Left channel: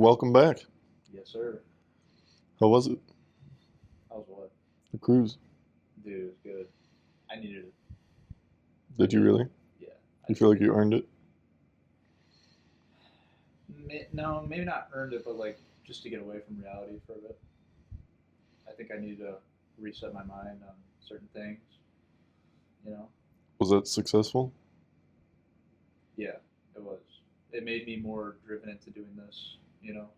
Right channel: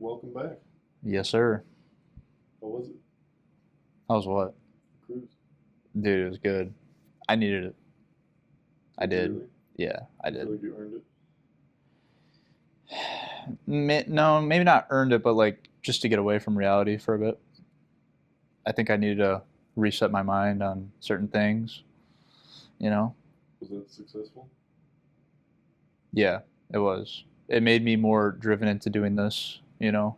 Welcome back. Yes, sir. How was it? How's what? The cruise? Dude, it was good. I needed it. I Did you did. really? Yeah, I You did. feel like you earned it? No, maybe not earned it, but like just to get away from reality for a bit. I think I needed to reset my mind on certain things, you know? Was that successful? Yeah, it was. It made me more driven into doing this, you know?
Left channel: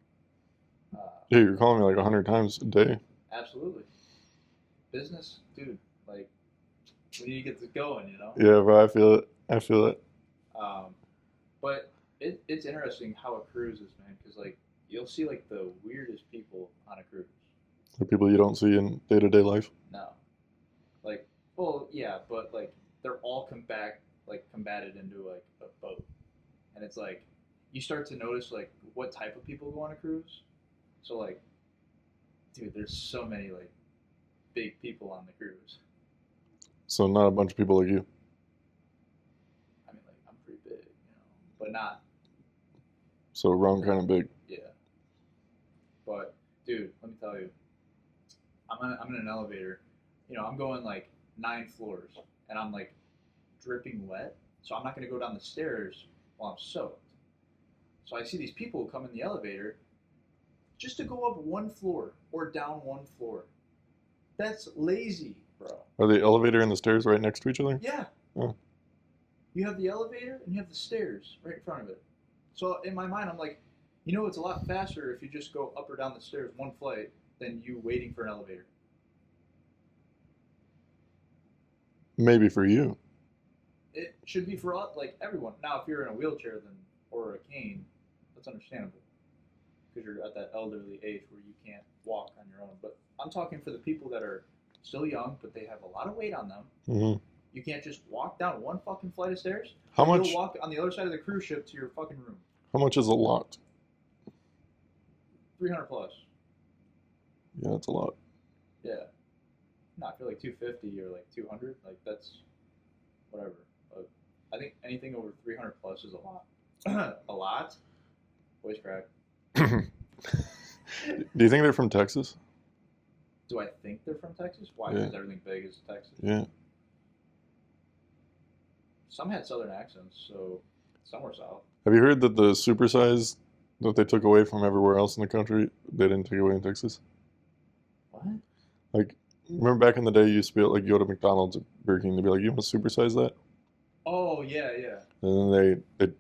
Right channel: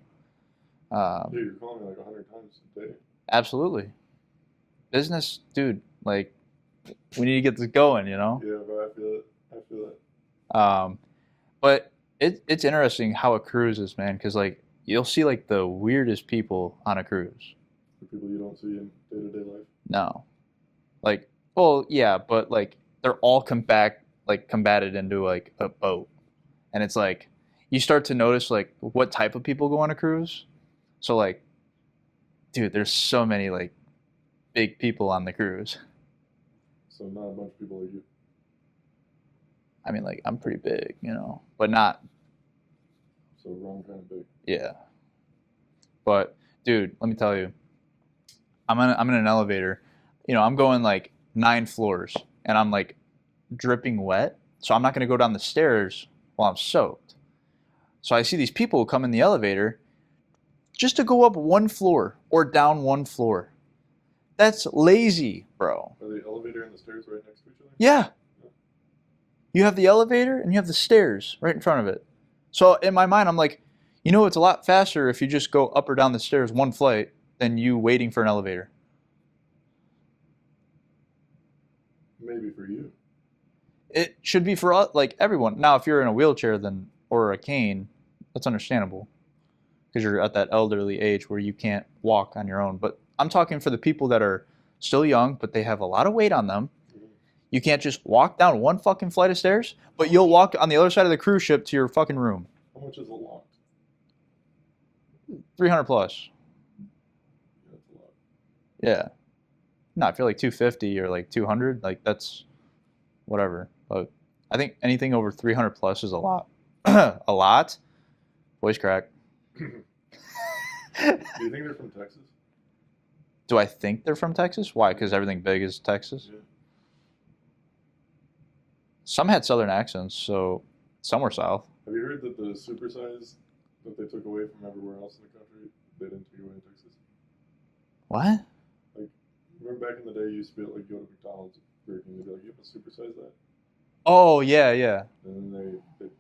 Yeah, Um, you're calling me like 100 times a day. Absolutely. Business, dude, like we need to get this going, you know? Yeah, bro, I feel it. I feel it. Um, But it's interesting how a cruise is, man, because like you'll see like the weirdest people on a cruise. The people you don't see in day-to-day life. No, like, well, yeah, but like they're all combated into like a boat, and it's like you start to notice like what type of people go on a cruise. So like, dude, there's so many like big people on the cruise. So not a bunch of people like you. I mean, like I'm pretty big, but not, So wrong kind of big. yeah. But dude, let me tell you, I'm in an elevator. I'm going like 9 floors and I'm like dripping wet. So I'm not gonna go down the stairs while I'm soaked. So I see these people come in the elevator just to go up 1 floor or down 1 floor. That's lazy, bro. Are the elevator and the stairs right next to each other? Yeah. Oh. You have the elevator and you have the stairs right in front of it. So in my mind, I'm like, it's a lot faster if you just go up or down the stairs one flight than you waiting for an elevator. Maybe for you. It should be for like everyone. Now, if you're in a wheelchair then or a cane, that's understandable because you're at that elderly age where you can't walk on your own. But I'm talking for the people that are still young, but they have a lot of weight on them. Mm-hmm. You can't just walk down one fucking flight of stairs, How but you'll much- walk on the other side of the cruise ship to your fucking room. How much is a lot? 300 plus. Yeah, that's a lot. Yeah. No, I feel like 250 or like 200, like that's whatever. But I think anything over 300 plus is a lot. A lot? Voice crack. Do you think they're from Texas? Do I think they're from Texas? Why? Yeah. Because everything big is Texas? Yeah. Some had southern accents, so some were south. Have you heard that the supersize that they took away from everywhere else in the country, they didn't take away in Texas? What? Like, remember back in the day, you used to be able to like, go to McDonald's or Burger King, they'd be like, "You want to supersize that?" Oh, yeah, yeah. And then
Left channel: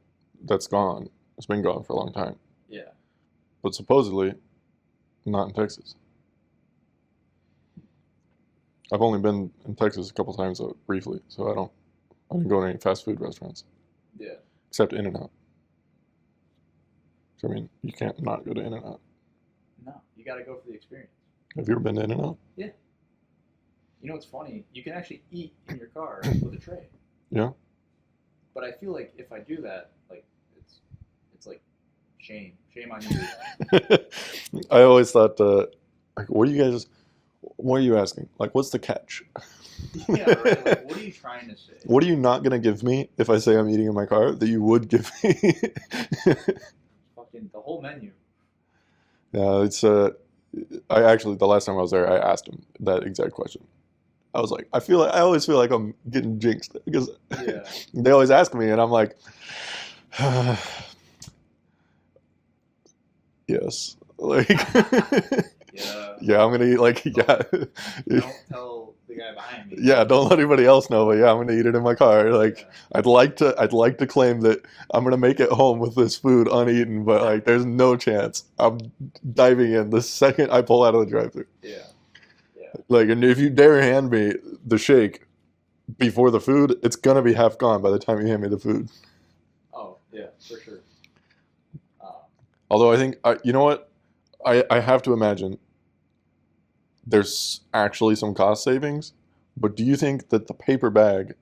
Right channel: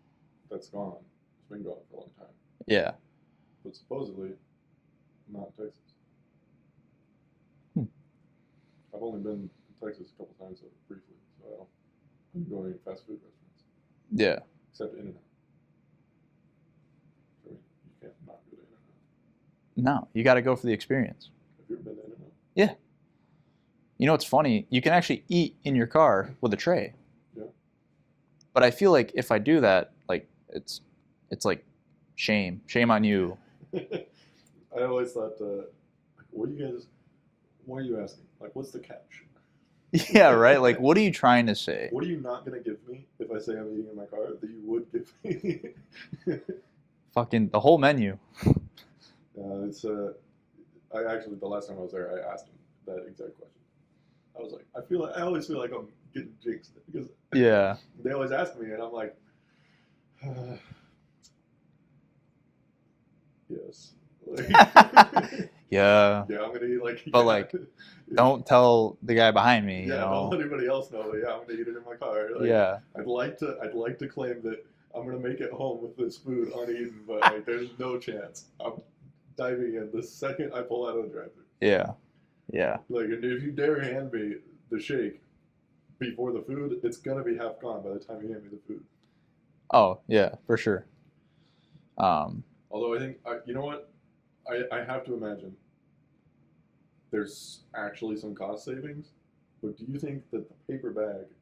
that's gone. It's been gone for a long time. Yeah. But supposedly, not in Texas. Hmm. I've only been in Texas a couple times briefly, so I didn't go to any fast food restaurants Yeah. except In-N-Out. So, I mean, you can't not go to In-N-Out. No, you got to go for the experience. Have you ever been to In-N-Out? Yeah. You know what's funny? You can actually eat in your car with a tray. Yeah. But I feel like if I do that, like it's like shame on you. I always thought, like, what are you asking? Like, what's the catch? Yeah, right. Like, what are you trying to say? What are you not going to give me if I say I'm eating in my car that you would give me? Fucking the whole menu. Yeah, the last time I was there, I asked him that exact question. I was like, I always feel like I'm getting jinxed because Yeah. they always ask me and I'm like, yes. Like, Yeah. yeah, I'm gonna eat like, But, yeah. like, Don't tell the guy behind me. Yeah, don't let anybody else know, but yeah, I'm gonna eat it in my car. Like, Yeah. I'd like to claim that I'm gonna make it home with this food uneaten, but like, there's no chance. I'm diving in the second I pull out of the drive-thru. Yeah. Yeah. Like, and if you dare hand me the shake before the food, it's gonna be half gone by the time you hand me the food. Oh, yeah, for sure. Although I think, you know what, I have to imagine there's actually some cost savings, but do you think that the paper bag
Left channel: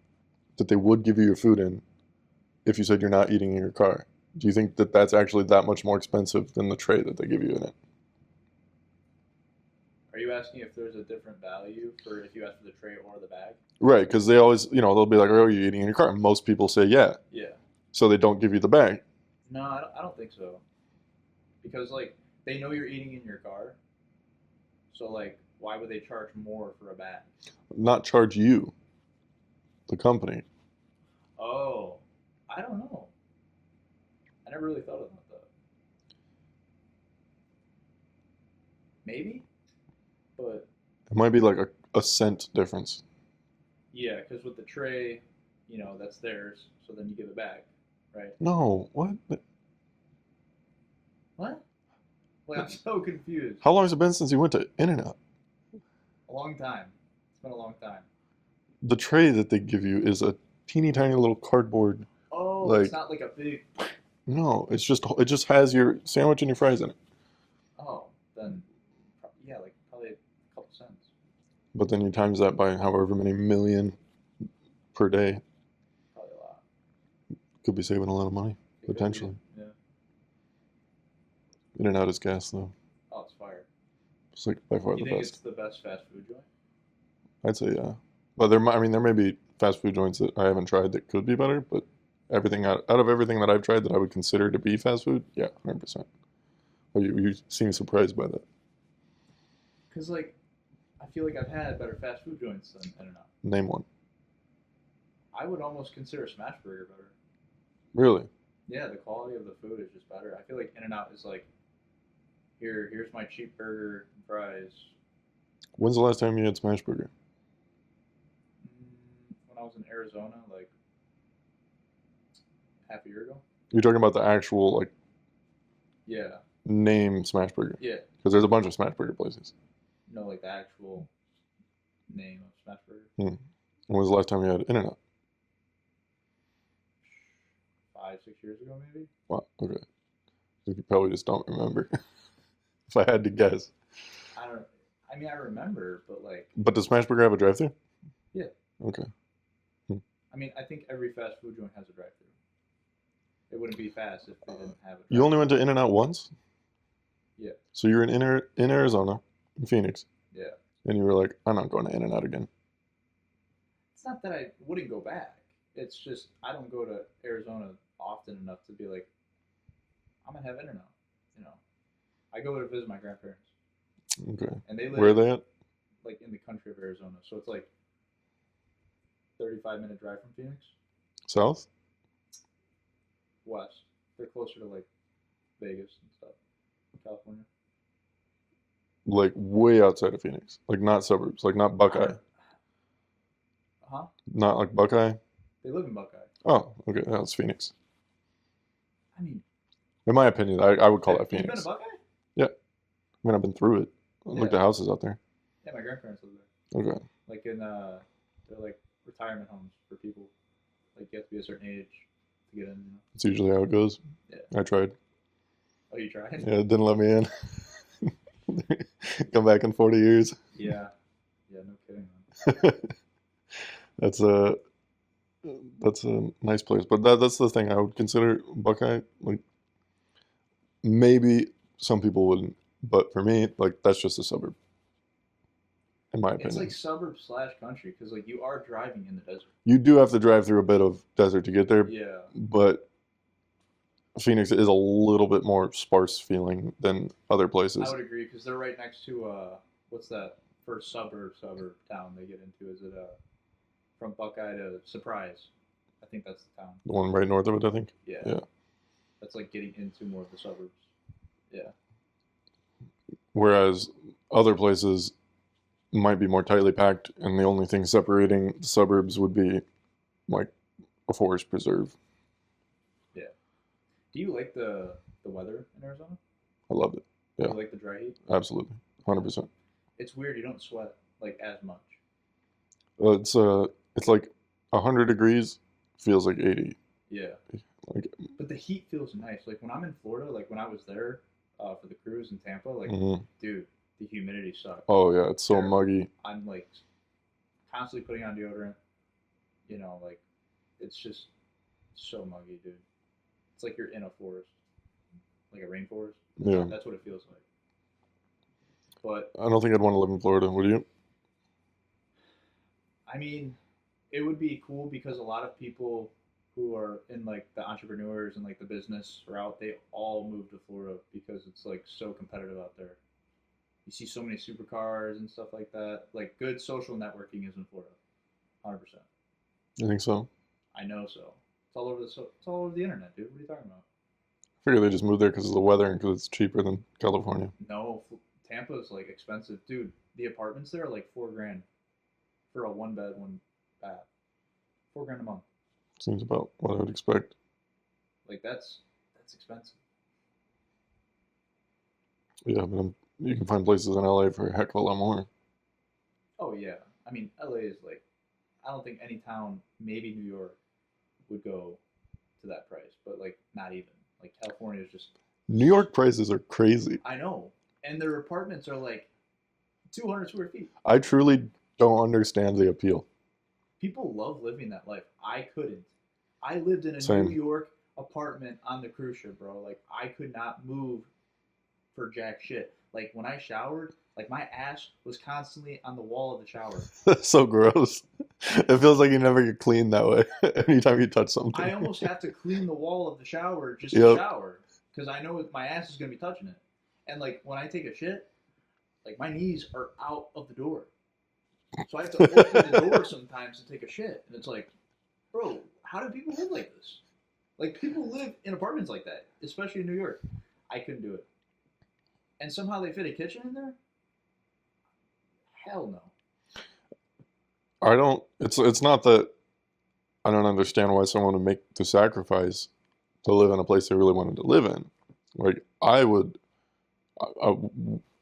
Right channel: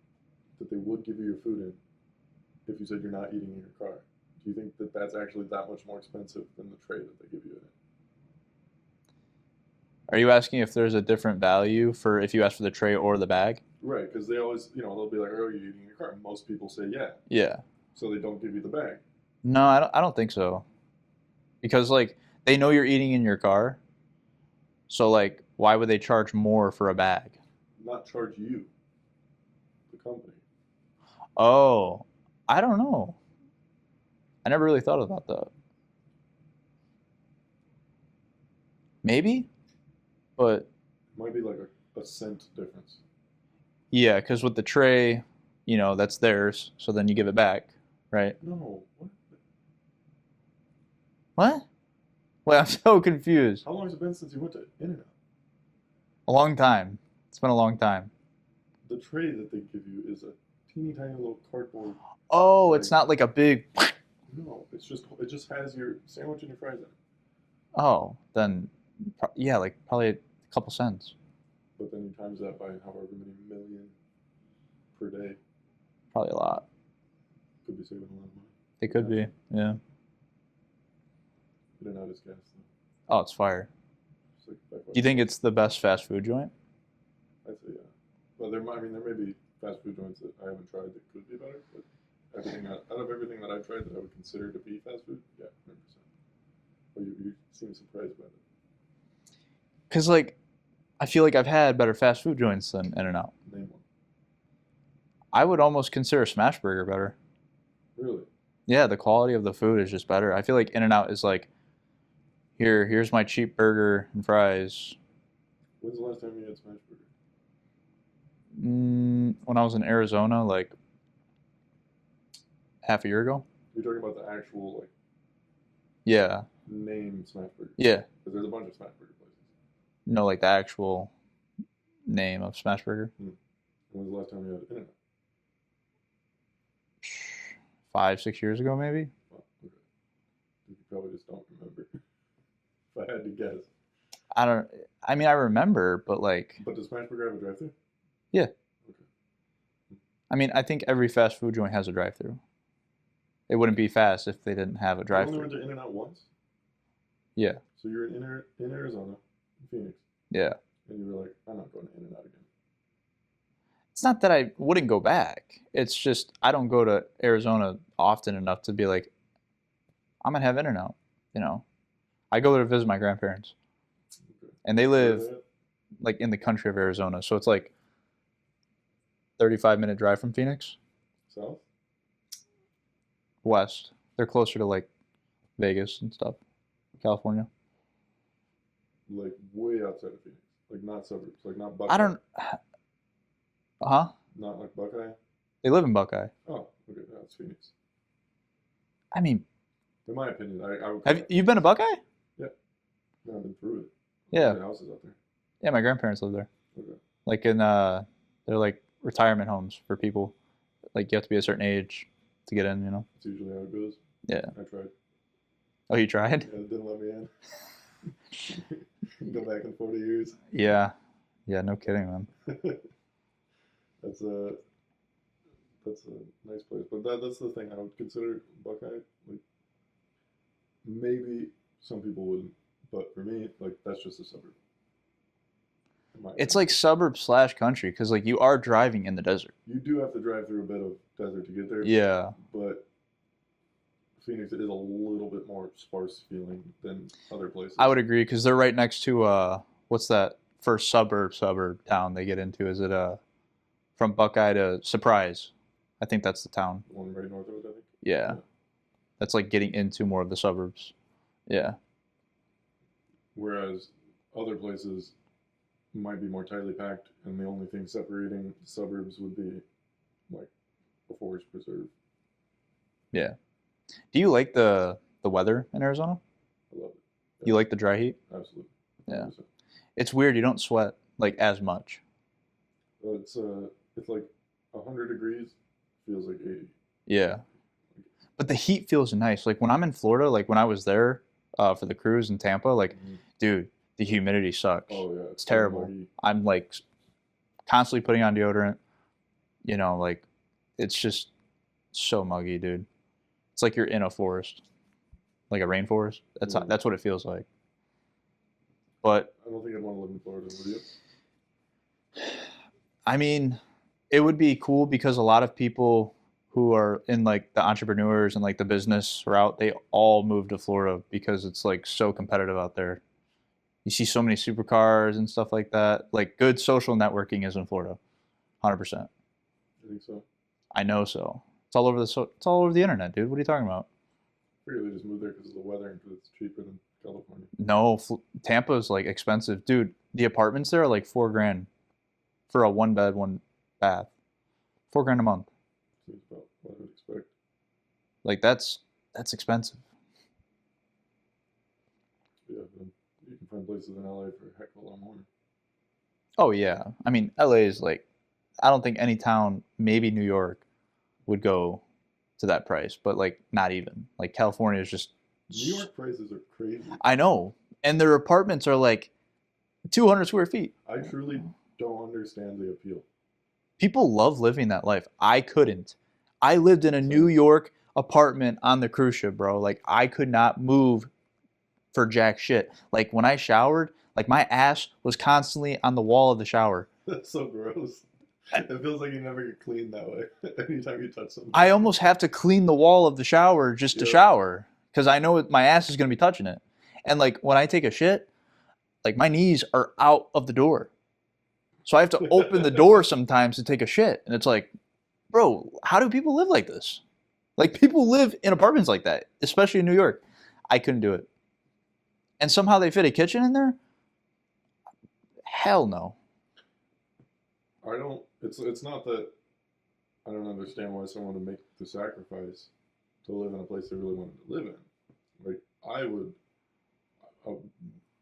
that they would give you your food in, if you said you're not eating in your car, do you think that that's actually that much more expensive than the tray that they give you in it? Are you asking if there's a different value for if you ask for the tray or the bag? Right, because they always, they'll be like, "Oh, are you eating in your car?" And most people say, "Yeah." Yeah. So they don't give you the bag. No, I don't think so. because like they know you're eating in your car, so like why would they charge more for a bag? Not charge you, the company. Oh, I don't know. I never really thought about that. Maybe, but It might be like a cent difference. yeah, because with the tray, you know, that's theirs, so then you give it back, right? No, what? What? Wait, I'm so confused. How long has it been since you went to In-N-Out? A long time. It's been a long time. The tray that they give you is a teeny tiny little cardboard. Oh, it's Like, not like a big. no, it just has your sandwich and your fries in it. Oh, then, yeah, like probably a couple cents. But then you times that by however many million per day. Probably a lot. Could be saving a lot of money. It could be. Potentially. Yeah. In-N-Out is gas though. Oh, it's fire. It's like by far Do you the think best. it's the best fast food joint? I'd say yeah. But there may be fast food joints that I haven't tried that could be better, but everything out of everything that I've tried that I would consider to be fast food, yeah, 100%. Oh, you seem surprised by that. Because, like, I feel like I've had better fast food joints than In-N-Out. Name one. I would almost consider Smashburger better. Really? Yeah, the quality of the food is just better. I feel like In-N-Out is like, here's my cheap burger and fries. When's the last time you had smash burger? When I was in Arizona, like half a year ago. You're talking about the actual like Yeah, name smash burger yeah. because there's a bunch of smash burger places. No, like the actual name of Smashburger. When was the last time you had In-N-Out? 5, 6 years ago, maybe. Wow, okay. You probably just don't remember. If I had to guess. I don't. I mean, I remember, but like, But does smash burger have a drive-thru? yeah. Okay. I mean, I think every fast food joint has a drive-through. It wouldn't be fast if they didn't have a You drive-through. only went to In-N-Out once? Yeah. So you were in Arizona, in Phoenix, Yeah. and you were like, I'm not going to In-N-Out again. It's not that I wouldn't go back. It's just I don't go to Arizona often enough to be like, I'm gonna have In-N-Out. You know, I go to visit my grandparents, Okay. and they Where are live they at? like in the country of Arizona, so it's like 35-minute drive from Phoenix. South? West. They're closer to like Vegas and stuff, California. Like way outside of Phoenix. Like not suburbs. Like not Buckeye. I don't. Huh? Not like Buckeye. They live in Buckeye. Oh, okay. That's Phoenix. I mean, In my opinion, I would call it you've been to Phoenix. Buckeye? Yeah. I mean, I've been through it. Yeah. Like the houses out there. Yeah, my grandparents live there. Okay. Like in they're like retirement homes for people. Like you have to be a certain age to get in. You know. That's usually how it goes. Yeah. I tried. Oh, you tried? Yeah, it didn't let me in. Come back in 40 years. Yeah. Yeah. No kidding, man. That's a nice place, but that's the thing. I would consider Buckeye like maybe some people wouldn't, but for me, like that's just a suburb. In my opinion, It's like suburb / country because like you are driving in the desert. you do have to drive through a bit of desert to get there, Yeah. but Phoenix is a little bit more sparse feeling than other places. I would agree because they're right next to what's that first suburb town they get into? Is it from Buckeye to Surprise? I think that's the town. The one right north of it, I think. Yeah. Yeah. That's like getting into more of the suburbs. Yeah. Whereas other places might be more tightly packed, and the only thing separating the suburbs would be like a forest preserve. Yeah. Do you like the weather in Arizona? I loved it. Yeah. You like the dry heat? Absolutely, 100%. It's weird. You don't sweat like as much. It's like 100 degrees feels like 80. Yeah. Like, But the heat feels nice. Like when I'm in Florida, like when I was there for the cruise in Tampa, like, dude, the humidity sucks. oh yeah, it's so Terrible. muggy. I'm like constantly putting on deodorant. You know, like it's just so muggy, dude. It's like you're in a forest, like a rainforest. Yeah. That's what it feels like. But I don't think I'd want to live in Florida. Would you? I mean, it would be cool because a lot of people who are in like the entrepreneurs and like the business route, they all move to Florida because it's like so competitive out there. You see so many supercars and stuff like that. Like good social networking is in Florida, 100%. You think so? I know so. It's all over the internet, dude. What are you talking about? I figure they just moved there because of the weather and because it's cheaper than California. No, Tampa's like expensive, dude. The apartments there are like 4 grand for a one bed, one bath. 4 grand a month. Seems about what I would expect. Like that's expensive. Yeah, but you can find places in LA for a heck of a lot more. Oh yeah. I mean, LA is like, I don't think any town, maybe New York, would go to that price, but like not even. Like California is just. New York prices are crazy. I know, and their apartments are like 200 square feet. I truly don't understand the appeal. People love living that life. I couldn't. I lived in a New Same. York apartment on the cruise ship, bro. Like I could not move for jack shit. Like when I showered, like my ass was constantly on the wall of the shower. That's so gross. It feels like you never get clean that way anytime you touch something. I almost have to clean the wall of the shower just to Yep. shower because I know my ass is going to be touching it. And like when I take a shit, like my knees are out of the door. So I have to open the door sometimes to take a shit. And it's like, bro, how do people live like this? Like people live in apartments like that, especially in New York. I couldn't do it. And somehow they fit a kitchen in there? Hell no. I don't. It's not that I don't understand why someone would make the sacrifice to live in a place they really wanted to live in. Like I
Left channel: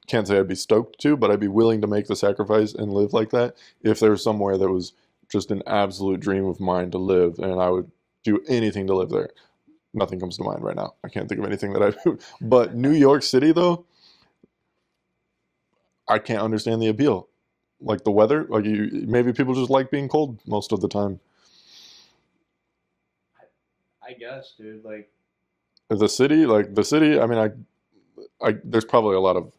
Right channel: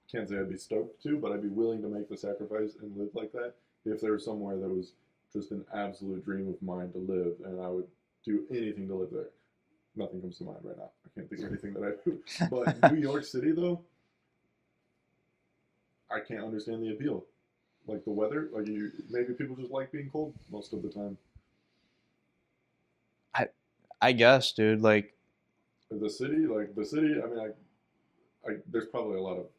can't say I'd be stoked to, but I'd be willing to make the sacrifice and live like that if there was somewhere that was just an absolute dream of mine to live, and I would do anything to live there. Nothing comes to mind right now. I can't think of anything that I do. But New York City, though, I can't understand the appeal. Like the weather, like maybe people just like being cold most of the time. I guess, dude. Like The city, I mean, there's probably a lot of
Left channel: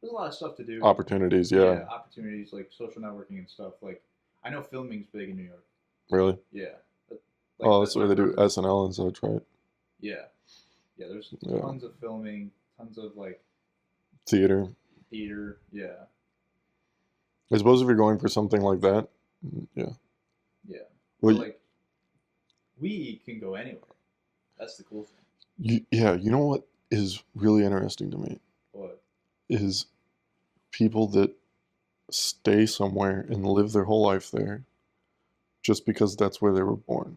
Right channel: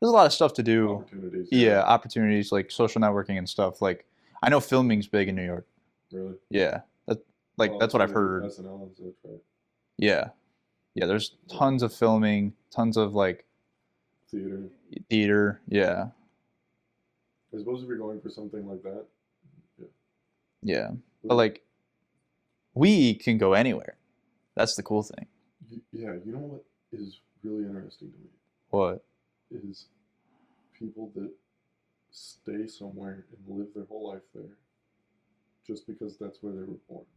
there's a lot of stuff to do. opportunities. Yeah, Yeah, opportunities like social networking and stuff. Like I know filming's big in New York. really. Yeah. That's Well, what I've where they do heard. SNL and such, right? Yeah. Yeah, there's Yeah. tons of filming, tons of like Theater. theater. Yeah. I suppose if you're going for something like that, yeah. Yeah. Well, But like we can go anywhere. That's the cool thing. yeah, you know what is really interesting to me What? is people that stay somewhere and live their whole life there just because that's where they were born.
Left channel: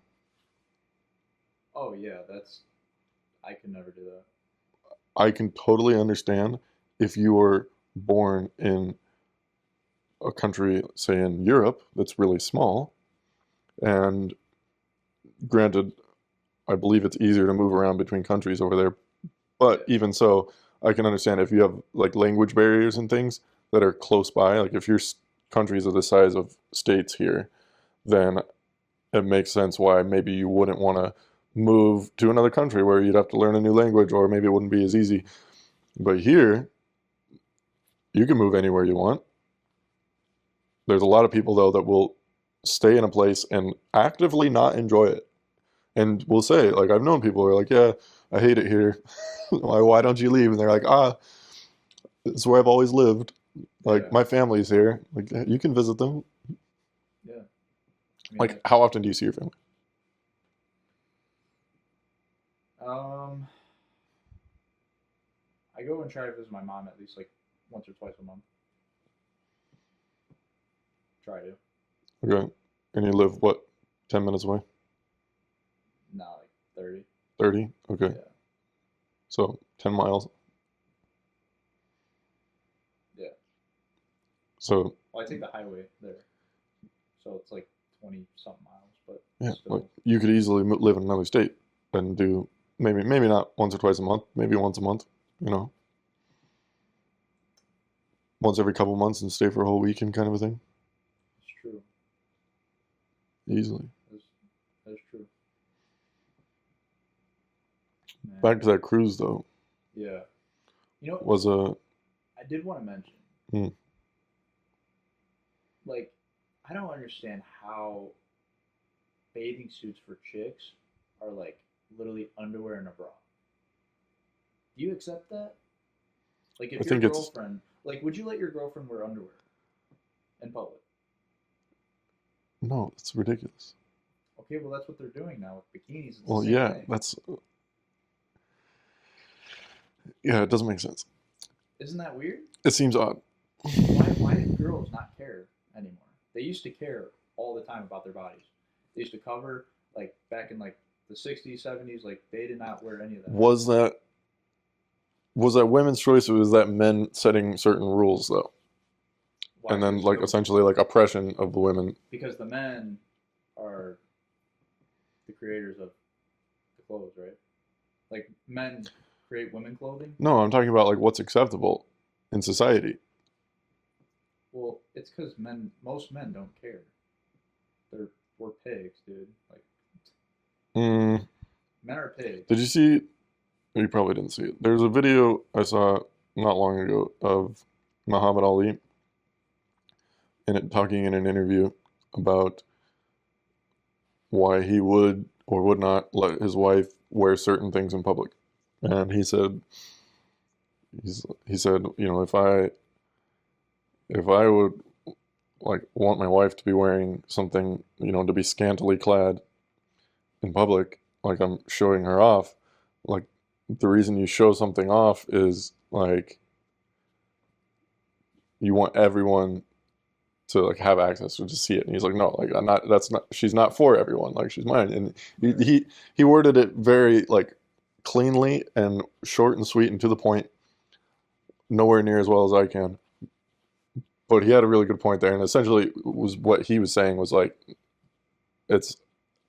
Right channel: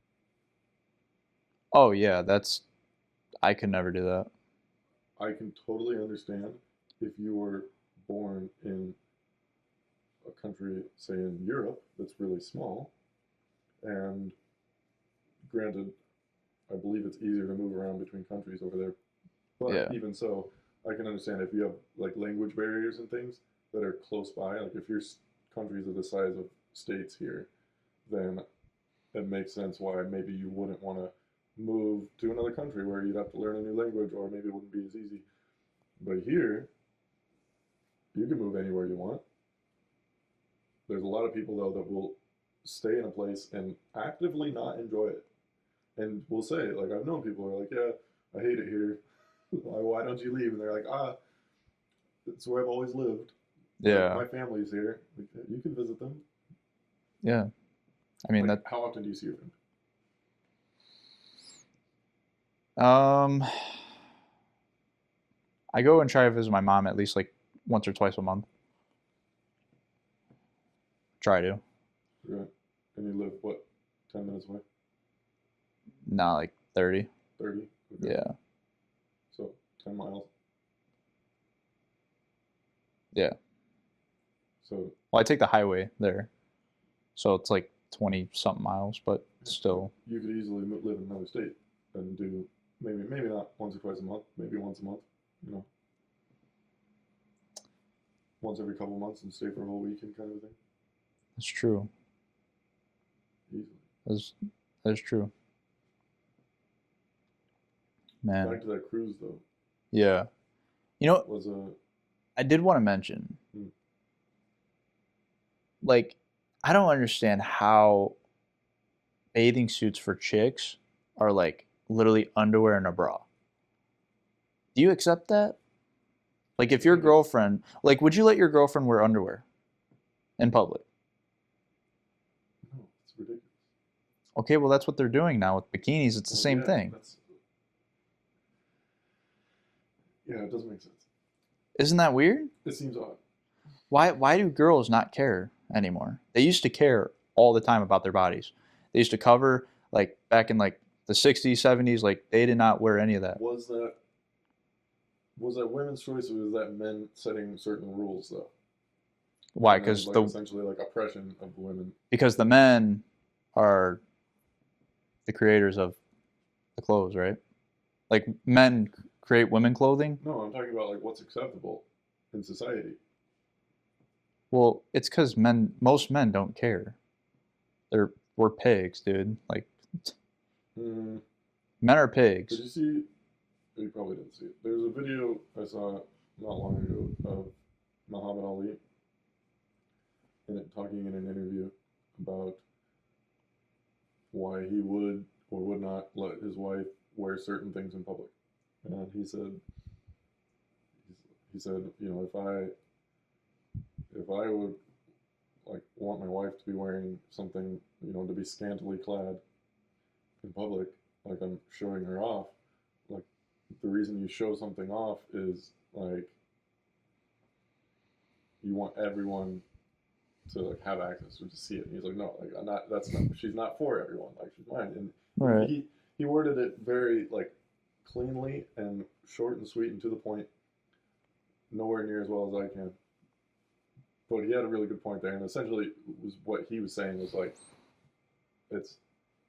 Oh yeah, I could never do that. I can totally understand if you were born in a country, say in Europe, that's really small, and granted, I believe it's easier to move around between countries over there, but Yeah. even so, I can understand if you have like language barriers and things that are close by, like if your countries are the size of states here, then it makes sense why maybe you wouldn't want to move to another country where you'd have to learn a new language or maybe it wouldn't be as easy. But here, you can move anywhere you want. There's a lot of people though that will stay in a place and actively not enjoy it. And will say, like I've known people who are like, yeah, I hate it here. Why don't you leave? And they're like, it's where I've always lived. Like Yeah. my family's here. Like you can visit them. Yeah. I mean Like how often do you see your family? I go and try to visit my mom at least like once or twice a month. Try to. Okay. And you live what, 10 minutes away? Not like 30. 30? Okay. Yeah. So 10 miles. Yeah. So Well, I take the highway there. So it's like 20 something miles, but yeah, still. you could easily live in another state and do maybe not once or twice a month, maybe once a month, once every couple months and stay for a whole weekend kind of a thing. It's true. Easily. That's true. Man. Back to that cruise though. Yeah. You know, Was I did want to mention, like, I don't understand how bathing suits for chicks are like literally underwear and a bra. Do you accept that? Like if I your think it's girlfriend, like would you let your girlfriend wear underwear in public? no, it's ridiculous. Okay, well that's what they're doing now with bikinis. It's the Well, same yeah, thing. yeah, it doesn't make sense. Isn't that weird? It seems odd. Why do girls not care anymore? They used to care all the time about their bodies. They used to cover like back in like the 60s, 70s, like they did not wear any of that. Was that women's choice, or was that men setting certain rules though? Why? And then like essentially like oppression of the women. Because the men are the creators of the clothes, right? Like men create women clothing. No, I'm talking about like what's acceptable in society. Well, it's because most men don't care. We're pigs, dude. Like Mm, men are pigs. did you see? You probably didn't see it. There's a video I saw not long ago of Muhammad Ali and it talking in an interview about why he would or would not let his wife wear certain things in public. And he said, you know, if I would like want my wife to be wearing something, you know, to be scantily clad in public, like I'm showing her off, like the reason you show something off is like you want everyone to like have access to just see it. And he's like, no, like I'm not. That's not. She's not for everyone. Like she's mine. And Right. he worded it very like cleanly and short and sweet and to the point. Nowhere near as well as I can. But he had a really good point there, and essentially was what he was saying was like, it's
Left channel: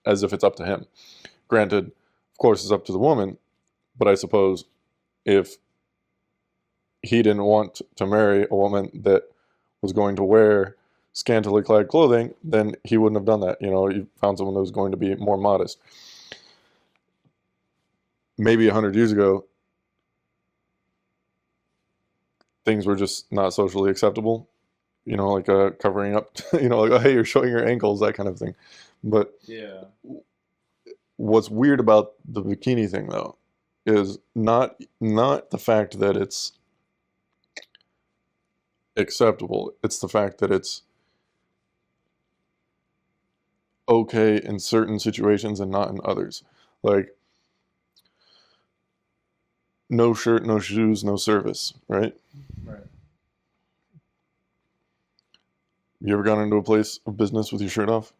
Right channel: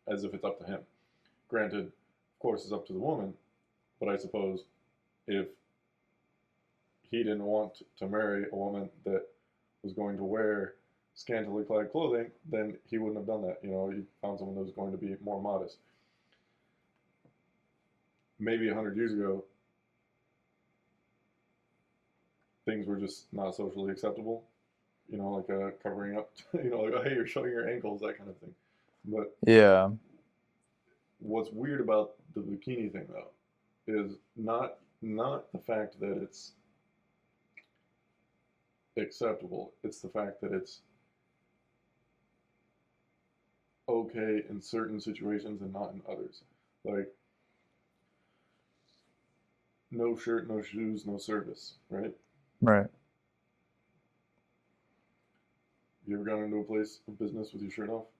as if it's up to him. Granted, of course, it's up to the woman, but I suppose if he didn't want to marry a woman that was going to wear scantily clad clothing, then he wouldn't have done that. You know, he found someone that was going to be more modest. Maybe 100 years ago, things were just not socially acceptable. You know, like covering up, you know, like, oh, hey, you're showing your ankles, that kind of thing. But Yeah. what's weird about the bikini thing, though, is not the fact that it's acceptable. It's the fact that it's okay in certain situations and not in others. Like, no shirt, no shoes, no service, right? Right. You ever gone into a place of business with your shirt off?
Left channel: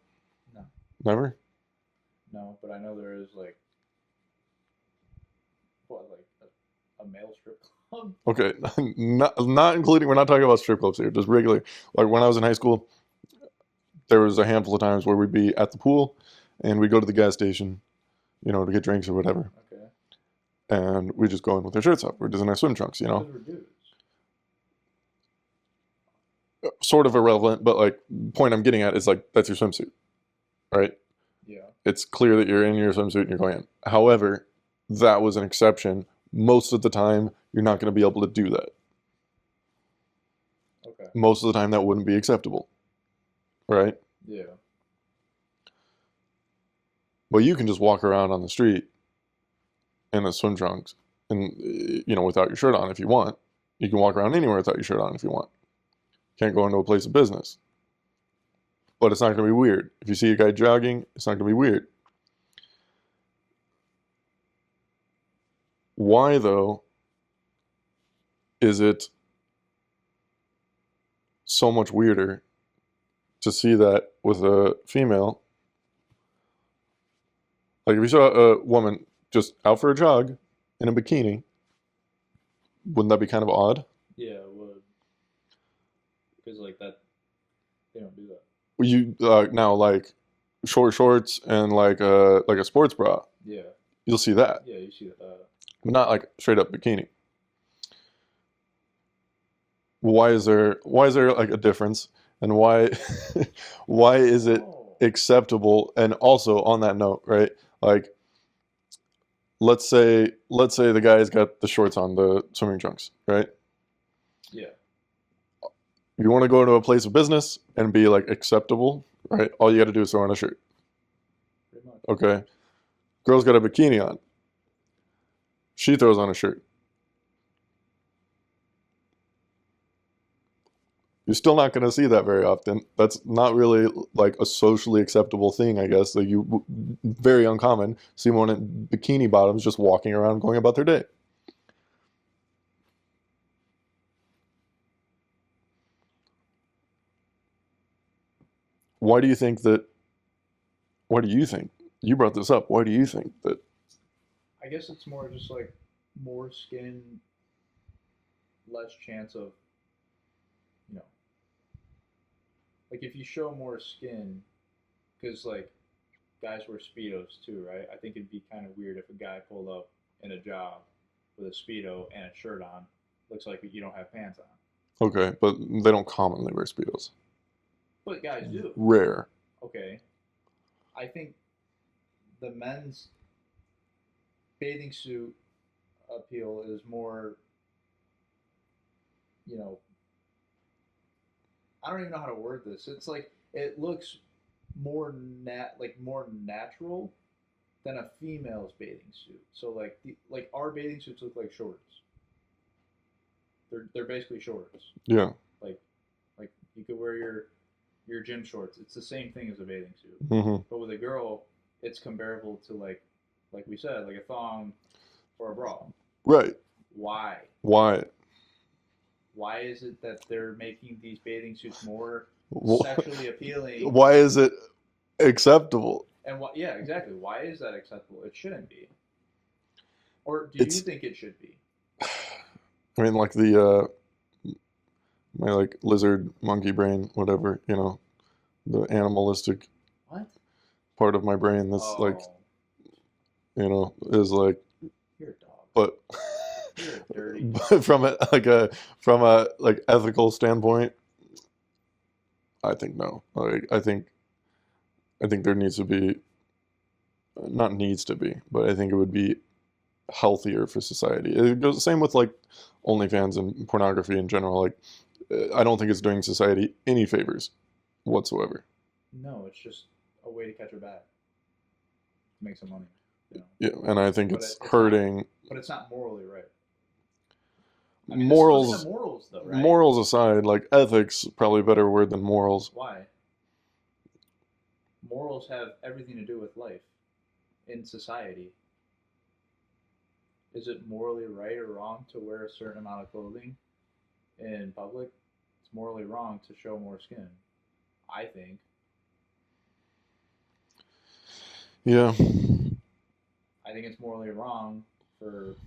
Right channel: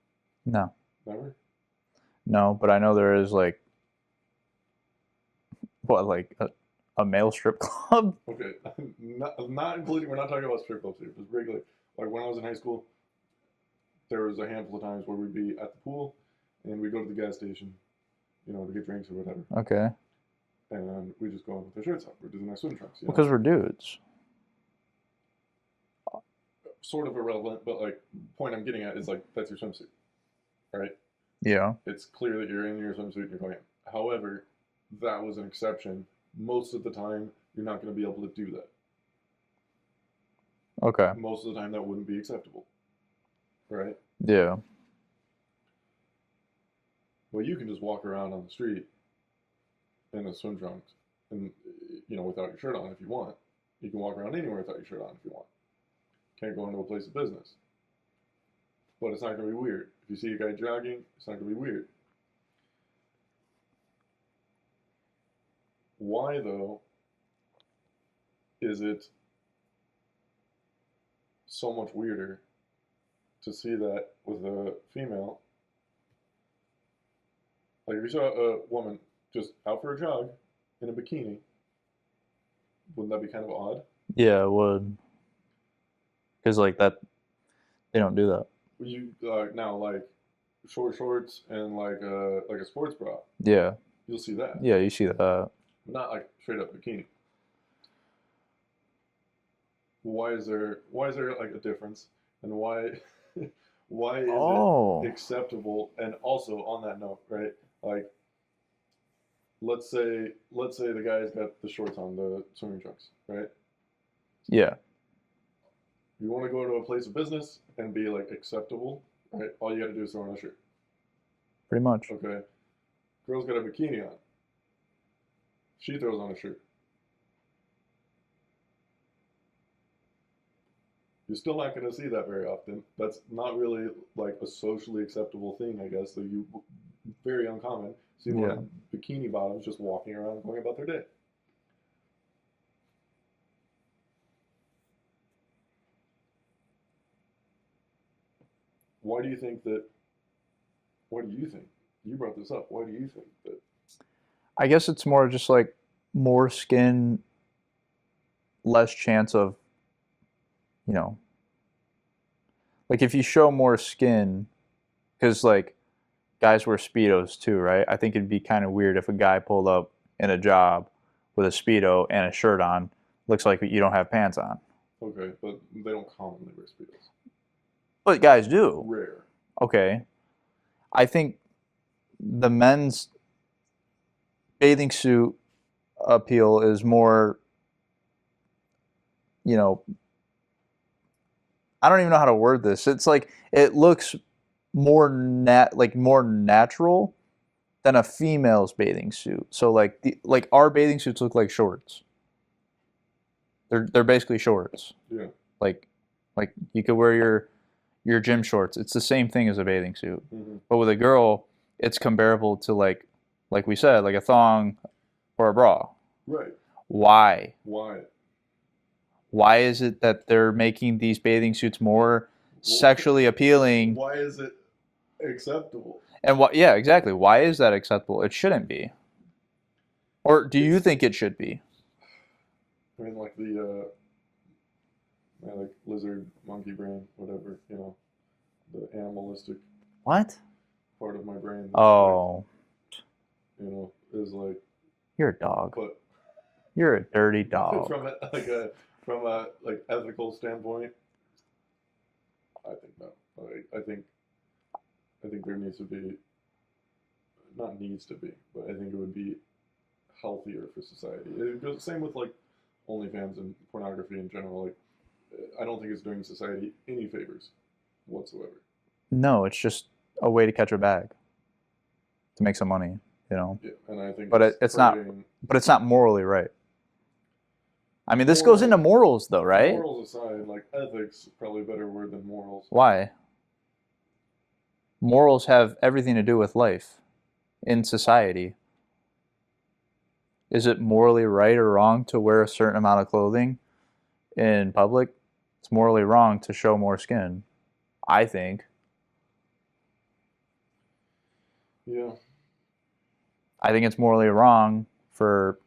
No. Never? No, but I know there is like what, like a male strip club? Okay, not including, we're not talking about strip clubs here, just regular. Like when I was in high school, there was a handful of times where we'd be at the pool and we'd go to the gas station, you know, to get drinks or whatever. Okay. And we just go in with our shirts off. We're just in our swim trunks, you know. Because we're dudes. Sort of irrelevant, but like the point I'm getting at is like that's your swimsuit, right? Yeah. It's clear that you're in your swimsuit and you're going in. However, that was an exception. Most of the time, you're not going to be able to do that. Okay. Most of the time, that wouldn't be acceptable, right? Yeah. But you can just walk around on the street in the swim trunks and, you know, without your shirt on if you want. You can walk around anywhere without your shirt on if you want. Can't go into a place of business. But it's not going to be weird. If you see a guy jogging, it's not going to be weird. Why, though, is it so much weirder to see that with a female? Like if you saw a woman just out for a jog in a bikini, wouldn't that be kind of odd? Yeah, it would. Because like that, they don't do that. You now like short shorts and like a sports bra, Yeah. you'll see that, Yeah, you see that. but not like straight up bikini. Why is there like a difference, and why why is Oh. it acceptable? And also on that note, right? Like let's say the guy's got the shorts on, the swimming trunks, right? Yeah. You want to go to a place of business and be like acceptable, right? All you got to do is throw on a shirt. pretty much. Okay. Girl's got a bikini on. She throws on a shirt. You're still not going to see that very often. That's not really like a socially acceptable thing, I guess. Like very uncommon. See one in bikini bottoms just walking around going about their day. Why do you think that? Why do you think? You brought this up. Why do you think that? I guess it's more just like more skin, less chance of, you know, like if you show more skin, because like guys wear Speedos too, right? I think it'd be kind of weird if a guy pulled up in a job with a Speedo and a shirt on, looks like you don't have pants on. Okay, but they don't commonly wear Speedos. But guys do. Rare. Okay. I think the men's bathing suit appeal is more, you know, I don't even know how to word this. It's like it looks more more natural than a female's bathing suit. So like our bathing suits look like shorts. They're basically shorts. Yeah. Like you could wear your gym shorts. It's the same thing as a bathing suit. Mm-hmm. But with a girl, it's comparable to like we said, like a thong or a bra. Right. Why? Why? Why is it that they're making these bathing suits more sexually appealing? Why is it acceptable? And what? Yeah, exactly. Why is that acceptable? It shouldn't be. Or do you think it should be? I mean, like the my like lizard, monkey brain, whatever, you know, the animalistic What? part of my brain that's Oh, like, you know, is like, you're a dog. but You're a dirty dog. from a like ethical standpoint, I think no. Like I think there needs to be, not needs to be, but I think it would be healthier for society. It goes the same with like OnlyFans and pornography in general. Like I don't think it's doing society any favors whatsoever. No, it's just a way to catch a bag, to make some money, you know. Yeah, and I think But it's hurting. But it's not morally right. I mean, this goes into Morals- morals, though, right? Morals aside, like ethics, probably a better word than morals. Why? Morals have everything to do with life in society. Is it morally right or wrong to wear a certain amount of clothing in public? It's morally wrong to show more skin, I think. Yeah. I think it's morally wrong for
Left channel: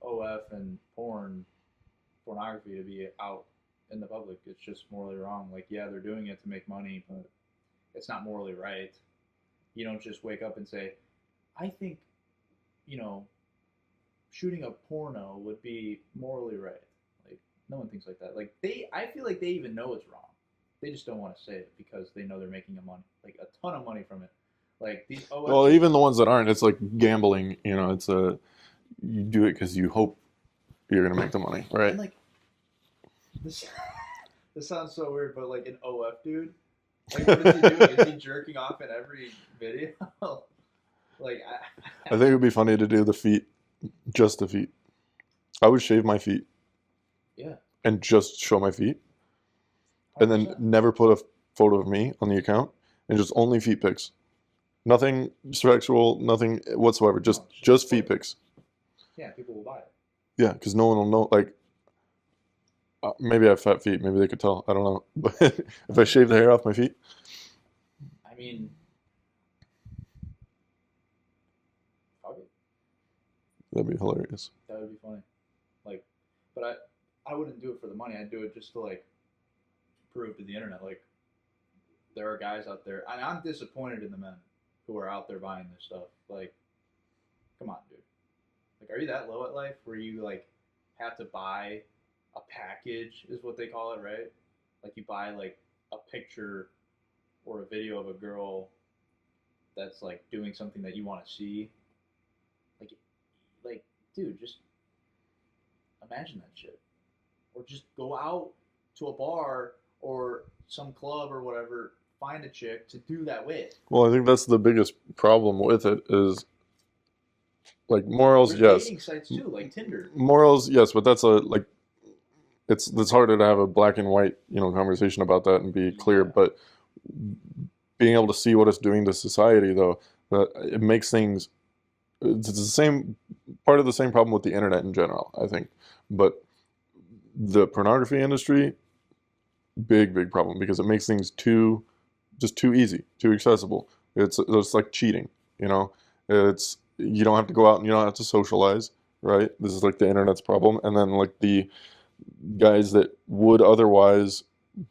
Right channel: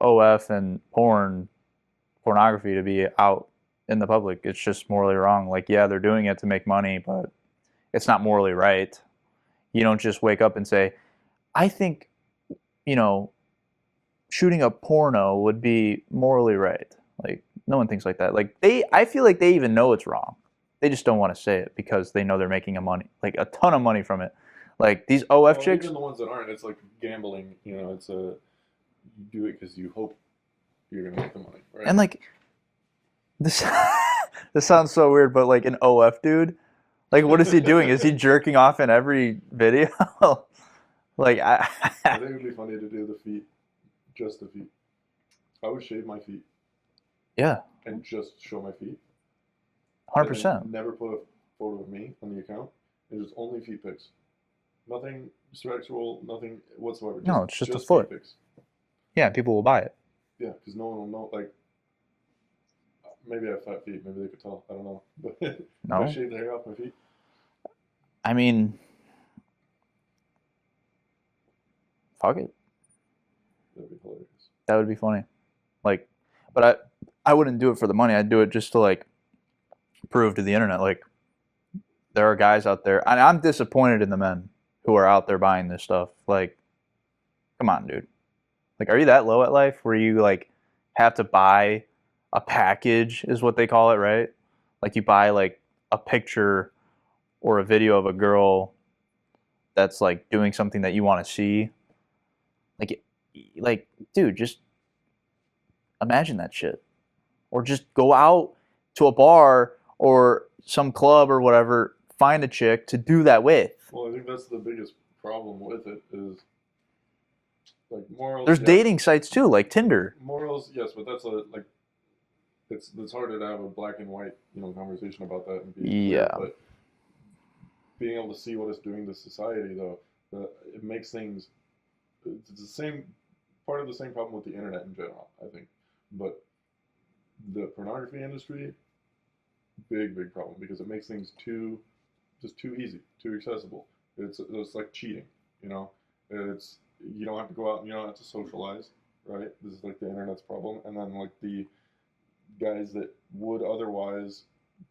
OF and pornography to be out in the public. It's just morally wrong. Like, yeah, they're doing it to make money, but it's not morally right. You don't just wake up and say, I think, you know, shooting a porno would be morally right. Like, no one thinks like that. Like, I feel like they even know it's wrong. They just don't want to say it because they know they're making like a ton of money from it. Like these OF Well, chicks, even the ones that aren't, it's like gambling. You know, you do it because you hope you're gonna make the money, right? and like this, this sounds so weird, but like an OF dude, like what is he doing? Is he jerking off in every video? Like I think it would be funny to do the feet, just the feet. I would shave my feet yeah, and just show my feet, 100%. and then never put a photo of me on the account, and just only feet pics. Nothing sexual, nothing whatsoever. Just No, it's just just a feet foot. pics. Yeah, people will buy it. Yeah, because no one will know. Like, maybe I have fat feet. Maybe they could tell. I don't know. But if I No. shave the hair off my feet, I mean, fuck it. that'd be hilarious. That would be funny. Like, but I wouldn't do it for the money. I'd do it just to like prove to the internet like there are guys out there, and I'm disappointed in the men who are out there buying this stuff. Like, come on, dude. Like, are you that low at life where you like have to buy a package, is what they call it, right? Like you buy like a picture or a video of a girl that's like doing something that you want to see. Like, dude, just imagine that shit. Or just go out to a bar or some club or whatever, find a chick to do that with. Well, I think that's the biggest problem with it is like morals. There's Yes, dating sites too, like Tinder. morals. Yes, but that's a like it's harder to have a black and white conversation about that and be clear. Yeah. But being able to see what it's doing to society, though, it makes things. It's the same part of the same problem with the internet in general, I think. But the pornography industry, big problem because it makes things too easy, too accessible. It's like cheating, It's you don't have to go out and you don't have to socialize, right? This is like the internet's problem, and then like the guys that would otherwise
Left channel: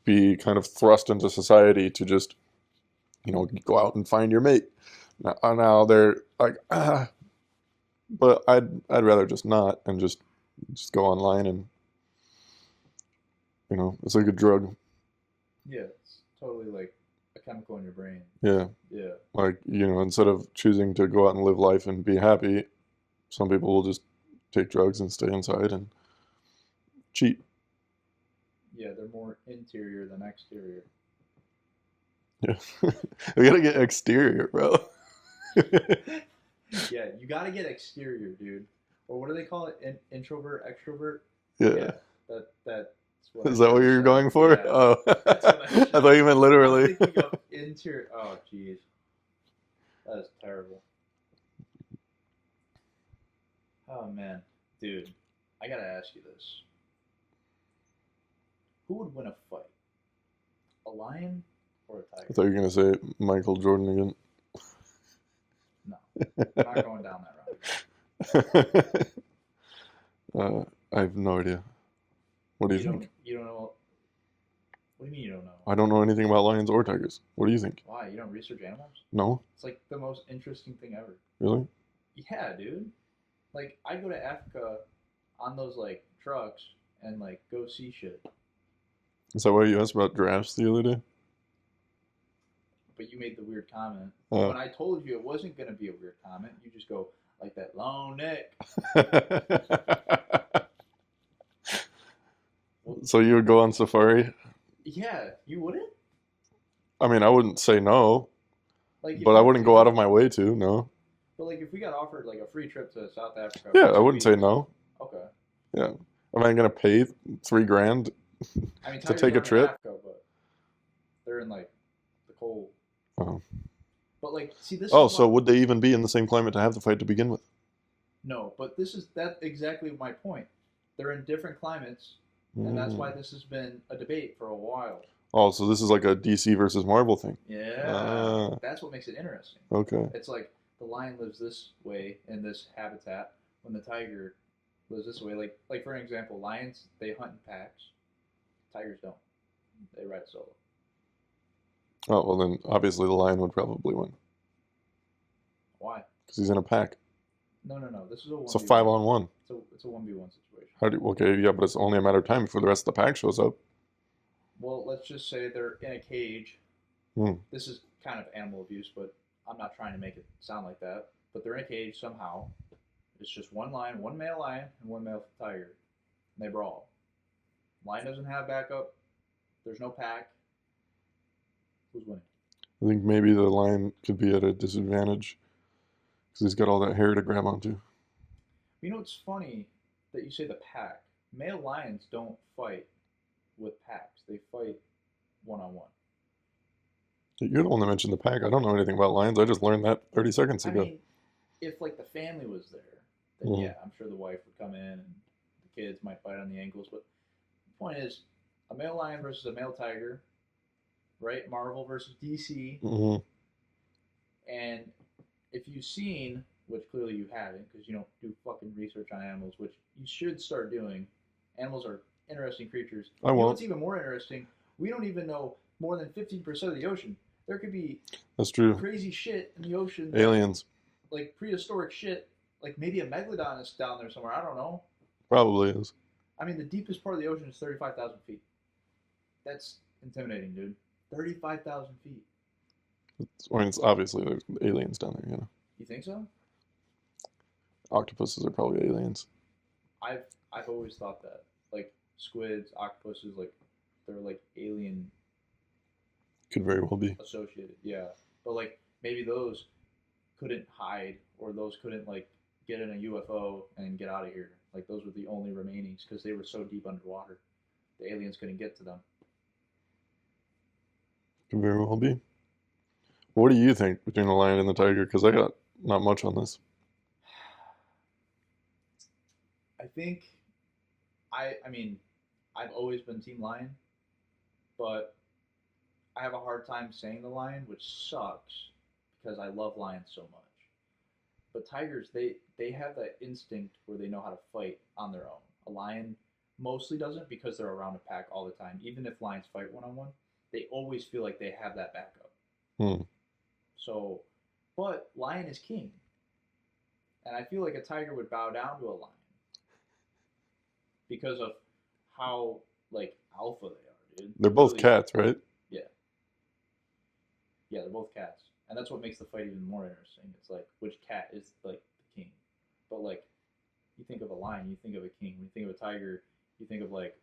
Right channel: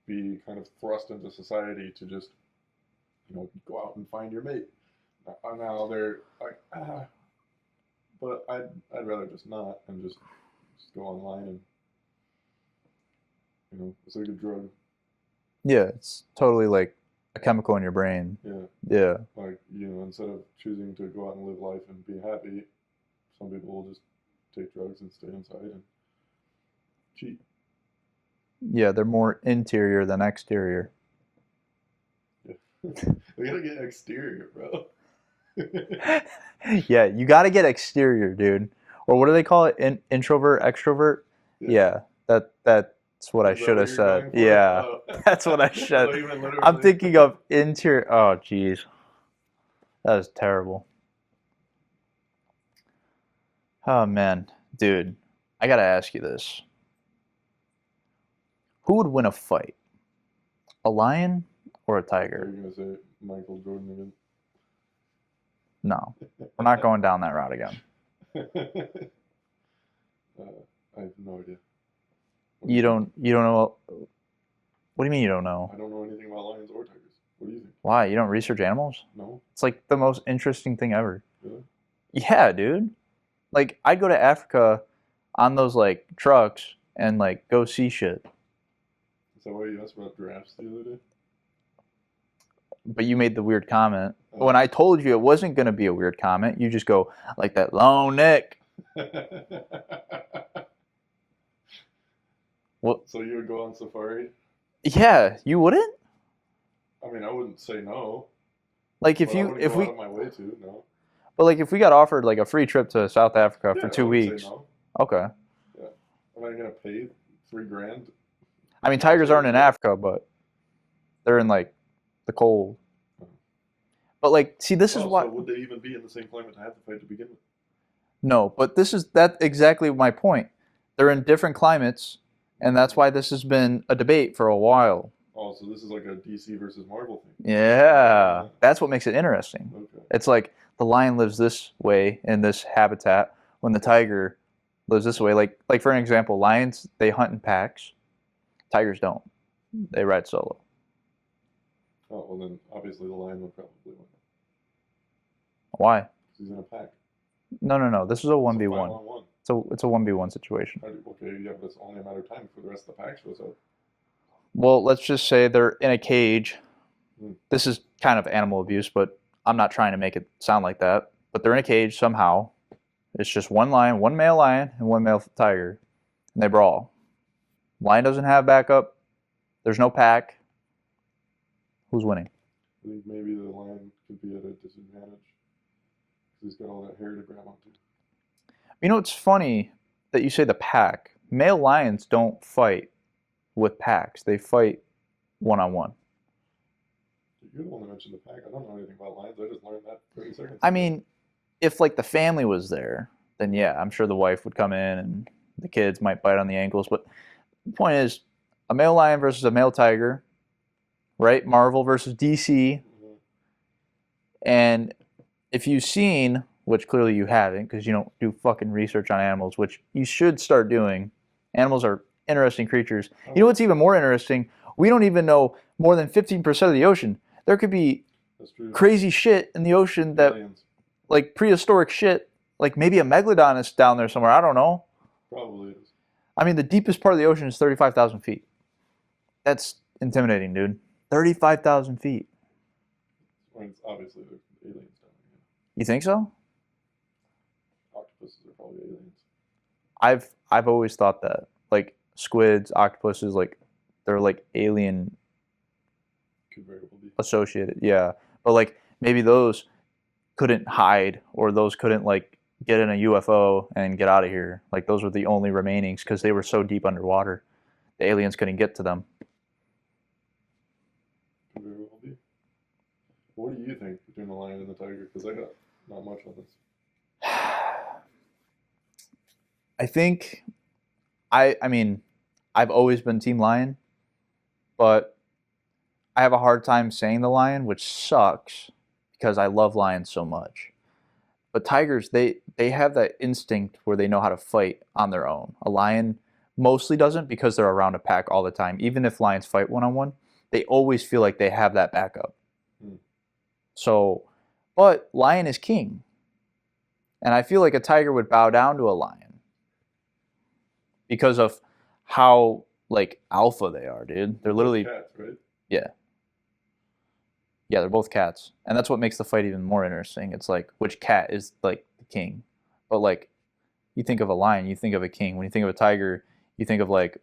be kind of thrust into society to just go out and find your mate. Now they're like, but I'd rather just not and just go online and it's like a drug. Yeah, it's totally like a chemical in your brain. Yeah. Yeah. Like, instead of choosing to go out and live life and be happy, some people will just take drugs and stay inside and cheat. Yeah, they're more interior than exterior. Yeah. We gotta get exterior, bro. Yeah, you got to get exterior, dude. Or what do they call it? Introvert, extrovert? Yeah, that's what I Is should that what have you're said. going for? Yeah, Oh. that's what I should. I thought you meant literally. I'm thinking of interior. Oh, jeez. That is terrible. Oh, man. Dude, I got to ask you this. Who would win a fight? A lion or a I thought you tiger? were gonna say Michael Jordan again. No, I'm not going down that route again. I have no idea. What do you think? You don't know. What do you mean you don't know? I don't know anything about lions or tigers. What do you think? Why? You don't research animals? No? It's like the most interesting thing ever. Really? Yeah, dude. Like I'd go to Africa on those like trucks and like go see shit. Is that why you asked about giraffes the other day? But you made the weird comment. Oh. When I told you it wasn't going to be a weird comment, you just go like that long neck. Well, so you would go on safari? Yeah, you wouldn't? I mean, I wouldn't say no, Like if but you, I wouldn't if go we, out of my way to, no. But like if we got offered like a free trip to South Africa Yeah, for I 2 wouldn't weeks. say no. Okay. Yeah. Am I going to pay $3,000? I mean, To tigers take a aren't in trip? Africa, but they're in like the cold. Oh. But like, see, this is Oh, why. so would they even be in the same climate to have the fight to begin with? No, but that's exactly my point. They're in different climates, and that's why this has been a debate for a while. Oh, so this is like a DC versus Marvel thing. Yeah, Ah. that's what makes it interesting. Okay. It's like the lion lives this way in this habitat, when the tiger lives this way. Like for an example, lions, they hunt in packs. Tigers don't. They ride solo. Oh, well then obviously the lion would probably win Why? because he's in a pack. No. This is a It's a 1v1. 5-on-1. It's a 1v1 situation. Okay, yeah, but it's only a matter of time before the rest of the pack shows up. Well, let's just say they're in a cage. Hmm. This is kind of animal abuse, but I'm not trying to make it sound like that. But they're in a cage somehow. It's just one lion, one male lion, and one male tiger. And they brawl. Lion doesn't have backup. There's no pack. Who's winning? I think maybe the lion could be at a disadvantage because he's got all that hair to grab onto. You know, it's funny that you say the pack. Male lions don't fight with packs. They fight one-on-one. You're the one that mentioned the pack. I don't know anything about lions. I just learned that 30 seconds ago. I mean, if like the family was there, then Yeah. yeah, I'm sure the wife would come in and the kids might bite on the ankles. But the point is, a male lion versus a male tiger, right? Marvel versus DC. Mhm. And if you've seen, which clearly you haven't because you don't do fucking research on animals, which you should start doing. Animals are interesting creatures. I You know will. what's even more interesting? We don't even know more than 15% of the ocean. There could be That's true. crazy shit in the ocean that, Aliens. like prehistoric shit, like maybe a megalodon is down there somewhere. I don't know. Probably is. I mean, the deepest part of the ocean is 35,000 feet. That's intimidating, dude. 35,000 feet. I mean, it's obviously there's aliens down there, You think so? Octopuses are probably aliens. I've always thought that. Like squids, octopuses, like they're like alien Could very well be. associated. Yeah, but like maybe those couldn't hide, or those couldn't like get in a UFO and get out of here. Like those were the only remainings because they were so deep underwater. The aliens couldn't get to them. Could very well be. What do you think between the lion and the tiger? Because I got not much on this. I think I mean, I've always been team lion, but I have a hard time saying the lion, which sucks because I love lions so much. But tigers, they have that instinct where they know how to fight on their own. A lion mostly doesn't because they're around a pack all the time. Even if lions fight one on one, they always feel like they have that backup. Hmm. So, but lion is king. And I feel like a tiger would bow down to a lion because of how like alpha they are, dude. They're both literally cats, right? yeah. Yeah, they're both cats. And that's what makes the fight even more interesting. It's like which cat is like the king. But like you think of a lion, you think of a king. When you think of a tiger, you think of like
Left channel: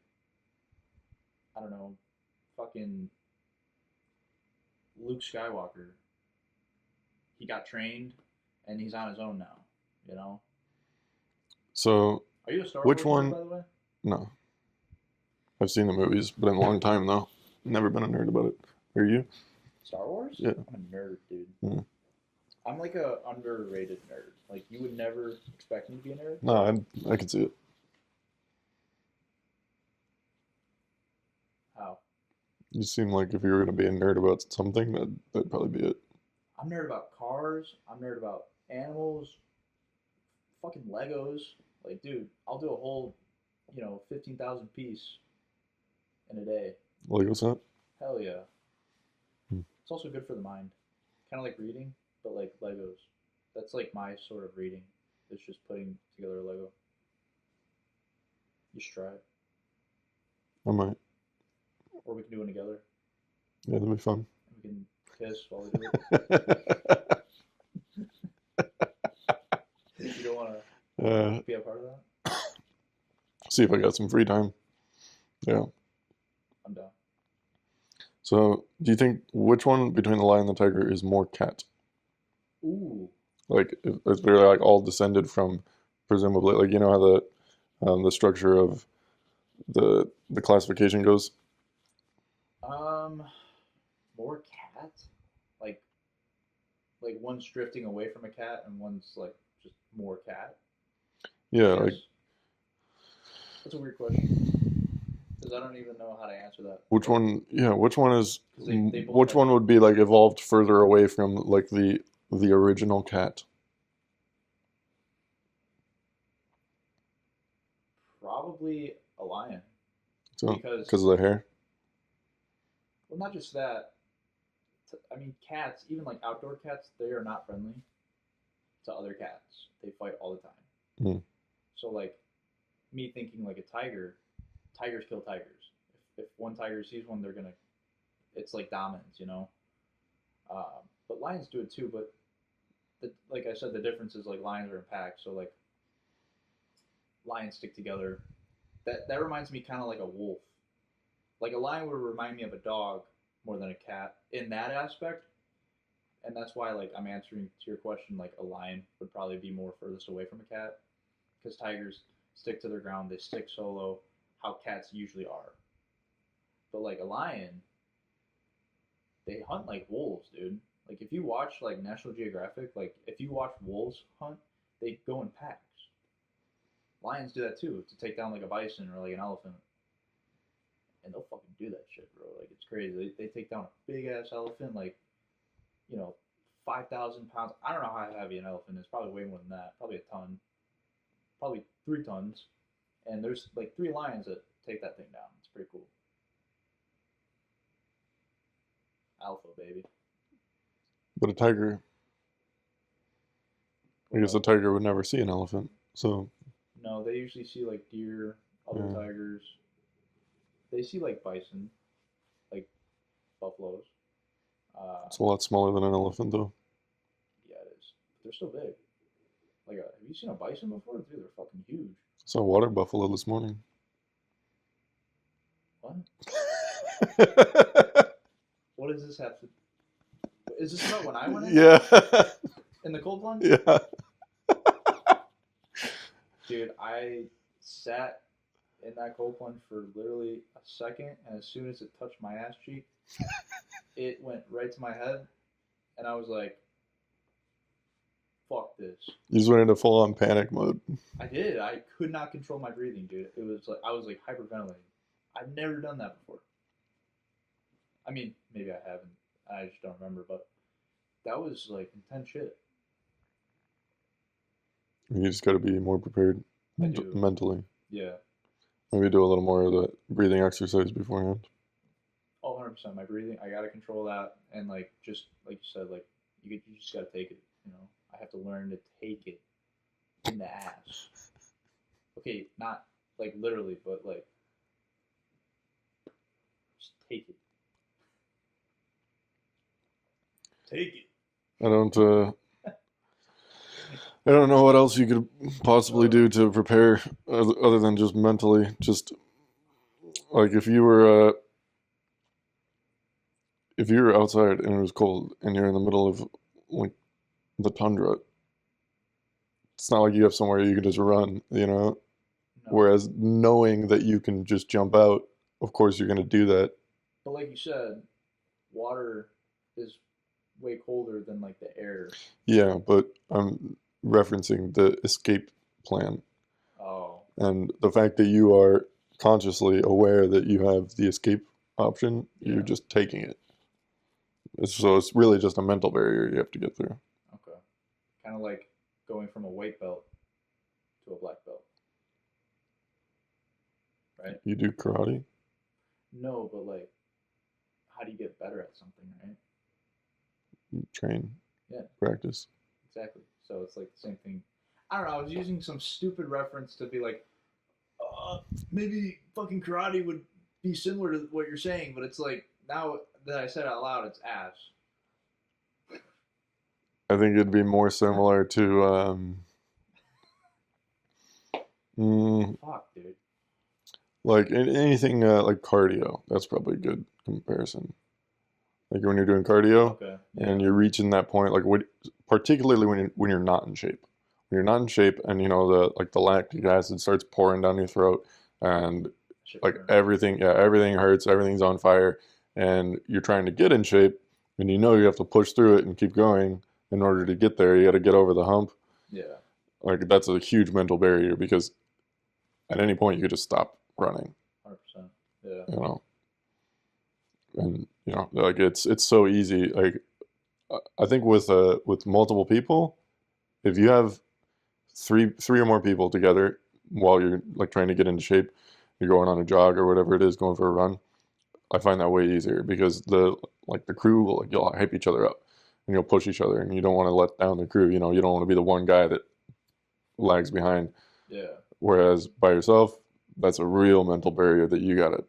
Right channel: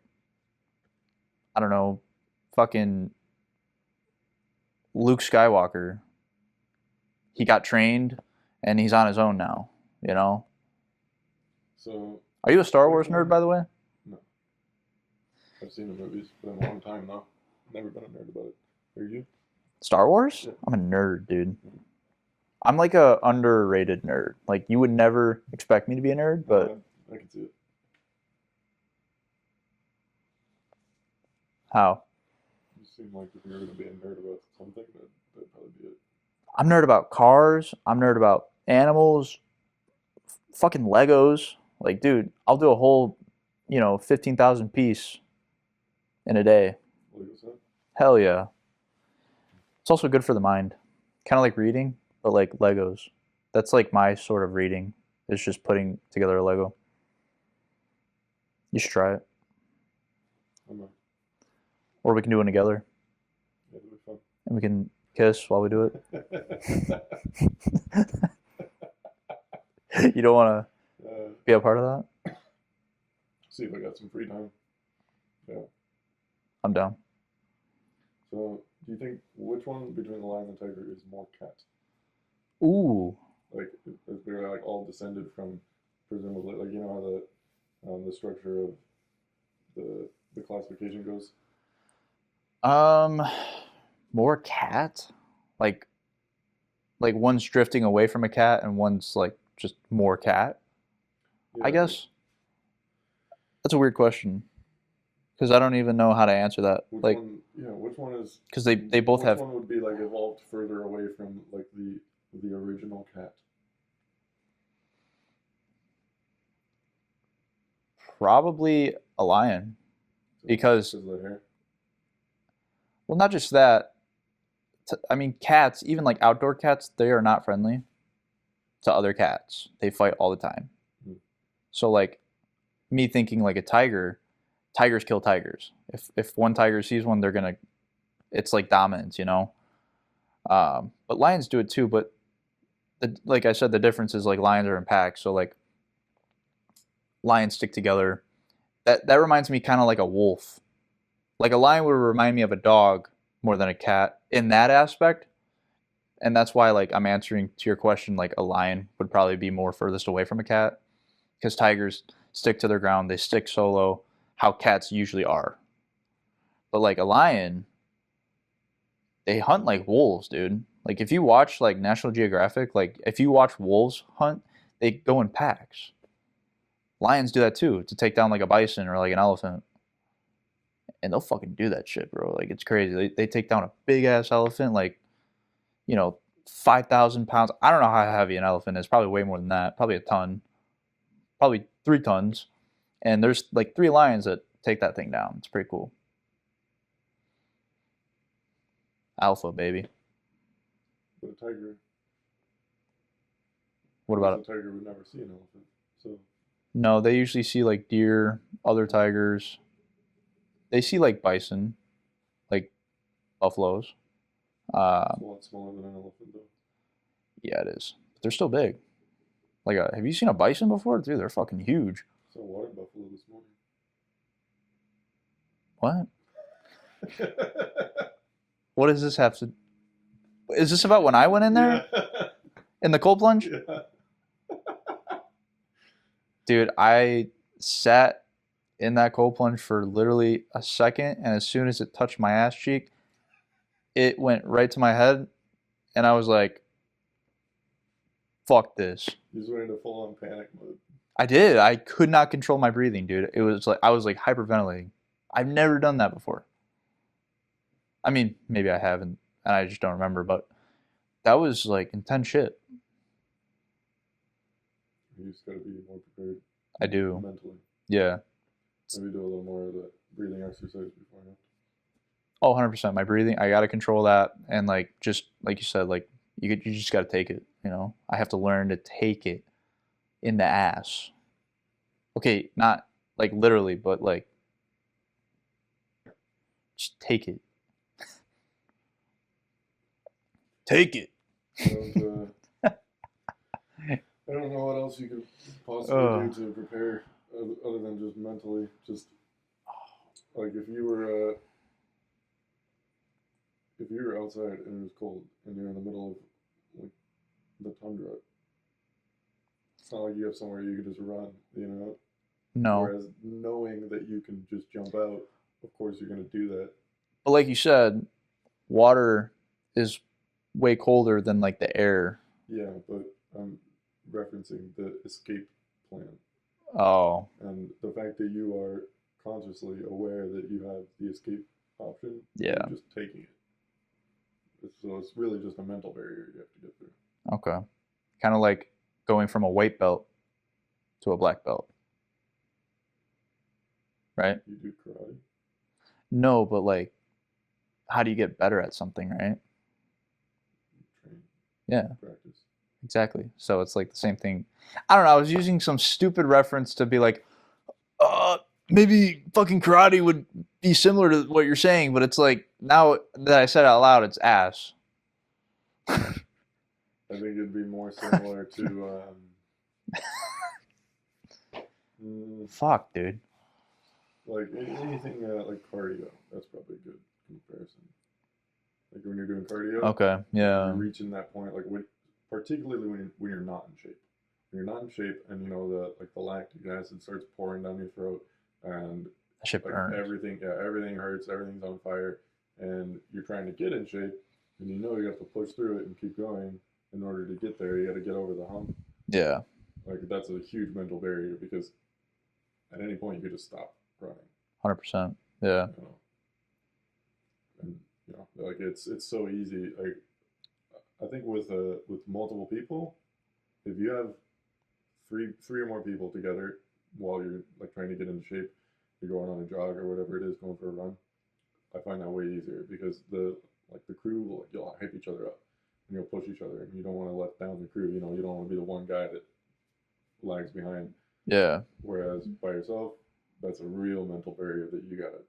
I don't know, fucking Luke Skywalker. He got trained and he's on his own now, you know? So, Are you a Star which Wars one? nerd, by the way? No. I've seen the movies, but in a long time though. Never been a nerd about it. Are you? Star Wars? Yeah. I'm a nerd, dude. Hmm. I'm like a underrated nerd. Like you would never expect me to be a nerd, but No, I can see it. how? You seem like if you were going to be a nerd about something, that'd probably be it. I'm nerd about cars. I'm nerd about animals, fucking Legos. Like, dude, I'll do a whole, 15,000 piece in a day. Lego set? Hell yeah. Hmm. It's also good for the mind. Kind of like reading, but like Legos. That's like my sort of reading. It's just putting together a Lego. You should try it. I might. Or we can do one together Yeah, that'd be fun. and we can kiss while we do it. You don't want to be a part of that? See if I got some free time. Yeah. I'm down. So, do you think which one between the lion and the tiger is more cat? Ooh. Like, if they're like all descended from, presumably, like you know how the structure of the classification goes. More cat? Like one's drifting away from a cat and one's like just more cat? Yeah, I like guess. That's a weird question. Because I don't even know how to answer that. which Like, one? Yeah, which one is? because they both Which have one would be like evolved further away from like the original cat? probably a lion. So, Because, of the hair. well, not just that. I mean, cats, even like outdoor cats, they are not friendly to other cats. They fight all the time. Mm. So, like, me thinking like a tiger, tigers kill tigers. If one tiger sees one, they're gonna. It's like dominance, you know. But lions do it too. But like I said, the difference is like lions are in packs. So like lions stick together. That reminds me kind of like a wolf. Like a lion would remind me of a dog more than a cat in that aspect. And that's why like I'm answering to your question like a lion would probably be more furthest away from a cat because tigers stick to their ground, they stick solo, how cats usually are. But like a lion, they hunt like wolves, dude. Like if you watch like National Geographic, like if you watch wolves hunt, they go in packs. Lions do that too to take down like a bison or like an elephant. And they'll fucking do that shit, bro. Like it's crazy. They take down a big ass elephant, like 5,000 pounds. I don't know how heavy an elephant is. Probably way more than that. Probably a ton. Probably 3 tons. And there's like 3 lions that take that thing down. It's pretty cool. Alpha, baby. But a tiger, What I guess a about? tiger would never see an elephant. So, No, they usually see like deer, other Mm. tigers. They see like bison, like buffaloes. it's a lot smaller than an elephant, though. Yeah, it is. But they're still big. Like, have you seen a bison before? Dude, they're fucking huge. Saw a water buffalo this morning. What? What does this have to? Is this about when I went in there Yeah. in the cold plunge? Yeah. Dude, I sat in that cold plunge for literally a second, and as soon as it touched my ass cheek, it went right to my head, and I was like, fuck this. You just went into full on panic mode. I did. I could not control my breathing, dude. It was like I was like hyperventilating. I've never done that before. I mean, maybe I haven't, and I just don't remember, but that was like intense shit. You just got to be more prepared. I do. Mentally. Yeah. Maybe do a little more of the breathing exercise beforehand. Oh, 100%. My breathing, I got to control that. And like, just like you said, like, you just got to take it, you know? I have to learn to take it in the ass. Okay, not like literally, but like, just take it. Take it. I don't know what else you could possibly do to prepare other than just mentally. Just like if you were outside and it was cold and you're in the middle of like the tundra, it's not like you have somewhere you can just run, you know? No. Whereas knowing that you can just jump out, of course you're going to do that. But like you said, water is way colder than like the air. Yeah, but I'm referencing the escape plan. Oh. And the fact that you are consciously aware that you have the escape option, Yeah. you're just taking it. So it's really just a mental barrier you have to get through. Okay. Kind of like going from a white belt to a black belt. Right? You do karate? No, but like, how do you get better at something, right? You train. Yeah. Practice. Exactly. So it's like the same thing. I don't know. I was using some stupid reference to be like, maybe fucking karate would be similar to what you're saying, but it's like now that I said it out loud, it's ass. I think it'd be more similar to fuck, dude. Like anything like cardio. That's probably a good comparison. Like when you're doing cardio, okay, yeah, and you're reaching that point, like particularly when you're not in shape. When you're not in shape, and you know the lactic acid starts pouring down your throat, and like everything hurts, everything's on fire, and you're trying to get in shape, and you know you have to push through it and keep going in order to get there. You got to get over the hump. Yeah, like that's a huge mental barrier because at any point you could just stop running. 100%. Yeah, you know, and you know, like it's so easy. Like I think with multiple people, if you have three or more people together while you're like trying to get into shape, you're going on a jog or whatever it is, going for a run, I find that way easier because the crew will you'll hype each other up and you'll push each other and you don't want to let down the crew. You know, you don't want to be the one guy that lags behind. Yeah. Whereas by yourself, that's a real mental barrier that you gotta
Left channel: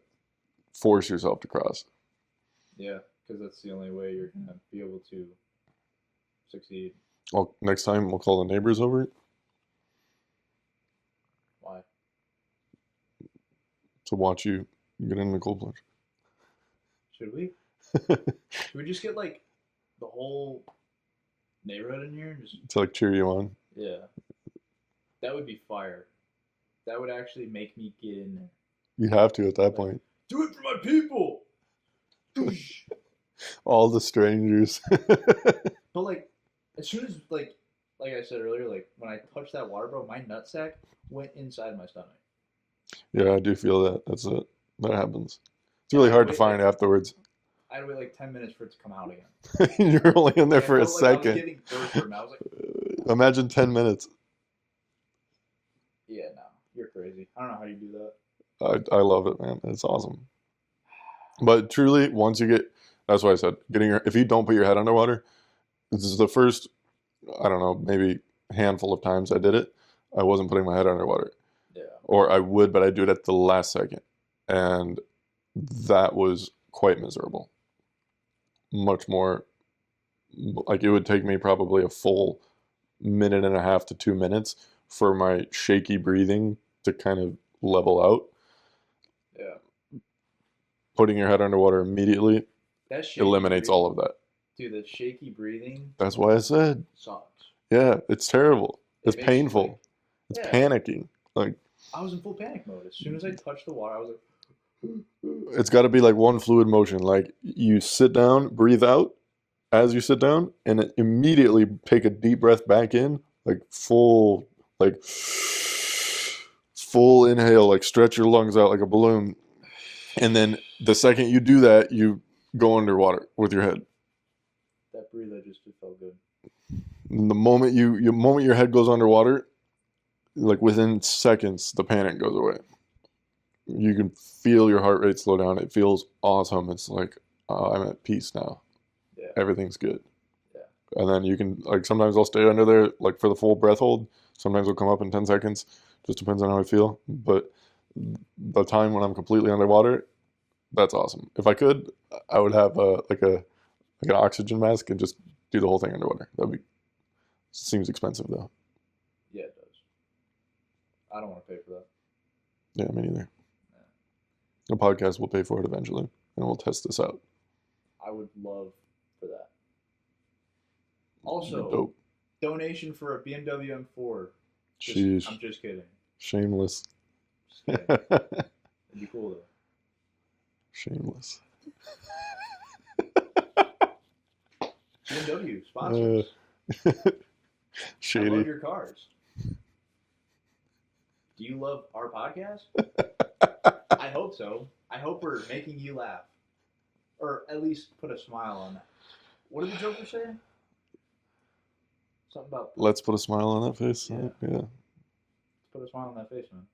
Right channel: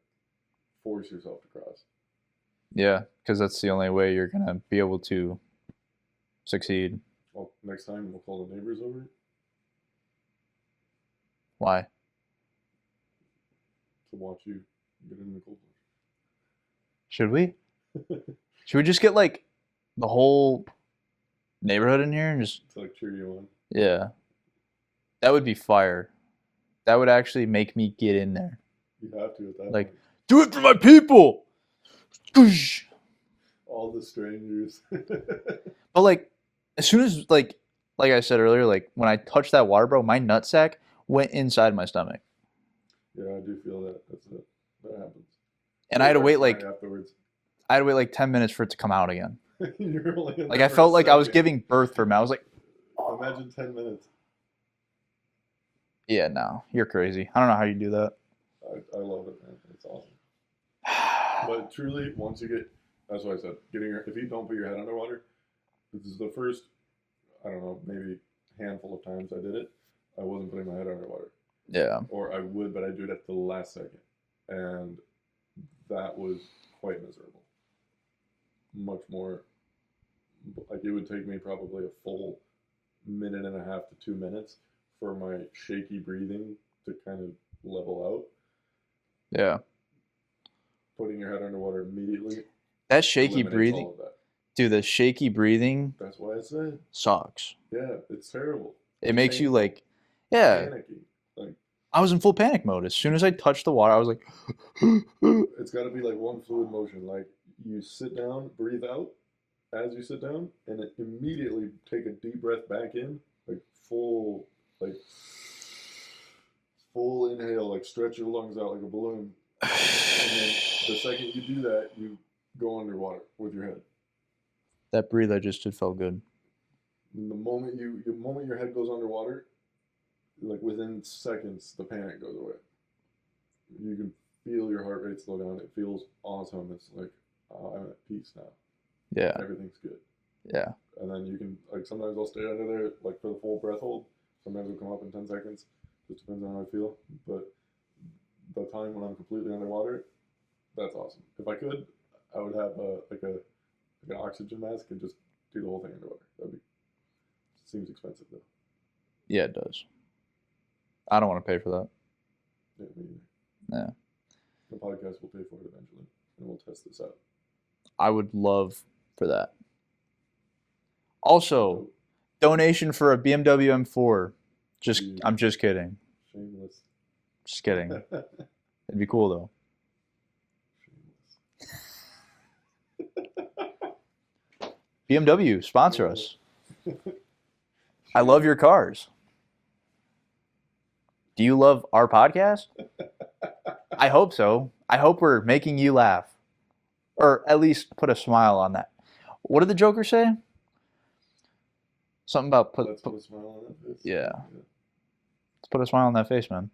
force yourself to cross. Yeah, because that's the only way you're gonna be able to succeed. Well, next time we'll call the neighbors over. Why? To watch you get in the cold plunge. Should we? Should we just get like the whole neighborhood in here and just to like cheer you on? Yeah. That would be fire. That would actually make me get in there. You have to at that point. Do it for my people. All the strangers. But like, as soon as like I said earlier, like when I touched that water, bro, my nutsack went inside my stomach. Yeah, I do feel that. That's it. That happens. It's and really I had to hard wait to find like afterwards. I had to wait like 10 minutes for it to come out again. You're only in there like, for I felt a like second. I was giving birth for a minute. I was like, imagine 10 minutes. Yeah, no, you're crazy. I don't know how you do that. I love it, man. It's awesome. But truly, once you get, that's why I said, if you don't put your head underwater, this is the first, I don't know, maybe handful of times I did it. I wasn't putting my head underwater. Yeah. Or I would, but I do it at the last second. And that was quite miserable. Much more, like it would take me probably a full minute and a half to 2 minutes for my shaky breathing to kind of level out. Yeah. Putting your head underwater immediately That shaky eliminates breathing, all of that. dude. The shaky breathing That's why I said, sucks. yeah, it's terrible. It It's makes you painful. like, It's yeah. panicking. Like, I was in full panic mode as soon as I touched the water. I was like, it's got to be like one fluid motion. Like you sit down, breathe out as you sit down, and then immediately take a deep breath back in, like full inhale, like stretch your lungs out like a balloon. And then the second you do that, you go underwater with your head. that breathe I just did felt good. And the moment moment your head goes underwater, like within seconds, the panic goes away. You can feel your heart rate slow down. It feels awesome. It's like, I'm at peace now. Yeah. Everything's good. Yeah. And then you can, like, sometimes I'll stay under there, like, for the full breath hold. Sometimes it'll come up in 10 seconds. Just depends on how I feel. But the time when I'm completely underwater, that's awesome. If I could, I would have an oxygen mask and just do the whole thing underwater. Seems expensive though. Yeah, it does. I don't want to pay for that. Yeah, me neither. Yeah. The podcast will pay for it eventually, and we'll test this out. I would love for that. Also, Dope. donation for a BMW M4. Sheesh. I'm just kidding. Shameless. Just kidding. It'd be cool though. Shameless. BMW, sponsor us. I Shady. love your cars. Do you love our podcast? I hope so. I hope we're making you laugh. Or at least put a smile on that. What did the Joker say? Something about Let's put a smile on that face. Yeah. Yeah. let's put a smile on that face, man.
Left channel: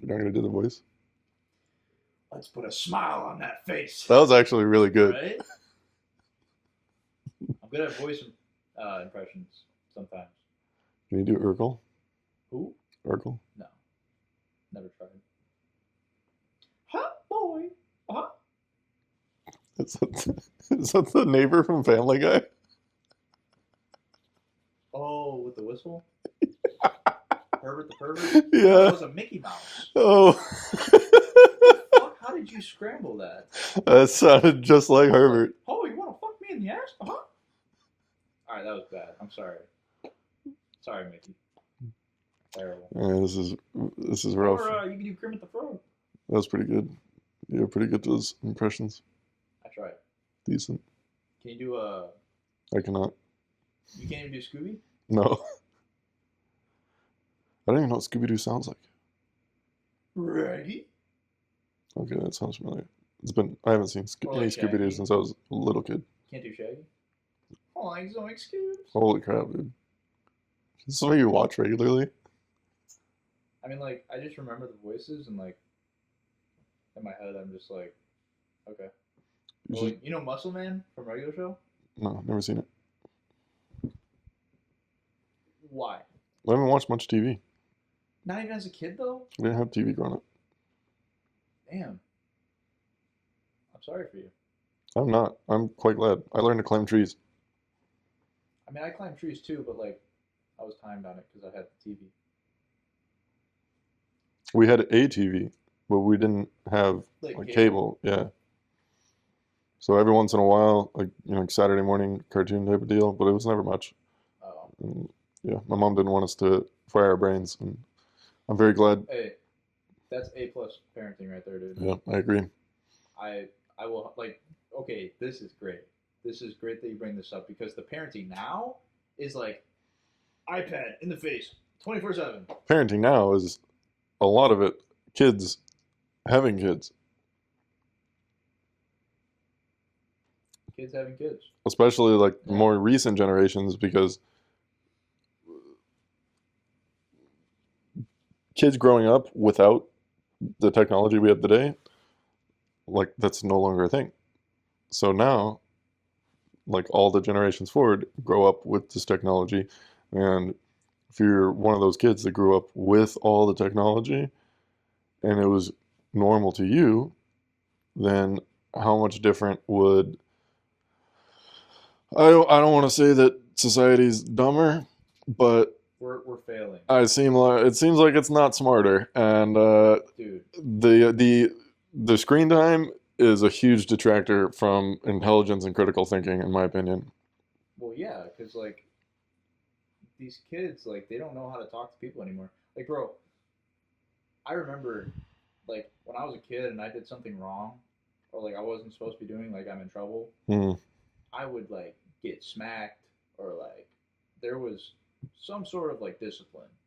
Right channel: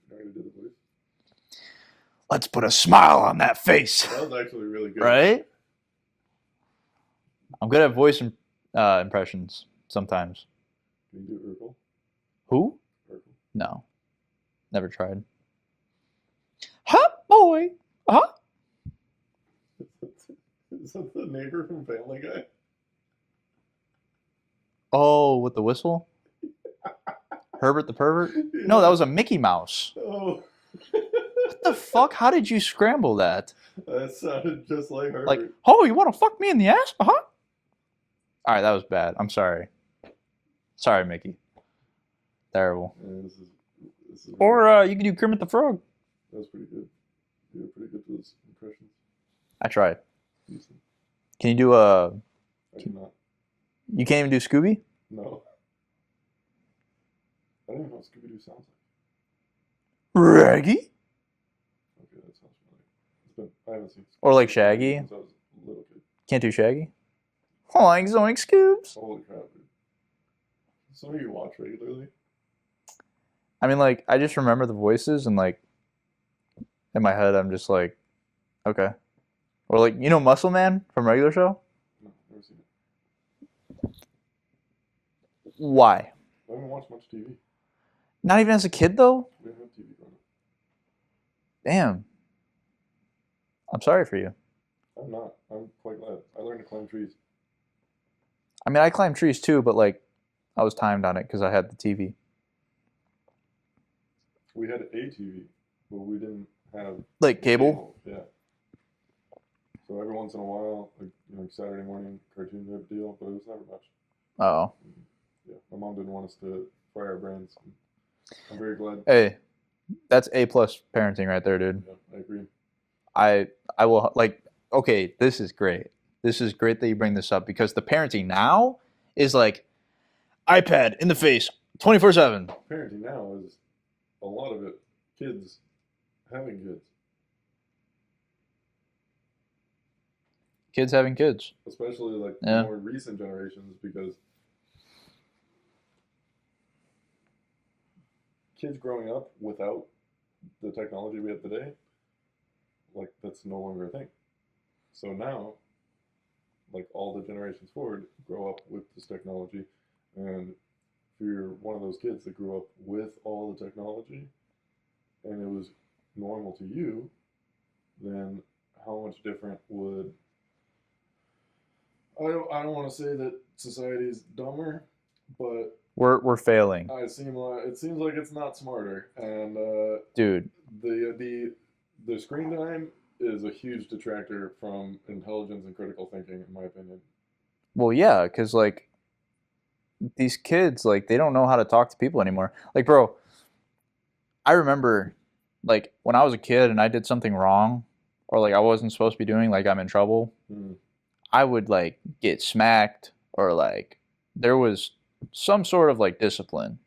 You're not gonna do the voice? Let's put a smile on that face. That was actually really good. Right? I'm good at voice impressions sometimes. Can you do Urkel? Who? Urkel? No. Never tried. Huh, boy. Huh? Is that the neighbor from Family Guy? Oh, with the whistle? Herbert the pervert? Yeah. No, that was a Mickey Mouse. Oh. What the fuck? How did you scramble that? That sounded just like Herbert. Like, oh, you want to fuck me in the ass? Uh-huh. All right, that was bad. I'm sorry. Sorry, Mickey. Terrible. Yeah, this is rough. Or you can do Kermit the Frog. That was pretty good. You're pretty good at those impressions. I tried. Decent. Can you do a... I cannot. You can't even do Scooby? No. I don't even know what Scooby-Doo sounds like. Raggy? Okay, that sounds familiar. I haven't seen Or like Scooby-Doo Shaggy? since I was a little kid. Can't do Shaggy? Oink, zoink, Scoobs. Holy crap, dude. This is what you watch regularly? I mean, like, I just remember the voices and, like, in my head, I'm just like, okay. Or, like, you know Muscle Man from Regular Show? No, never seen it. Why? I haven't watched much TV. Not even as a kid, though? I didn't have TV growing up. Damn. I'm sorry for you. I'm not. I'm quite glad. I learned to climb trees. I mean, I climbed trees too, but like, I was timed on it because I had the TV. We had a TV, but we didn't have Like cable? Yeah. So every once in a while, like like Saturday morning cartoon type of deal, but it was never much. Oh. And, yeah, my mom didn't want us to fry our brains, and I'm very glad. Hey, that's A+ parenting right there, dude. Yeah, I agree. I will, like, okay, this is great. This is great that you bring this up because the parenting now is like iPad in the face 24/7. Parenting now is a lot of it kids having kids, Kids having kids. especially like Yeah. more recent generations, because kids growing up without the technology we have today, like that's no longer a thing. So now, like all the generations forward grow up with this technology, and if you're one of those kids that grew up with all the technology and it was normal to you, then how much different would I don't want to say that society's dumber, but We're failing, it seems like it's not smarter, and dude. the screen time is a huge detractor from intelligence and critical thinking, in my opinion. Well, yeah, because like these kids, like they don't know how to talk to people anymore. Like, bro, I remember like when I was a kid and I did something wrong or like I wasn't supposed to be doing, like I'm in trouble, Mm. I would like get smacked or like there was some sort of like discipline.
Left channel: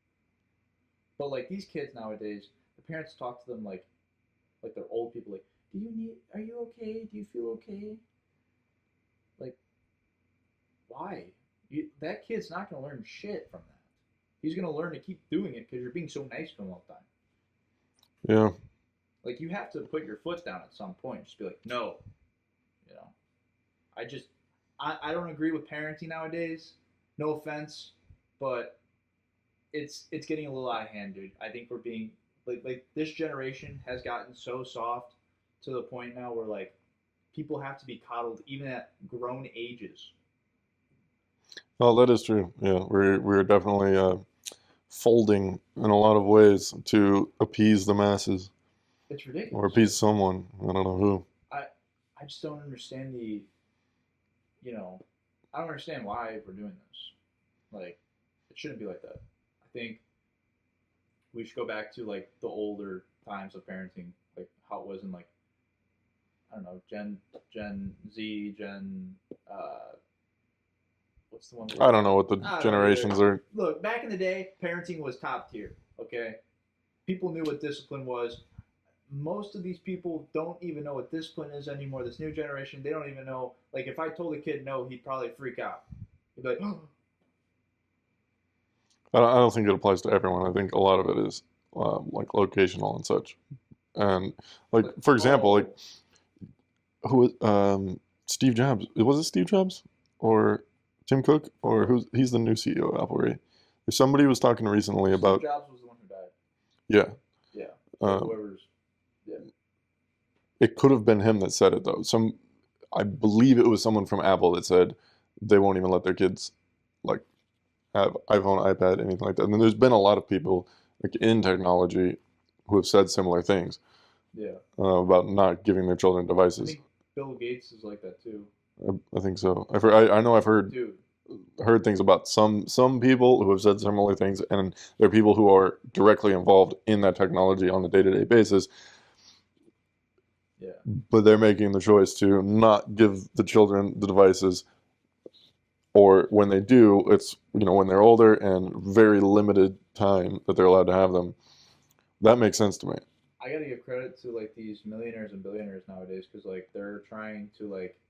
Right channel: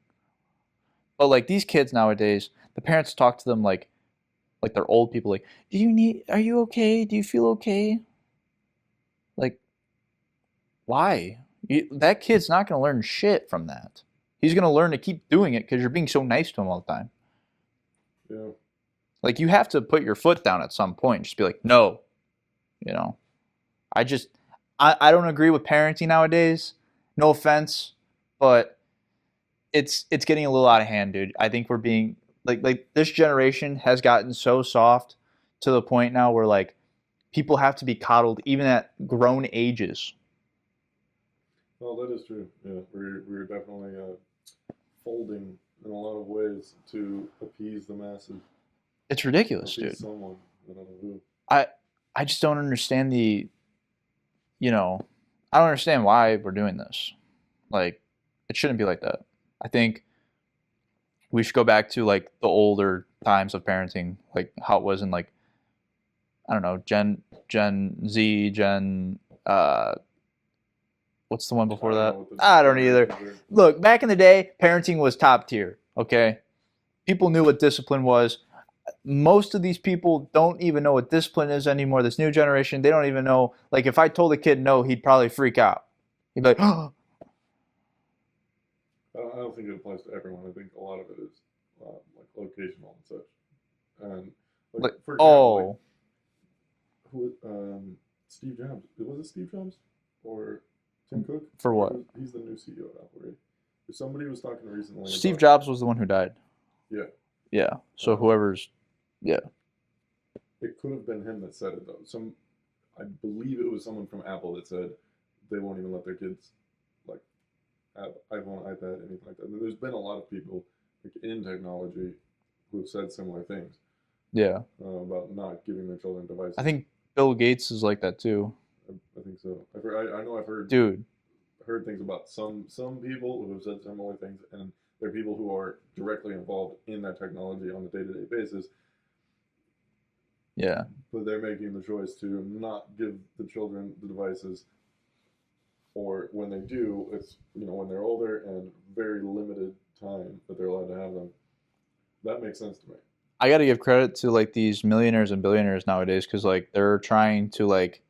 But like these kids nowadays, the parents talk to them like they're old people like, "Do you need are you okay? Do you feel okay?" Like why? That kid's not going to learn shit from that. He's going to learn to keep doing it cuz you're being so nice to him all the time. Yeah. Like you have to put your foot down at some point. Just be like, "No." You know. I just I don't agree with parenting nowadays. No offense, but it's getting a little out of hand, dude. I think we're being like this generation has gotten so soft to the point now where like people have to be coddled even at grown ages. Well, that is true. Yeah, we're definitely folding in a lot of ways to appease the masses It's or ridiculous, appease dude. someone. I don't know who. I I just don't understand the you know I don't understand why we're doing this. Like it shouldn't be like that. I think we should go back to like the older times of parenting, like how it was in like I don't know, Gen Z, Gen what's the one I before don't know that? what the I don't either. generations are. Look, back in the day, parenting was top tier, okay? People knew what discipline was. Most of these people don't even know what discipline is anymore. This new generation, they don't even know. Like, if I told a kid no, he'd probably freak out. He'd be like, oh, I don't think it applies to everyone. I think a lot of it is like locational and such. And like like, for example, like oh, who Steve Jobs? Was it Steve Jobs or Tim Cook? for Or what? who's he's the new CEO of Apple, right? Somebody was talking recently Steve about Jobs was the one who died. yeah. Yeah. So Uh, whoever's, yeah. it could have been him that said it though. I believe it was someone from Apple that said they won't even let their kids like have iPhone, iPad, anything like that. And then there's been a lot of people like in technology who have said similar things Yeah. about not giving their children I devices. think Bill Gates is like that too. I think so. I know I've Dude, heard things about some people who have said similar things, and there are people who are directly involved in that technology on a day-to-day basis, yeah. but they're making the choice to not give the children the devices, or when they do, it's when they're older and very limited time that they're allowed to have them. That makes sense to me. I got to give credit to like these millionaires and billionaires nowadays because like they're trying to like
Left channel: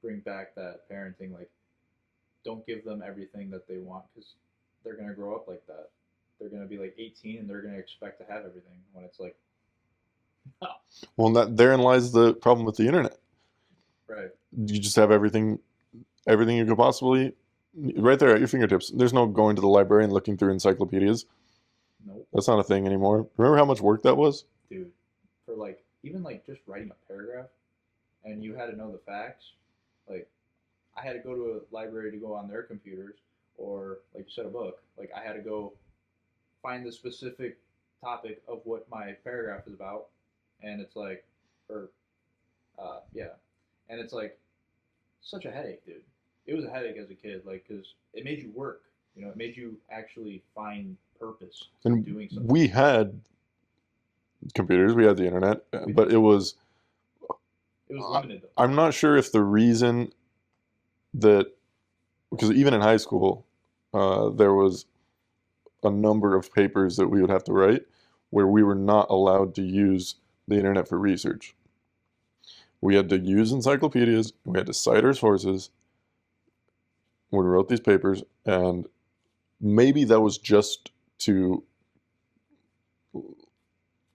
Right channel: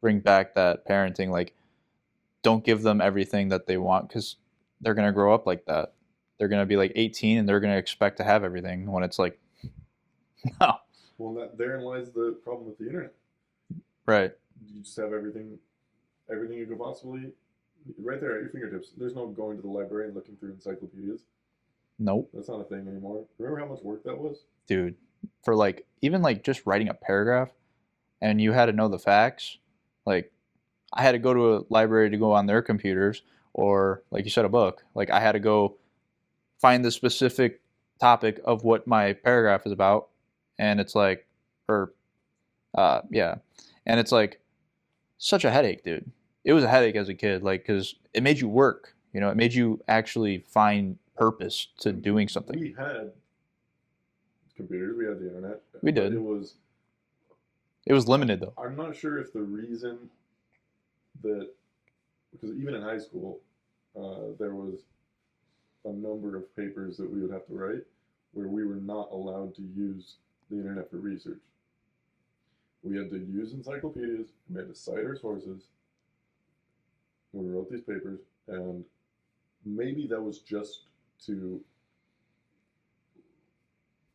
bring back that parenting. Like, don't give them everything that they want because they're gonna grow up like that. They're gonna be like 18 and they're gonna expect to have everything when it's like, no, Well, therein lies the problem with the internet. right? You just have everything you could possibly right there at your fingertips. There's no going to the library and looking through encyclopedias. Nope, That's not a thing anymore. Remember how much work that was? dude. For like even like just writing a paragraph and you had to know the facts, like I had to go to a library to go on their computers or like you said a book. Like I had to go find the specific topic of what my paragraph is about and it's like or yeah and it's like such a headache, dude. It was a headache as a kid, like because it made you work, it made you actually find purpose to And doing something. we had computers, we had the internet, We but did. It was limited though. I'm not sure if the reason that because even in high school, there was a number of papers that we would have to write where we were not allowed to use the internet for research. We had to use encyclopedias, we had to cite our sources when we wrote these papers, and maybe that was just to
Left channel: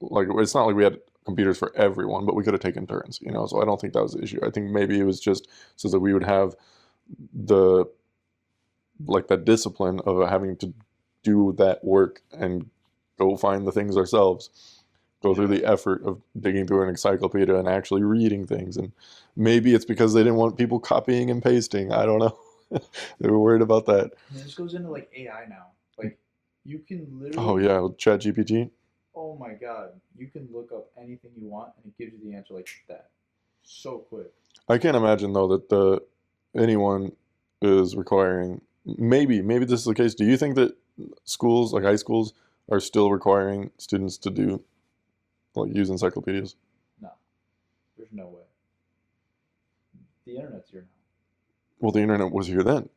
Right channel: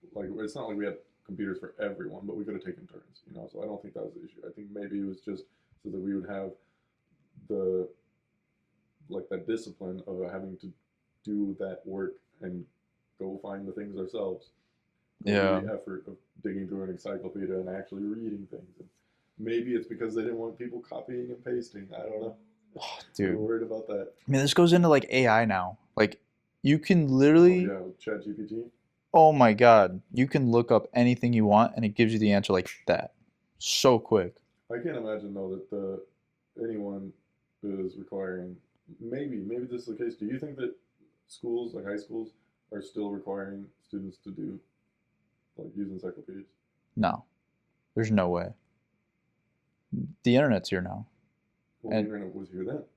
like it's not like we had computers for everyone, but we could have taken turns, so I don't think that was the issue. I think maybe it was just so that we would have the like that discipline of having to do that work and go find the things ourselves, go through Yeah, the effort of digging through an encyclopedia and actually reading things. And maybe it's because they didn't want people copying and pasting. I don't know. They were dude. worried about that. I mean, this goes into like AI now. Like, you can Oh literally, yeah, with ChatGPT. oh my God, you can look up anything you want and it gives you the answer like that. so quick. I can't imagine though that anyone is requiring. Maybe this is the case. Do you think that schools like high schools are still requiring students to do like use encyclopedias? No, there's no way. The internet's here now. Well, the internet was here then.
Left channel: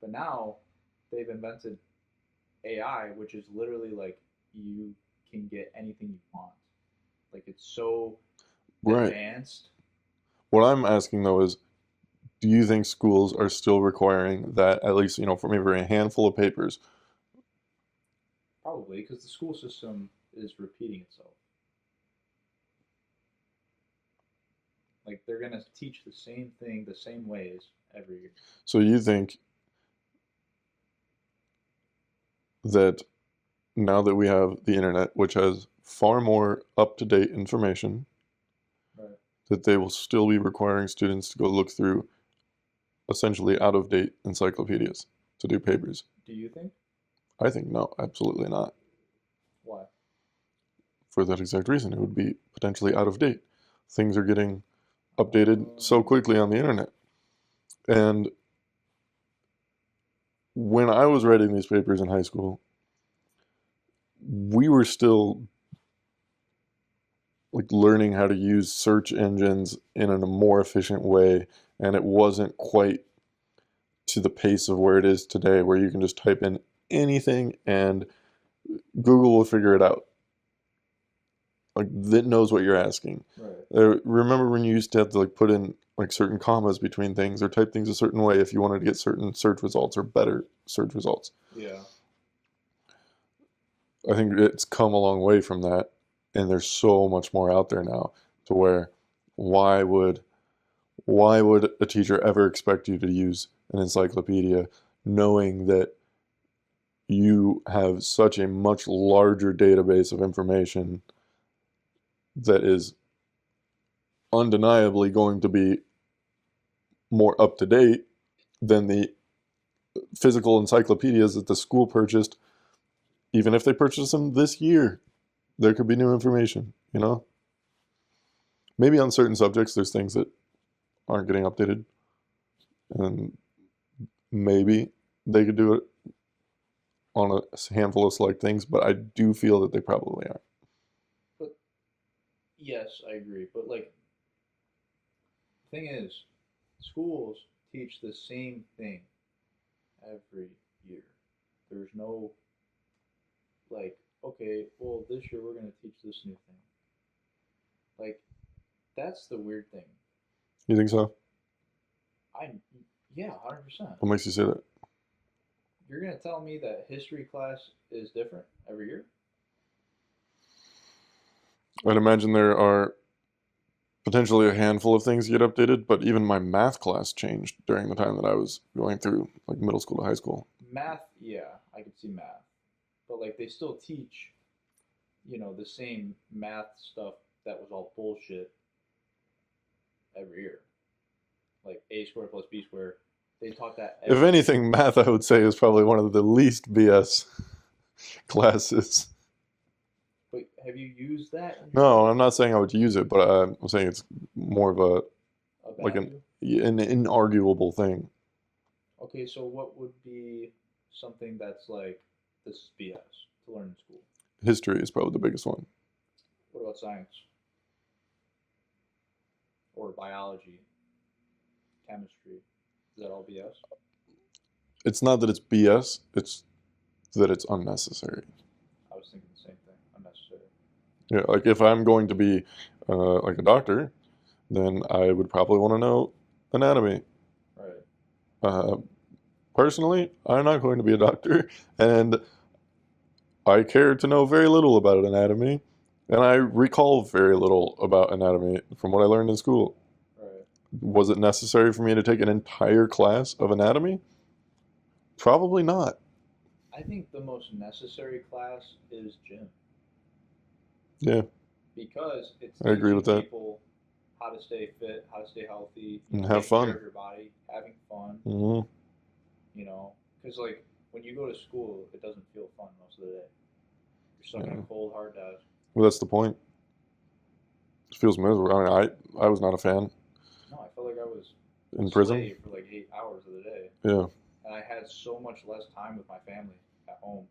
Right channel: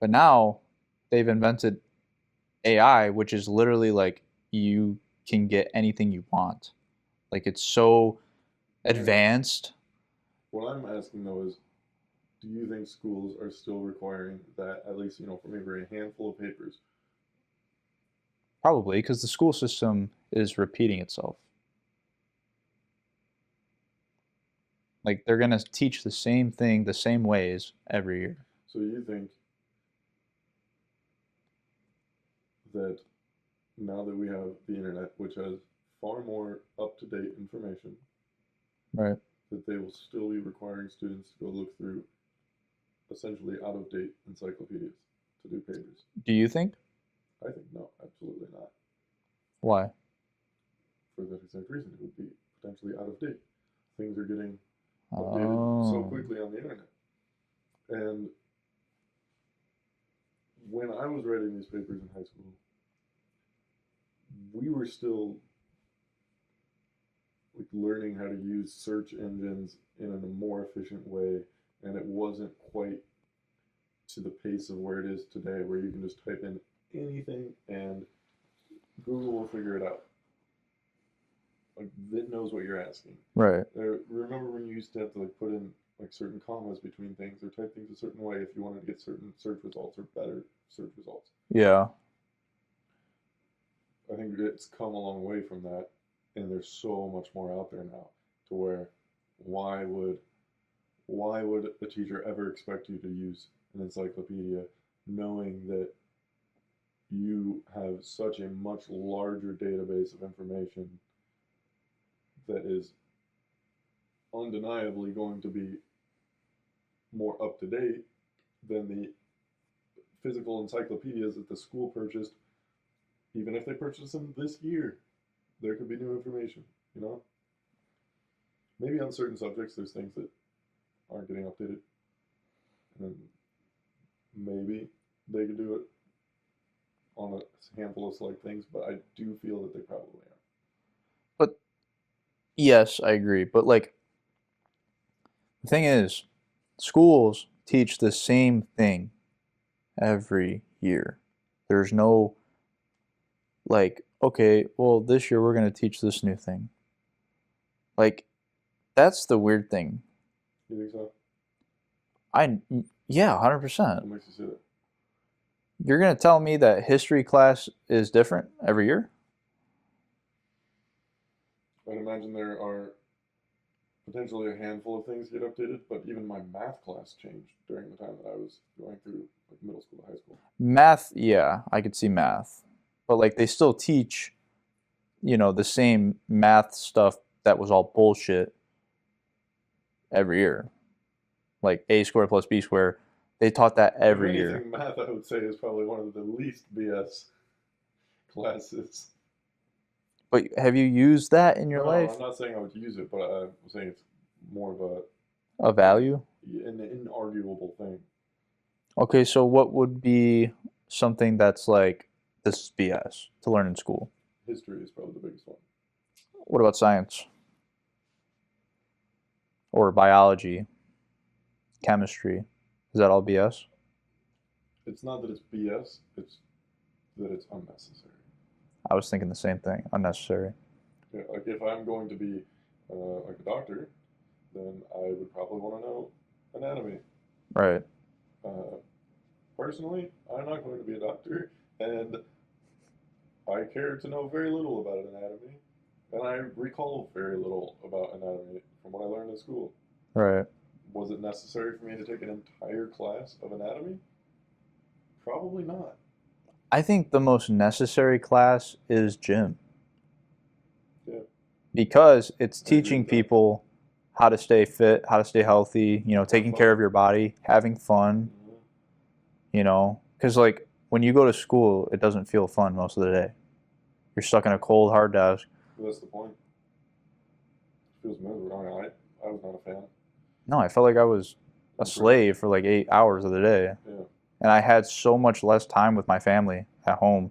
But now they've invented AI, which is literally like you can get anything you want. Like it's so Right. advanced. What I'm asking though is, do you think schools are still requiring that at least, for maybe a handful of papers? Probably because the school system is repeating itself. Like they're gonna teach the same thing the same ways every year. So you think that now that we have the internet, which has far more up-to-date information, Right. that they will still be requiring students to go look through essentially out-of-date encyclopedias to do papers? Do you think? I think no, absolutely not. Why? For that exact reason, it would be potentially out of date. Things are getting updated so Oh. quickly on the internet. And when I was writing these papers in high school, we were still like learning how to use search engines in a more efficient way, and it wasn't quite to the pace of where it is today, where you can just type in anything and Google will figure it out. Like that knows what you're asking. Right. Remember when you used to have to like put in like certain commas between things or type things a certain way if you wanted to get certain search results or better search results? Yeah. I think it's come a long way from that, and there's so much more out there now to where why would a teacher ever expect you to use an encyclopedia knowing that you have such a much larger database of information that is undeniably going to be more up to date than the physical encyclopedias that the school purchased. Even if they purchased them this year, there could be new information, Maybe on certain subjects, there's things that aren't getting updated. And maybe they could do it on a handful of select things, but I do feel that they probably aren't. But yes, I agree. But like the thing is, schools teach the same thing every year. There's no like, okay, well, this year we're going to teach this new thing. Like, that's the weird thing. You think so? Yeah, 100%. What makes you say that? You're going to tell me that history class is different every year? I'd imagine there are potentially a handful of things get updated, but even my math class changed during the time that I was going through like middle school to high school. Math, yeah, I could see math. But like they still teach, the same math stuff that was all bullshit every year. Like a squared plus b squared. They taught that every If anything, year. math I would say is probably one of the least BS classes. But have you used that in your No, life? I'm not saying I would use it, but I'm saying it's more of A value? an inarguable thing. Okay, so what would be something that's like, this is BS to learn in school? History is probably the biggest one. What about science? Or biology? Chemistry? Is that all BS? It's not that it's BS, it's that it's unnecessary. I was thinking the same thing. Unnecessary. Yeah, like if I'm going to be like a doctor, then I would probably want to know anatomy. Right. Personally, I'm not going to be a doctor, and I care to know very little about anatomy, and I recall very little about anatomy from what I learned in school. Right. Was it necessary for me to take an entire class of anatomy? Probably not. I think the most necessary class is gym. Yeah. Because it's I agree teaching with that. people how to stay fit, how to stay healthy, Have taking fun. care of your body, having fun, Mhm. Because like when you go to school, it doesn't feel fun most of the day. You're stuck in a cold, hard desk. Well, that's the point. feels miserable. I mean, I was not a fan No, I felt like I was a in prison. slave for like 8 hours of the day. Yeah. And I had so much less time with my family at home.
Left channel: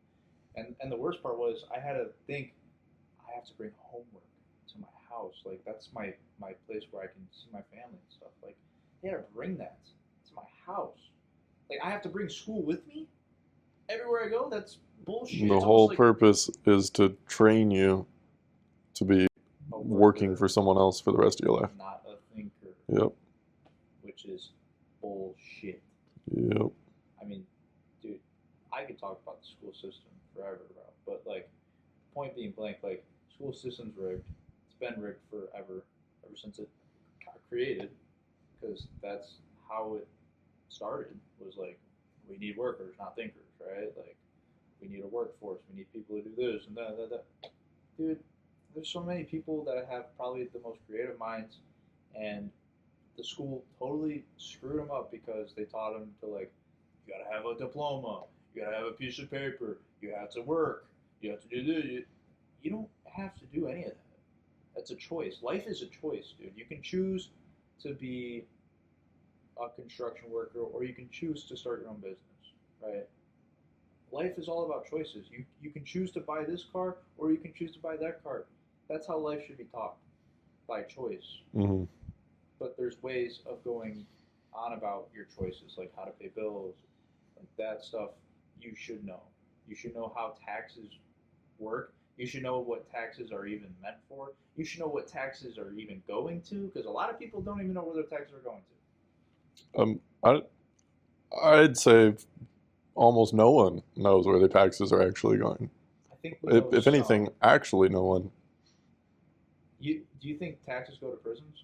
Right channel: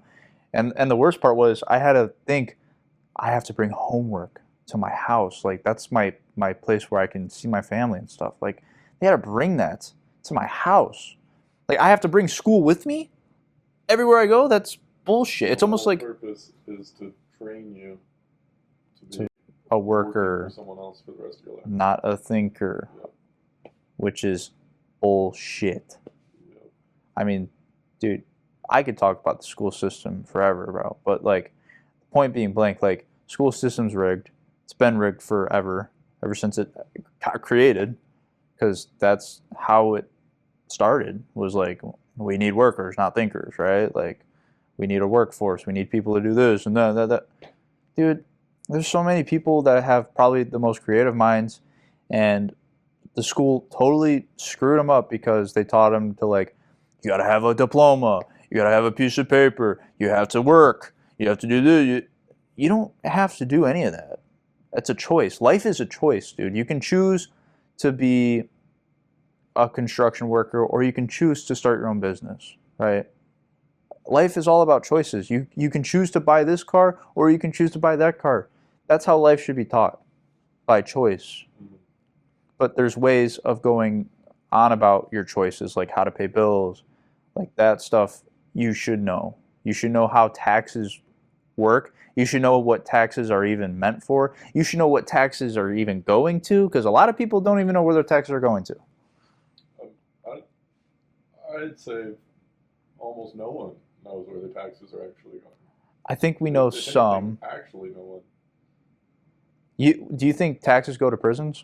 And the worst part was I had to think I have to bring homework to my house. Like that's my place where I can see my family and stuff. Like they had to bring that to my house. Like I have to bring school with me everywhere I go. That's bullshit. The It's almost whole like purpose is to train you to be a working worker, for someone else for the rest of your life. not a thinker, Yep. which is bullshit. Yep. I mean, dude, I could talk about the school system forever, bro. But like, point being blank, like school system's rigged. It's been rigged forever, ever since it got created, because that's how it started. Was like we need workers, not thinkers, right? Like we need a workforce. We need people to do this and that. Dude, there's so many people that have probably the most creative minds, and the school totally screwed them up because they taught them to like, you gotta have a diploma, you gotta have a piece of paper, you have to work, you have to do this. You don't have to do any of that. It's a choice. Life is a choice, dude. You can choose to be a construction worker or you can choose to start your own business, right? Life is all about choices. You can choose to buy this car or you can choose to buy that car. That's how life should be taught, by choice. Mm-hmm. But there's ways of going on about your choices, like how to pay bills, like that stuff you should know. You should know how taxes work. You should know what taxes are even meant for. You should know what taxes are even going to, because a lot of people don't even know where their taxes are going to. I'd say almost no one knows where their taxes are actually going. I think we know If some. anything, actually no one. Do you think taxes go to prisons?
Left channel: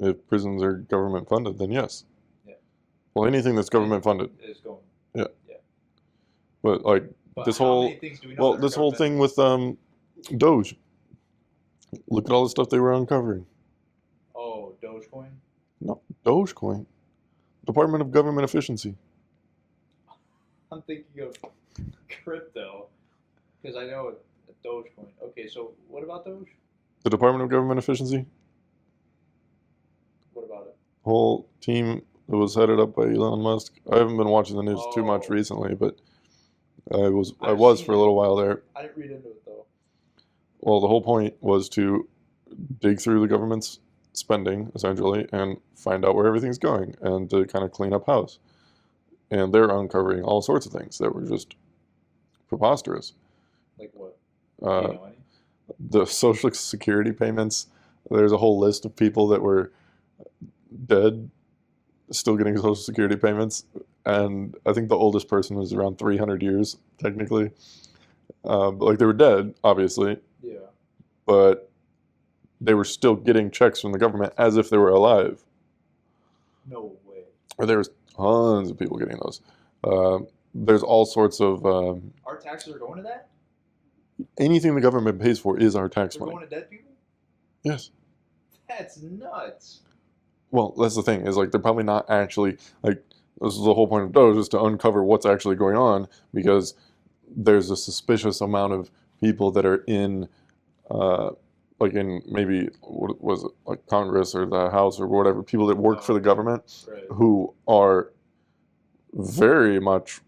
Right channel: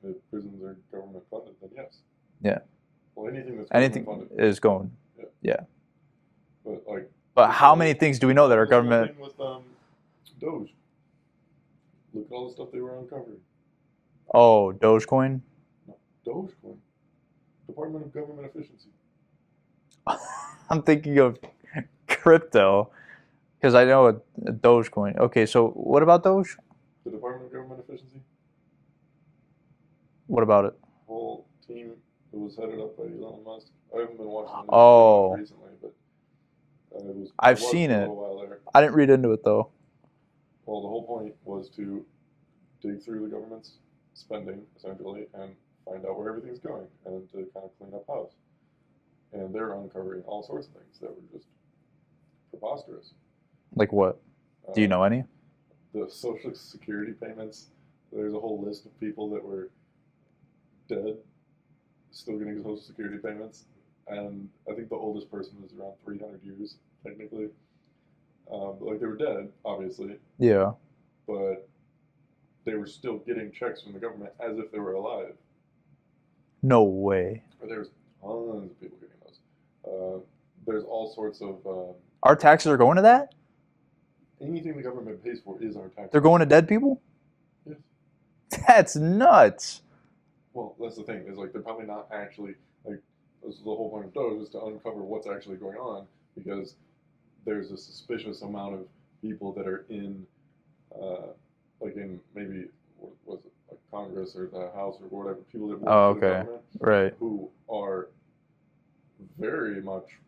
If prisons are government funded, then yes. Yeah. Well, anything that's government Anything funded. is going. Yeah. Yeah. But like, But this how whole- many things do we know that are this government? whole thing with Doge. Look at all the stuff they were uncovering. Oh, Dogecoin? No, Dogecoin. Department of Government Efficiency. I'm thinking of crypto because I know a Dogecoin. Okay, so what about Doge? The Department of Government Efficiency. What about it? Whole team that was headed up by Elon Musk. I haven't been watching the news too Oh. much recently, but I was I've for seen a it. little while there. I didn't read into it though. Well, the whole point was to dig through the government's spending, essentially, and find out where everything's going and to kind of clean up house. And they're uncovering all sorts of things that were just preposterous. Like what? Do you know any? The Social Security payments, there's a whole list of people that were dead, still getting Social Security payments. And I think the oldest person was around 300 years, technically. But like they were dead, obviously, Yeah. but they were still getting checks from the government as if they were alive. No way. Or there was tons of people getting those. There's all sorts of Our taxes are going to that? anything the government pays for is our tax. They're money. going to dead people? Yes. That's nuts. Well, that's the thing, is like they're probably not actually like this is the whole point of Doge, is to uncover what's actually going on, because there's a suspicious amount of people that are in like in maybe what was it, like Congress or the House or whatever, people that work for the okay. government Right. who are very much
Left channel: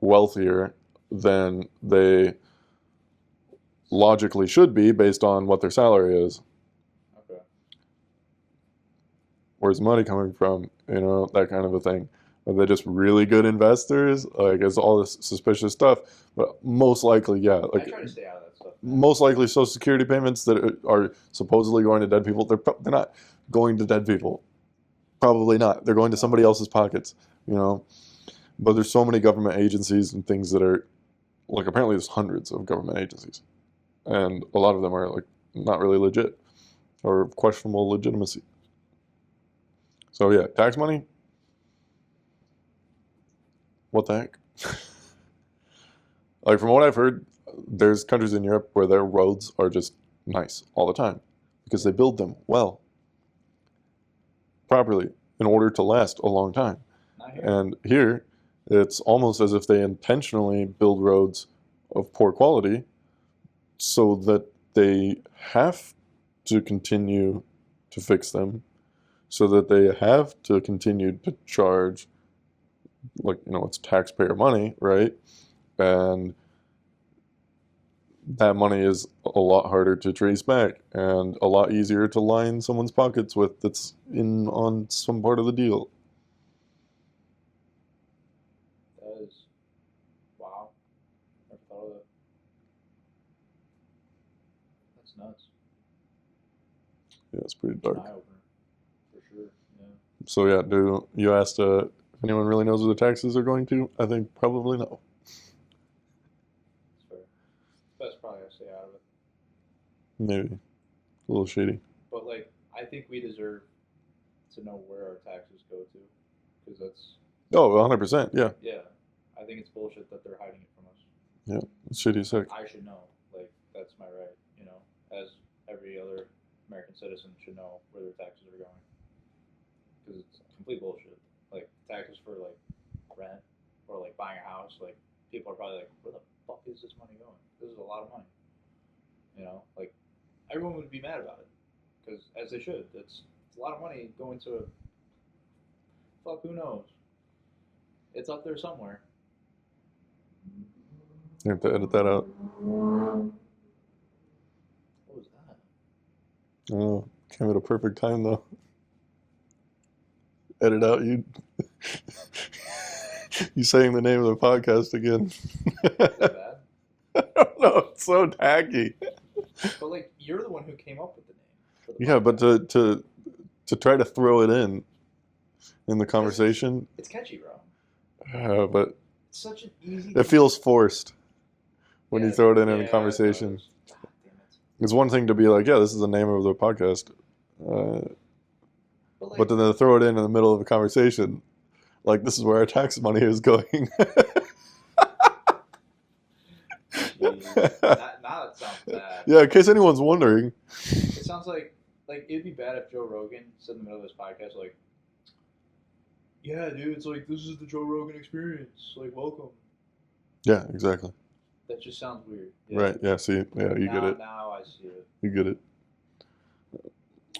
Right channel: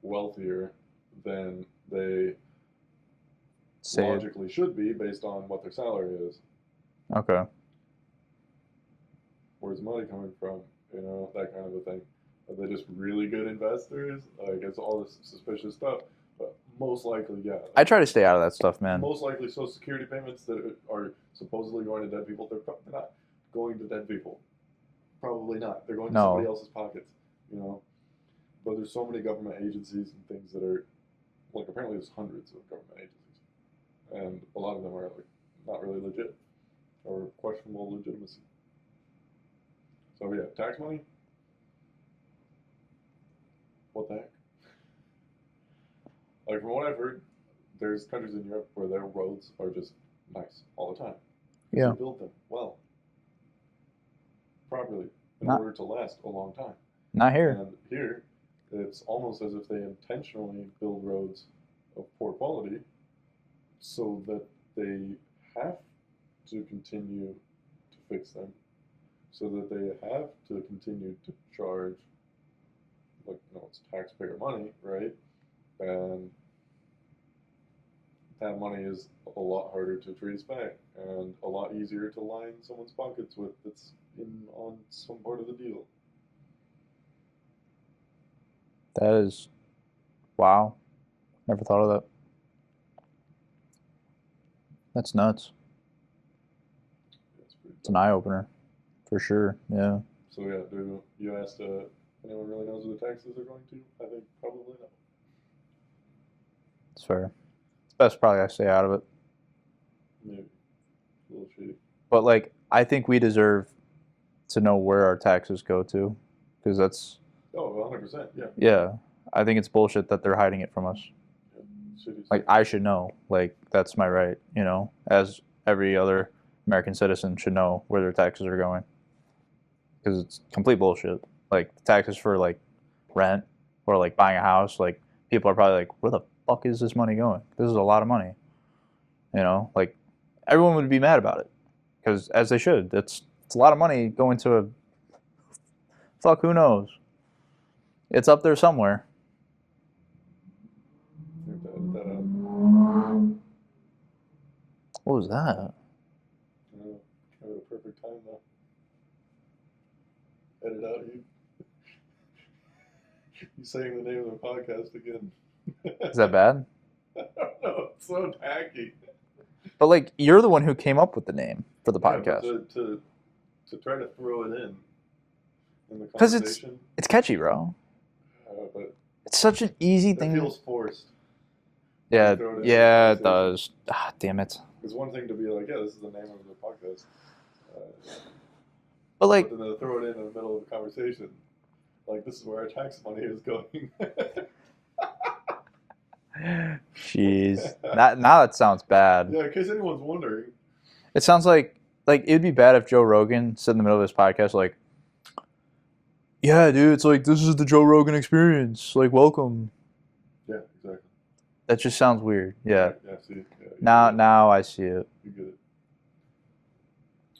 wealthier than they Save. logically should be based on what their salary is. Okay. Where's the money coming from? You know, that kind of a thing. Are they just really good investors? Like, it's all this suspicious stuff. But most likely, yeah. I Like, try to stay out of that stuff, man. most likely, Social Security payments that are supposedly going to dead people, they're not going to dead people. Probably not. They're going to somebody No. else's pockets, you know? But there's so many government agencies and things that are, like, apparently there's hundreds of government agencies. And a lot of them are, like, not really legit or questionable legitimacy. So, yeah, tax money? What the heck? Like, from what I've heard, there's countries in Europe where their roads are just nice all the time because Yeah. they build them well, properly, in Not- order to last a long time. Not here. And here, it's almost as if they intentionally build roads of poor quality so that they have to continue to fix them so that they have to continue to charge, like, it's taxpayer money, right? And that money is a lot harder to trace back and a lot easier to line someone's pockets with that's in on some part of the deal. That is, wow. Never thought of that. That's nuts. Yeah, it's pretty It's an dark. eye opener, for sure. Yeah. So yeah, you asked if anyone really knows where the taxes are going to? I think probably no. It's fair. It's best probably I stay out of it. Maybe a little shady. But like, I think we deserve to know where our taxes go to, because that's 100%. Yeah, yeah. I think it's bullshit that they're hiding it from us. yeah, it's shady. Like Sick. I should know. Like that's my right. As every other American citizen should know where their taxes are going, because it's complete bullshit. Like taxes for like rent or like buying a house. Like people are probably like, where the fuck is this money going? This is a lot of money. Like everyone would be mad about it, because as they should. It's a lot of money going to a fuck. Who knows? It's up there somewhere. You have to edit that out. What was that? I don't know. Came at a perfect time though. Edit out you. You saying the name of the podcast again. Is that bad? I don't know. It's so tacky. But like, you're the one who came up with the name for the podcast. Yeah, but to try to throw it in the 'Cause conversation. it's catchy, bro. But It's such an easy thing. it feels forced. When yeah, you throw it in the yeah, it conversation. does. Ah, damn it. It's one thing to be like, yeah, this is the name of the podcast. But like, But then to throw it in the middle of a conversation, like this is where our tax money is going. jeez, now that sounds bad. Yeah, in case anyone's wondering. It sounds like it'd be bad if Joe Rogan said in the middle of his podcast like, "Yeah, dude, it's like this is the Joe Rogan experience. Like, welcome." Yeah, exactly. That just sounds weird. Yeah. Right, yeah, see, yeah, you Now, get it. now I see it. You get it.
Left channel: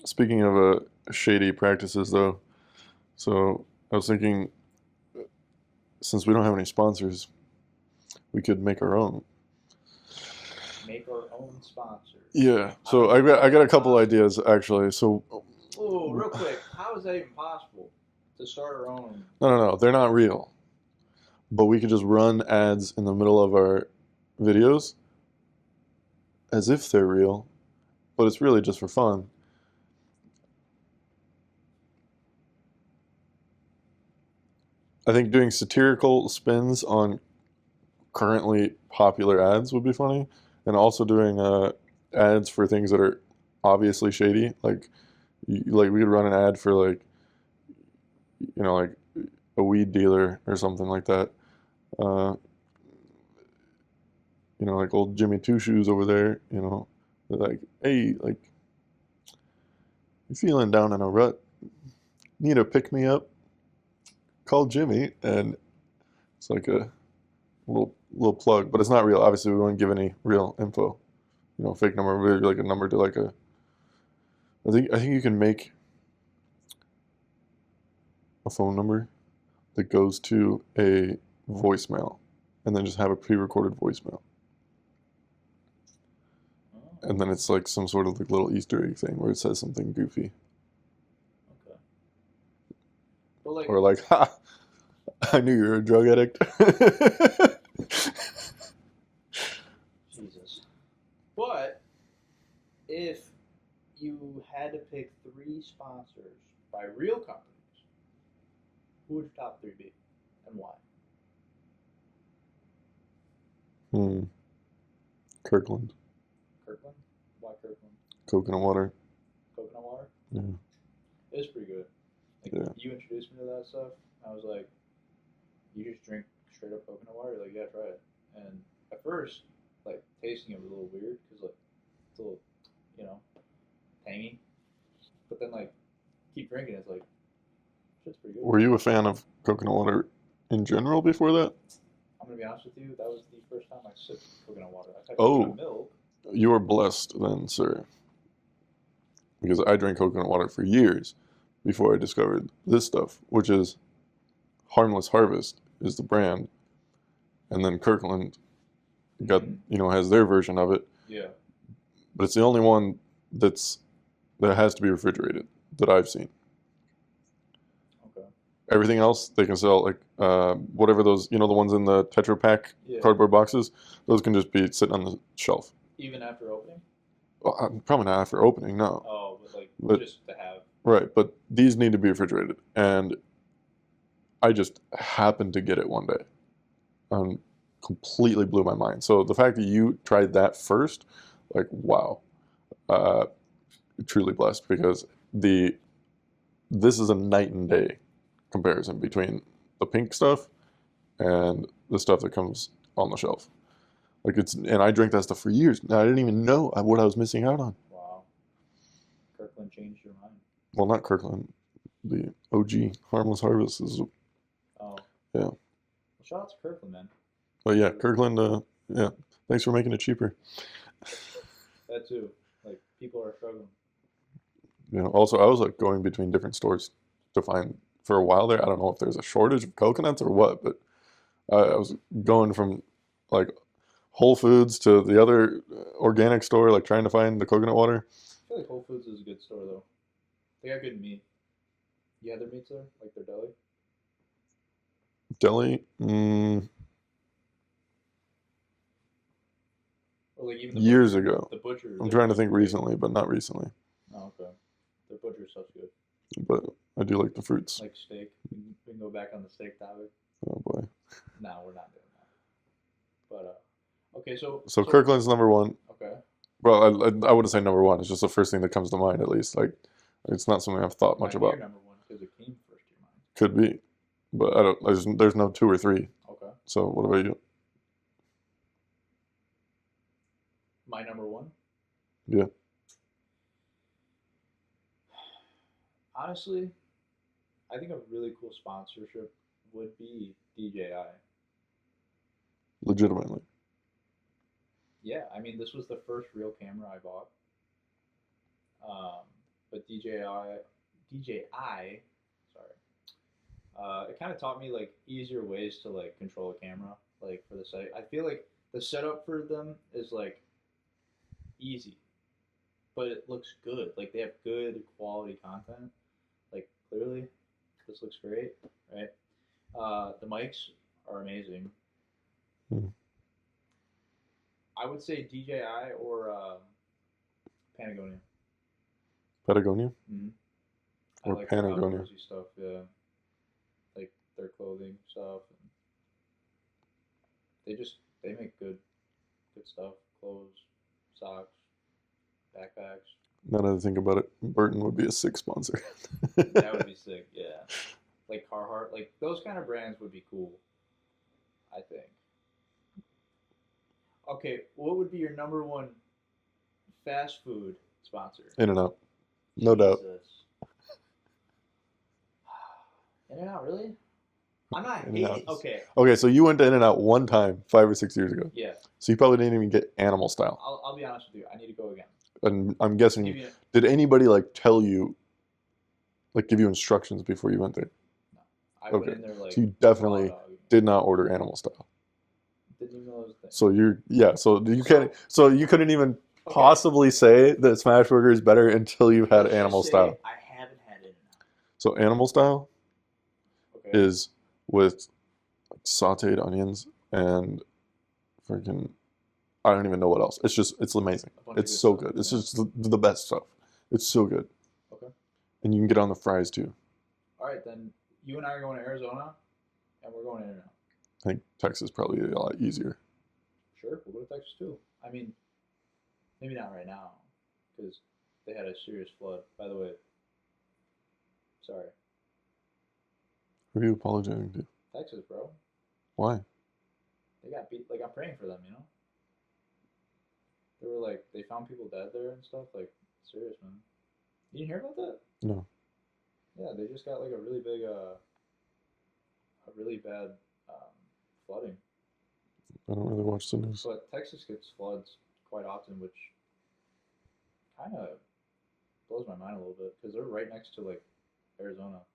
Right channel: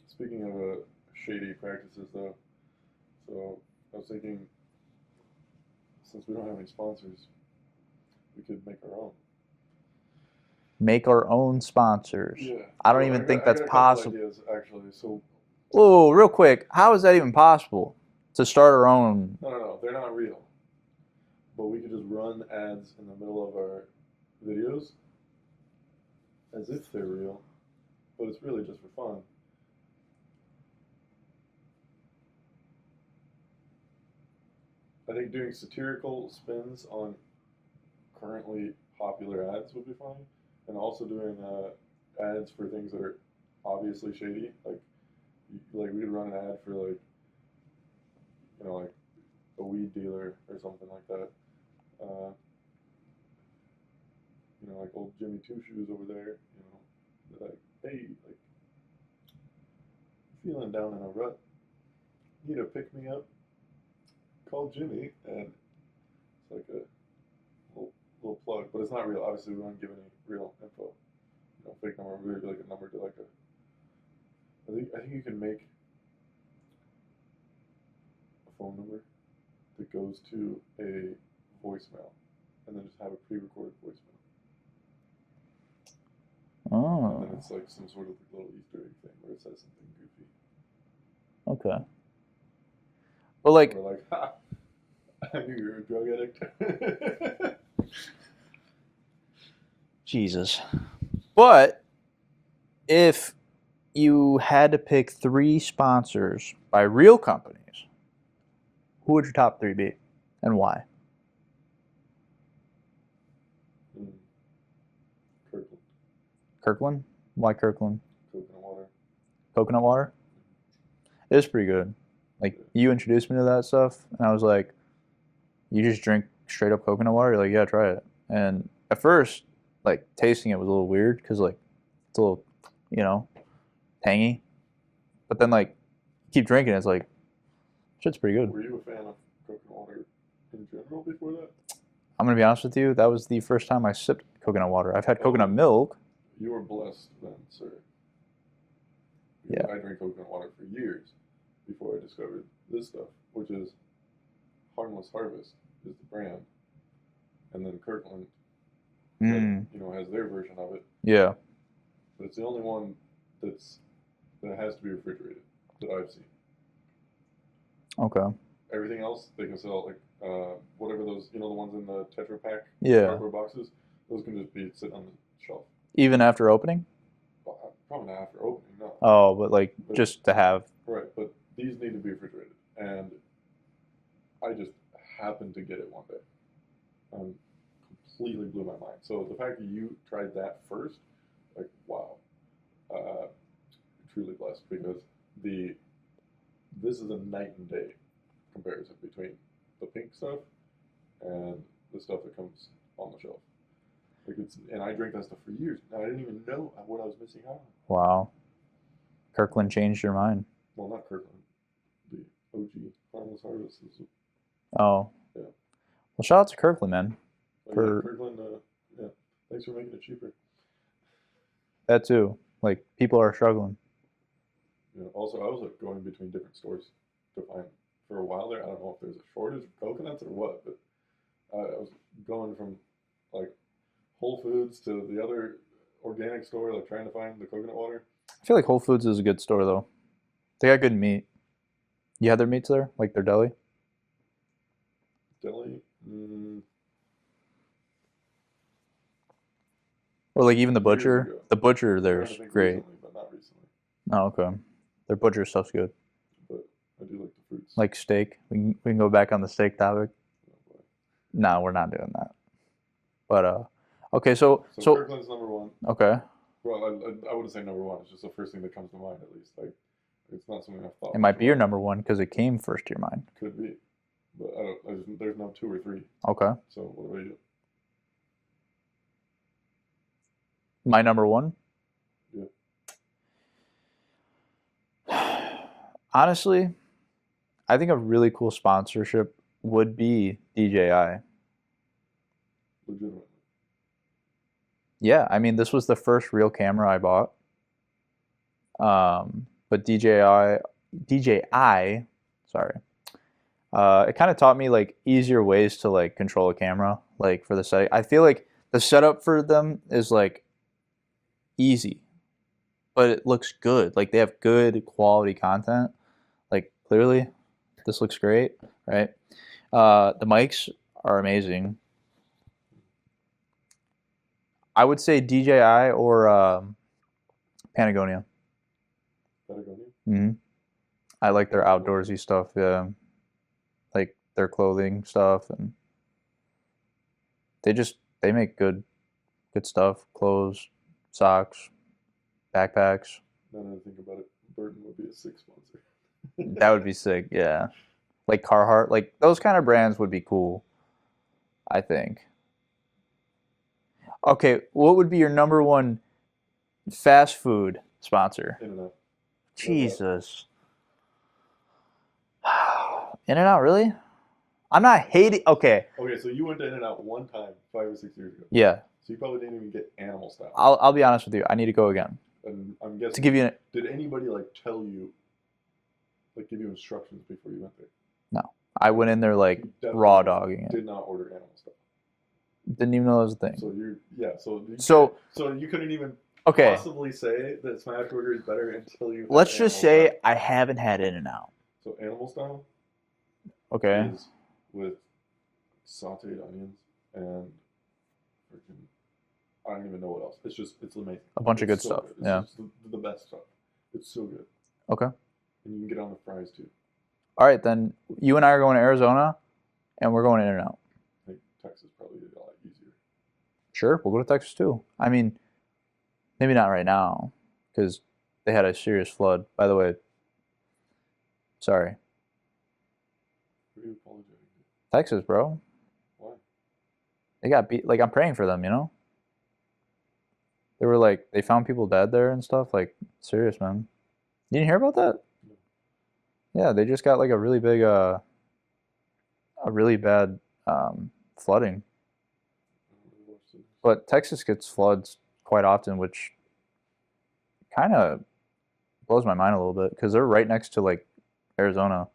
Speaking of shady practices, though, so I was thinking, since we don't have any sponsors, we could make our own. Make our own sponsors. Yeah. I don't So even think I got a that's couple possible. ideas actually. So Whoa, real quick, how is that even possible? To start our own? no, they're not real. But we could just run ads in the middle of our videos as if they're real, but it's really just for fun. I think doing satirical spins on currently popular ads would be funny, and also doing ads for things that are obviously shady. Like we could run an ad for like like a weed dealer or something like that. Like old Jimmy Two Shoes over there. They're like, hey, like, you feeling down in a rut? Need a pick me up? Call Jimmy, and it's like a little plug, but it's not real. Obviously, we won't give any real info. Fake number, maybe like a number to like a. I think you can make a phone number that goes to a voicemail, and then just have a pre-recorded voicemail, Oh, and then it's like some sort of like little Easter egg thing where it says something goofy, okay. But like, or like, ha, I knew you were a drug addict. Jesus. But if you had to pick 3 sponsors by real companies, who would your top 3 be, and why? Kirkland. Kirkland? Why Kirkland? Coconut water. Coconut water? Yeah. It is pretty good. Like, Yeah. you introduced me to that stuff, and I was like, you just drink straight up coconut water? You're like, yeah, try it. And at first, like, tasting it was a little weird, because, like, it's a little, tangy. But then, like, keep drinking it, it's like, shit's pretty good. Were you a fan of coconut water in general before that? I'm going to be honest with you, that was the first time I sipped coconut water. I've had coconut Oh. milk. You were blessed then, sir. because Yeah. I drank coconut water for years before I discovered this stuff, which is Harmless Harvest is the brand, and then Kirkland got Mm. has their version of it, Yeah. but it's the only one that has to be refrigerated that I've seen. Okay. Everything else they can sell like whatever those the ones in the Tetra Pak Yeah. cardboard boxes. Those can just be sitting on the shelf. Even after opening? Well, probably not after opening, no. Oh, but like But just to have. right, but these need to be refrigerated, and I just happened to get it one day, and completely blew my mind. So the fact that you tried that first, like wow, uh, truly blessed because this is a night and day comparison between the pink stuff and the stuff that comes on the shelf. Like and I drank that stuff for years. I didn't even know what I was missing out on. Wow. Kirkland changed your mind. Well, not Kirkland, the OG Harmless Harvest is Oh. yeah. Well, shout out to Kirkland, man. But yeah, Kirkland. Yeah, thanks for making it cheaper. That too. Like people are struggling. Also, I was like going between different stores to find for a while there. I don't know if there's a shortage of coconuts or what, but I was going from like Whole Foods to the other organic store, like trying to find the coconut water. I feel like Whole Foods is a good store though. They got good meat. You had their meats there, like their deli. Deli, Or like even the years butcher. ago. The butcher I'm there. trying to think recently, but not recently. Oh, okay. Their butcher stuff's good. But I do like the fruits. Like steak. We can go back on the steak topic. Oh boy. No, we're not doing that. But okay, so Kirkland's number one. Okay. Well, I wouldn't say number one. It's just the first thing that comes to mind, at least. Like, it's not something I've thought It much might be your about. number one because it came first to your mind. Could be, but I don't. There's no two or three. Okay. So what about you? My number one? Yeah. Honestly, I think a really cool sponsorship would be DJI. Legitimately. Yeah, I mean, this was the first real camera I bought. But DJI, sorry. It kind of taught me like easier ways to like control a camera, like for the setting. I feel like the setup for them is like easy, but it looks good. Like they have good quality content. Like clearly, this looks great, right? The mics are amazing. I would say DJI or Patagonia. Patagonia? Mm-hmm. I like their Patagonia. outdoorsy stuff, yeah. Like their clothing stuff, and they make good stuff, clothes, socks, backpacks. Now that I think about it, Burton would be a sick sponsor. That would be sick, yeah. Like Carhartt, like those kind of brands would be cool, I think. Okay, what would be your number one fast food sponsor? In-N-Out. No doubt. Jesus. In-N-Out, really? I'm not hating. Okay. Okay, so you went to In-N-Out one time 5 or 6 years ago. Yeah. So you probably didn't even get animal style. I'll be honest with you. I need to go again. And I'm guessing. To give you did anybody like tell you, like give you instructions before you went there? No. I went in there like So raw dogging it. Did not order animal style. Didn't even know that was a thing. So so you couldn't even Okay. possibly say that Smashburger is better until you've had Let's animal just say style. I haven't had In-N-Out. So animal style Okay. is with sauteed onions and freaking I don't even know what else. It's amazing. A bunch of It's good so stuff. good. It's Yeah. just the best stuff. It's so good. Okay. And you can get on the fries too. All right, then you and I are going to Arizona, and we're going In-N-Out. I think Texas is probably a lot easier. Sure, we'll go to Texas too. I mean, maybe not right now, because they had a serious flood. By the way, sorry. Who are you apologizing to? Texas, bro. Why? They got beat. Like, I'm praying for them, you know? They were like, they found people dead there and stuff. Like, serious, man. You didn't hear about that? No. Yeah, they just got like a really big, a really bad flooding. I don't really watch the news. But Texas gets floods quite often, which kind of blows my mind a little bit because they're right next to like Arizona.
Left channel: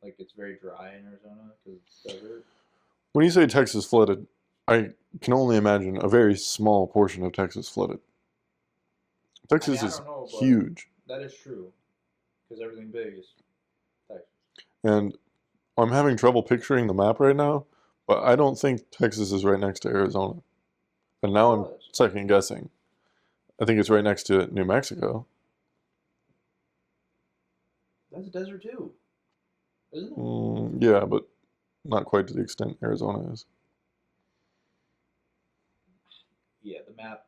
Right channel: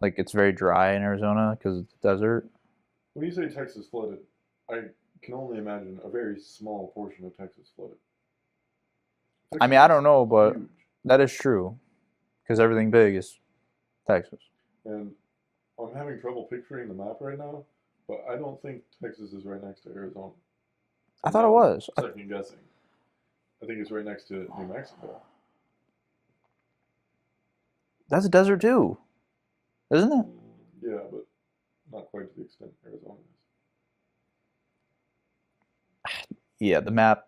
Like it's very dry in Arizona because it's desert. When you say Texas flooded, I can only imagine a very small portion of Texas flooded. I Texas mean, I is don't know, but huge, that is true because everything big is Texas. and I'm having trouble picturing the map right now, but I don't think Texas is right next to Arizona. I And thought now it I'm was. second guessing. I think it's right next to New Mexico. That's a desert too, isn't it? Yeah, but not quite to the extent Arizona is. Yeah, the map.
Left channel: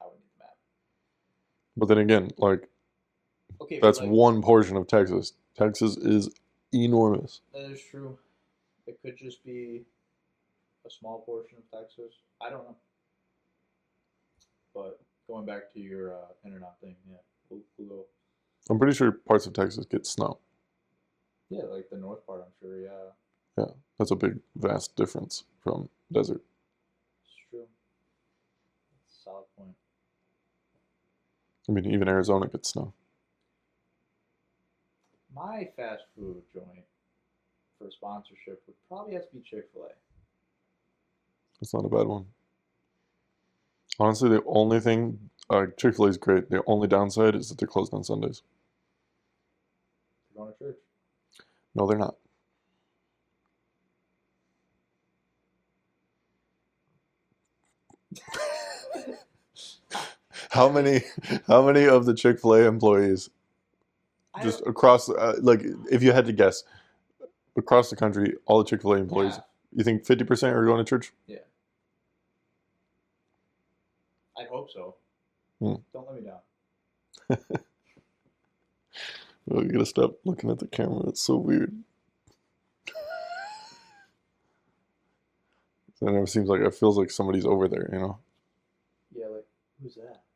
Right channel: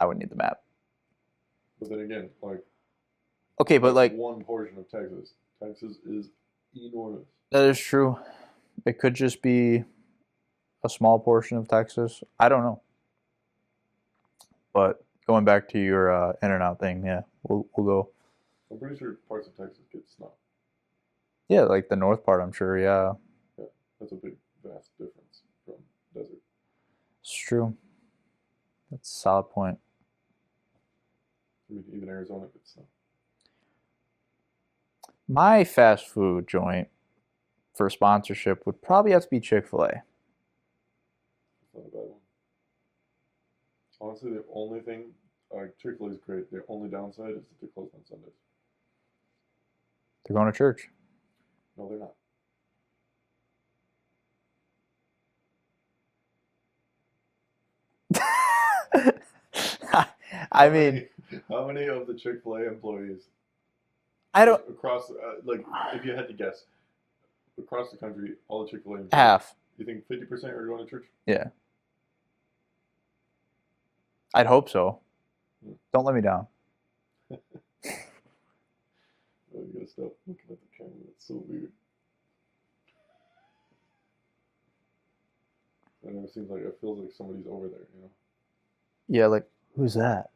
I would need the map. But then again, like Okay, but that's like one portion of Texas. Texas is enormous. that is true. It could just be a small portion of Texas. I don't know. But going back to your in and out thing, yeah, we'll go. I'm pretty sure parts of Texas get snow. Yeah, like the north part, I'm sure. Yeah, Yeah, that's a big, vast difference from desert. it's true. That's a solid point. I mean, even Arizona gets snow. My fast food joint for sponsorship would probably have to be Chick-fil-A. It's not a bad one. Honestly, the only thing, Chick-fil-A is great. The only downside is that they're closed on Sundays. They're going to church. No, they're not. I mean, How many of the Chick-fil-A employees I just don't across, like, if you had to guess, across the country, all the Chick-fil-A employees, half. you think 50% are going to church? Yeah, I'd hope so. Hmm. Don't let me down. Well, you gotta stop looking at the camera. It's so weird. It never seems like it feels like somebody's over there, you know? Yeah, like who's that?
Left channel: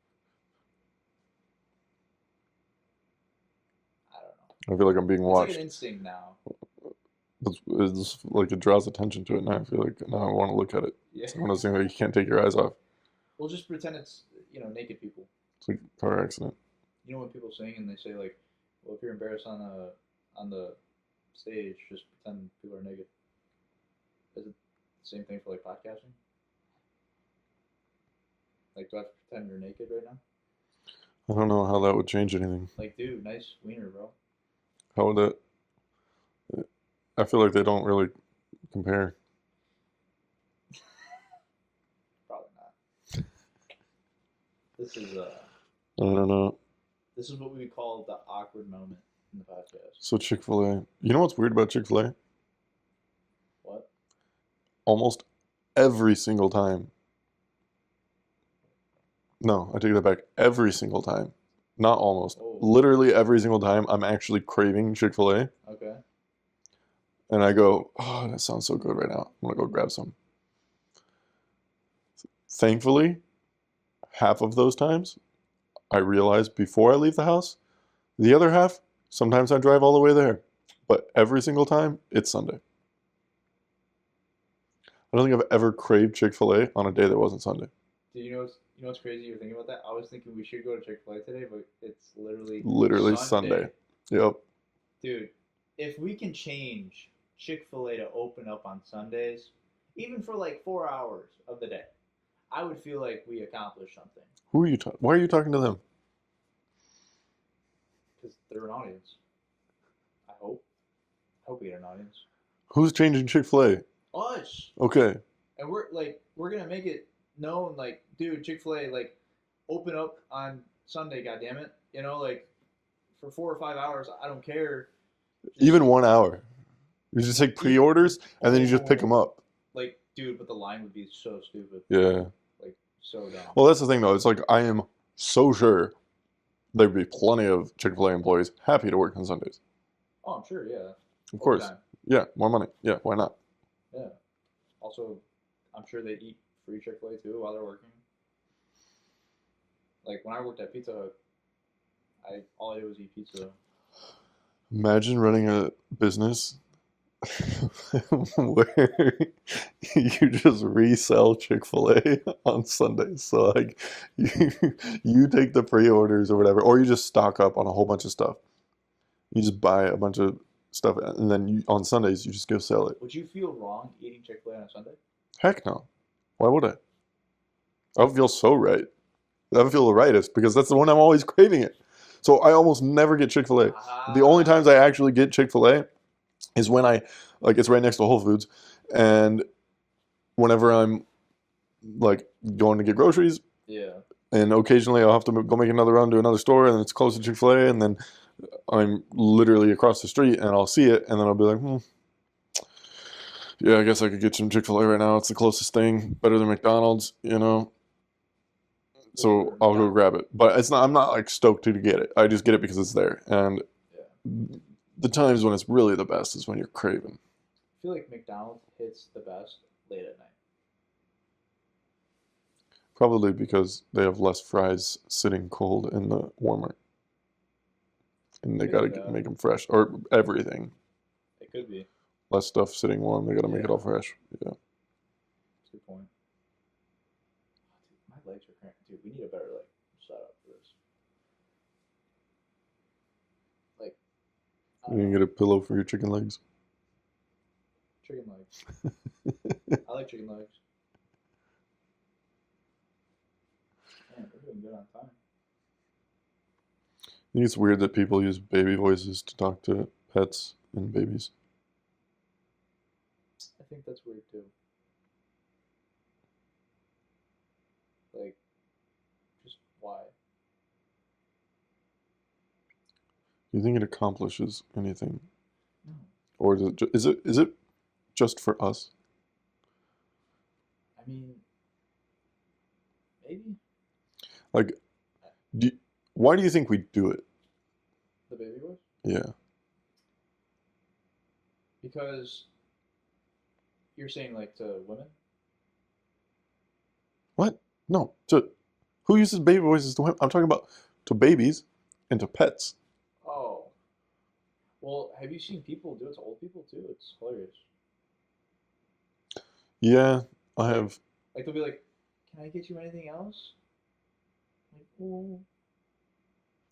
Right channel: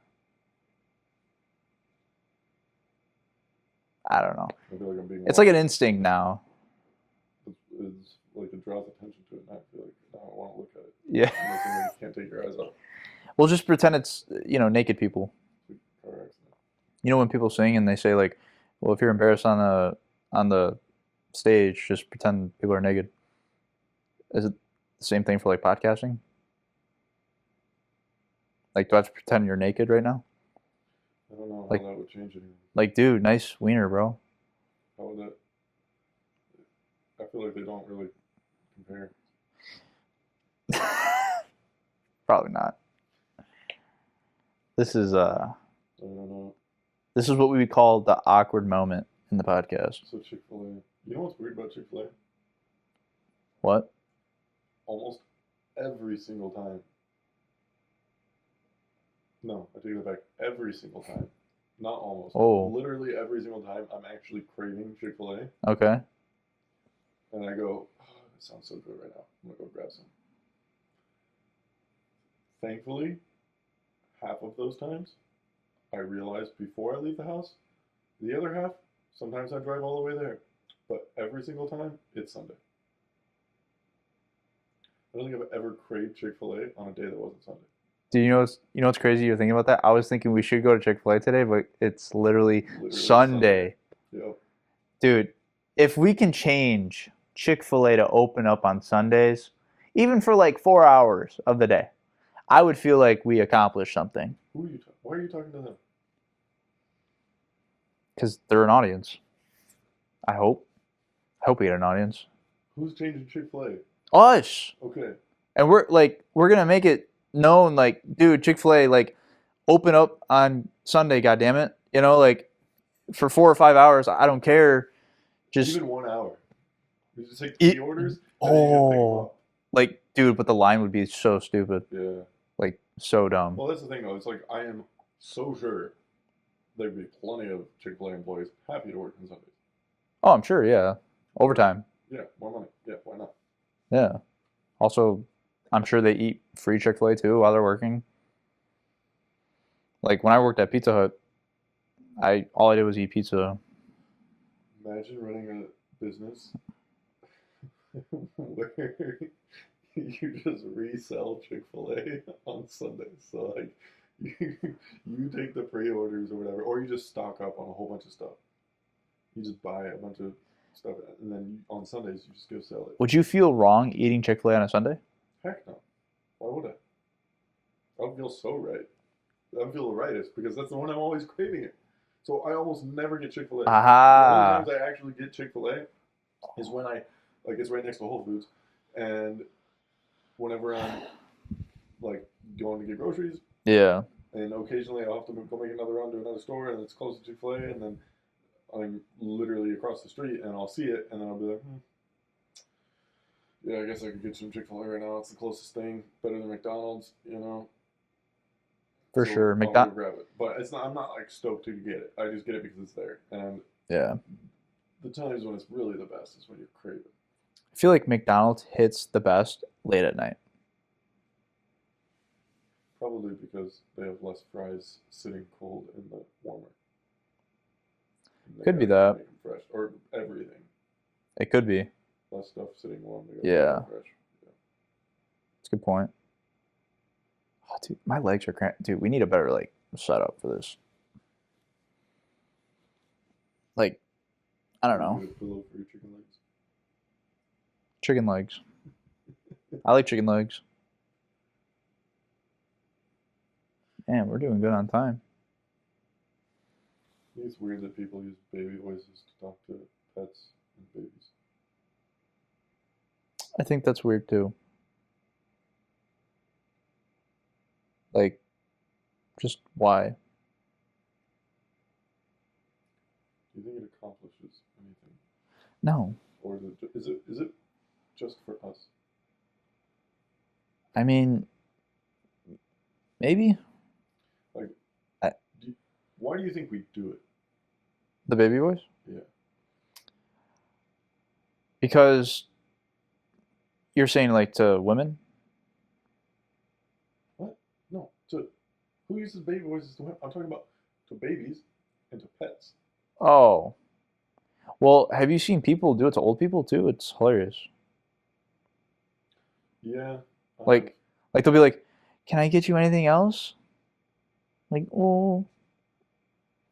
I don't know. I feel like I'm being watched. It's like an instinct now. It's like it draws attention to it now. I feel like now I want to look at it. Yeah. It's one of those things that you can't take your eyes off. We'll just pretend it's naked people. It's like a car accident. You know when people sing and they say like, well, if you're embarrassed on the stage, just pretend people are naked. Is it the same thing for like podcasting? Like, do I have to pretend you're naked right now? I don't know how Like- that would change anything. Like, dude, nice wiener, bro. How would that? I feel like they don't really compare. Probably not. This is I don't know. this is what we would call the awkward moment in the podcast. So Chick-fil-A. You know what's weird about Chick-fil-A? What? Almost every single time. No, I take that back. Every single time. Not almost. Oh. Literally every single time I'm actually craving Chick-fil-A. Okay. And I go, oh, that sounds so good right now. I'm gonna go grab some. Thankfully, half of those times, I realize before I leave the house. The other half, sometimes I drive all the way there. But every single time, it's Sunday. I don't think I've ever craved Chick-fil-A on a day that wasn't Sunday. Do you know what's crazy? You're thinking about that. I was thinking we should go to Chick-fil-A today, but it's literally Sunday. Yep. Dude, if we can change Chick-fil-A to open up on Sundays, even for like 4 hours of the day, I would feel like we accomplished something. Who are you talking? Why are you talking to them? Because they're an audience. I hope we get an audience. Who's changing Chick-fil-A? Us. Okay. And we're gonna make it known, like, dude, Chick-fil-A, like, open up on Sunday, goddammit. Like, for 4 or 5 hours, I don't care. Just Even 1 hour. You just take pre-orders and then you just pick them up. like, dude, but the line would be so stupid. Yeah. Like, so dumb. Well, that's the thing though. It's like I am so sure there'd be plenty of Chick-fil-A employees happy to work on Sundays. Oh, I'm sure, yeah. Of course. Overtime. Yeah, more money. Yeah, why not? Yeah. Also, I'm sure they eat free Chick-fil-A too while they're working. Like when I worked at Pizza Hut, all I did was eat pizza. Imagine running a business where you just resell Chick-fil-A on Sundays. So like you you take the pre-orders or whatever, or you just stock up on a whole bunch of stuff. You just buy a bunch of stuff and then on Sundays you just go sell it. Would you feel wrong eating Chick-fil-A on a Sunday? Heck no. Why would I? I would feel so right. I would feel the rightest because that's the one I'm always craving it. So I almost never get Chick-fil-A. The only times Aha. I actually get Chick-fil-A is when I like it's right next to Whole Foods, and whenever I'm like going to get groceries, Yeah. and occasionally I'll have to go make another run to another store, and it's close to Chick-fil-A, and then I'm literally across the street, and I'll see it, and then I'll be like, yeah, I guess I could get some Chick-fil-A right now. It's the closest thing, better than McDonald's, you know. For So sure. I'll go grab it, but it's not. I'm not like stoked to get it. I just get it because it's there, and Yeah. the times when it's really the best is when you're craving. I feel like McDonald's hits the best late at night. Probably because they have less fries sitting cold in the warmer, and they Could be gotta that. make them fresh, or everything. It could be. Less stuff sitting warm. They gotta make it all Yeah. fresh. Yeah. That's a good point. Oh, dude, my legs are cramped. Dude, we need a better like setup for this. Like, I don't You can know. get a pillow for your chicken legs. Chicken legs. I like chicken legs. Man, we're doing good on time. I think it's weird that people use baby voices to talk to pets and babies. I think that's weird too. Like, just why? Do you think it accomplishes anything, No. or is it just for us? I mean, maybe Like, I, why do you think we do it? the baby voice? Yeah. Because you're saying like to women? What? No. Who uses baby voices to women? I'm talking about to babies and to pets. Oh. Well, have you seen people do it to old people too? It's hilarious. Yeah, I Like, have. like they'll be like, "Can I get you anything else?" Like, oh,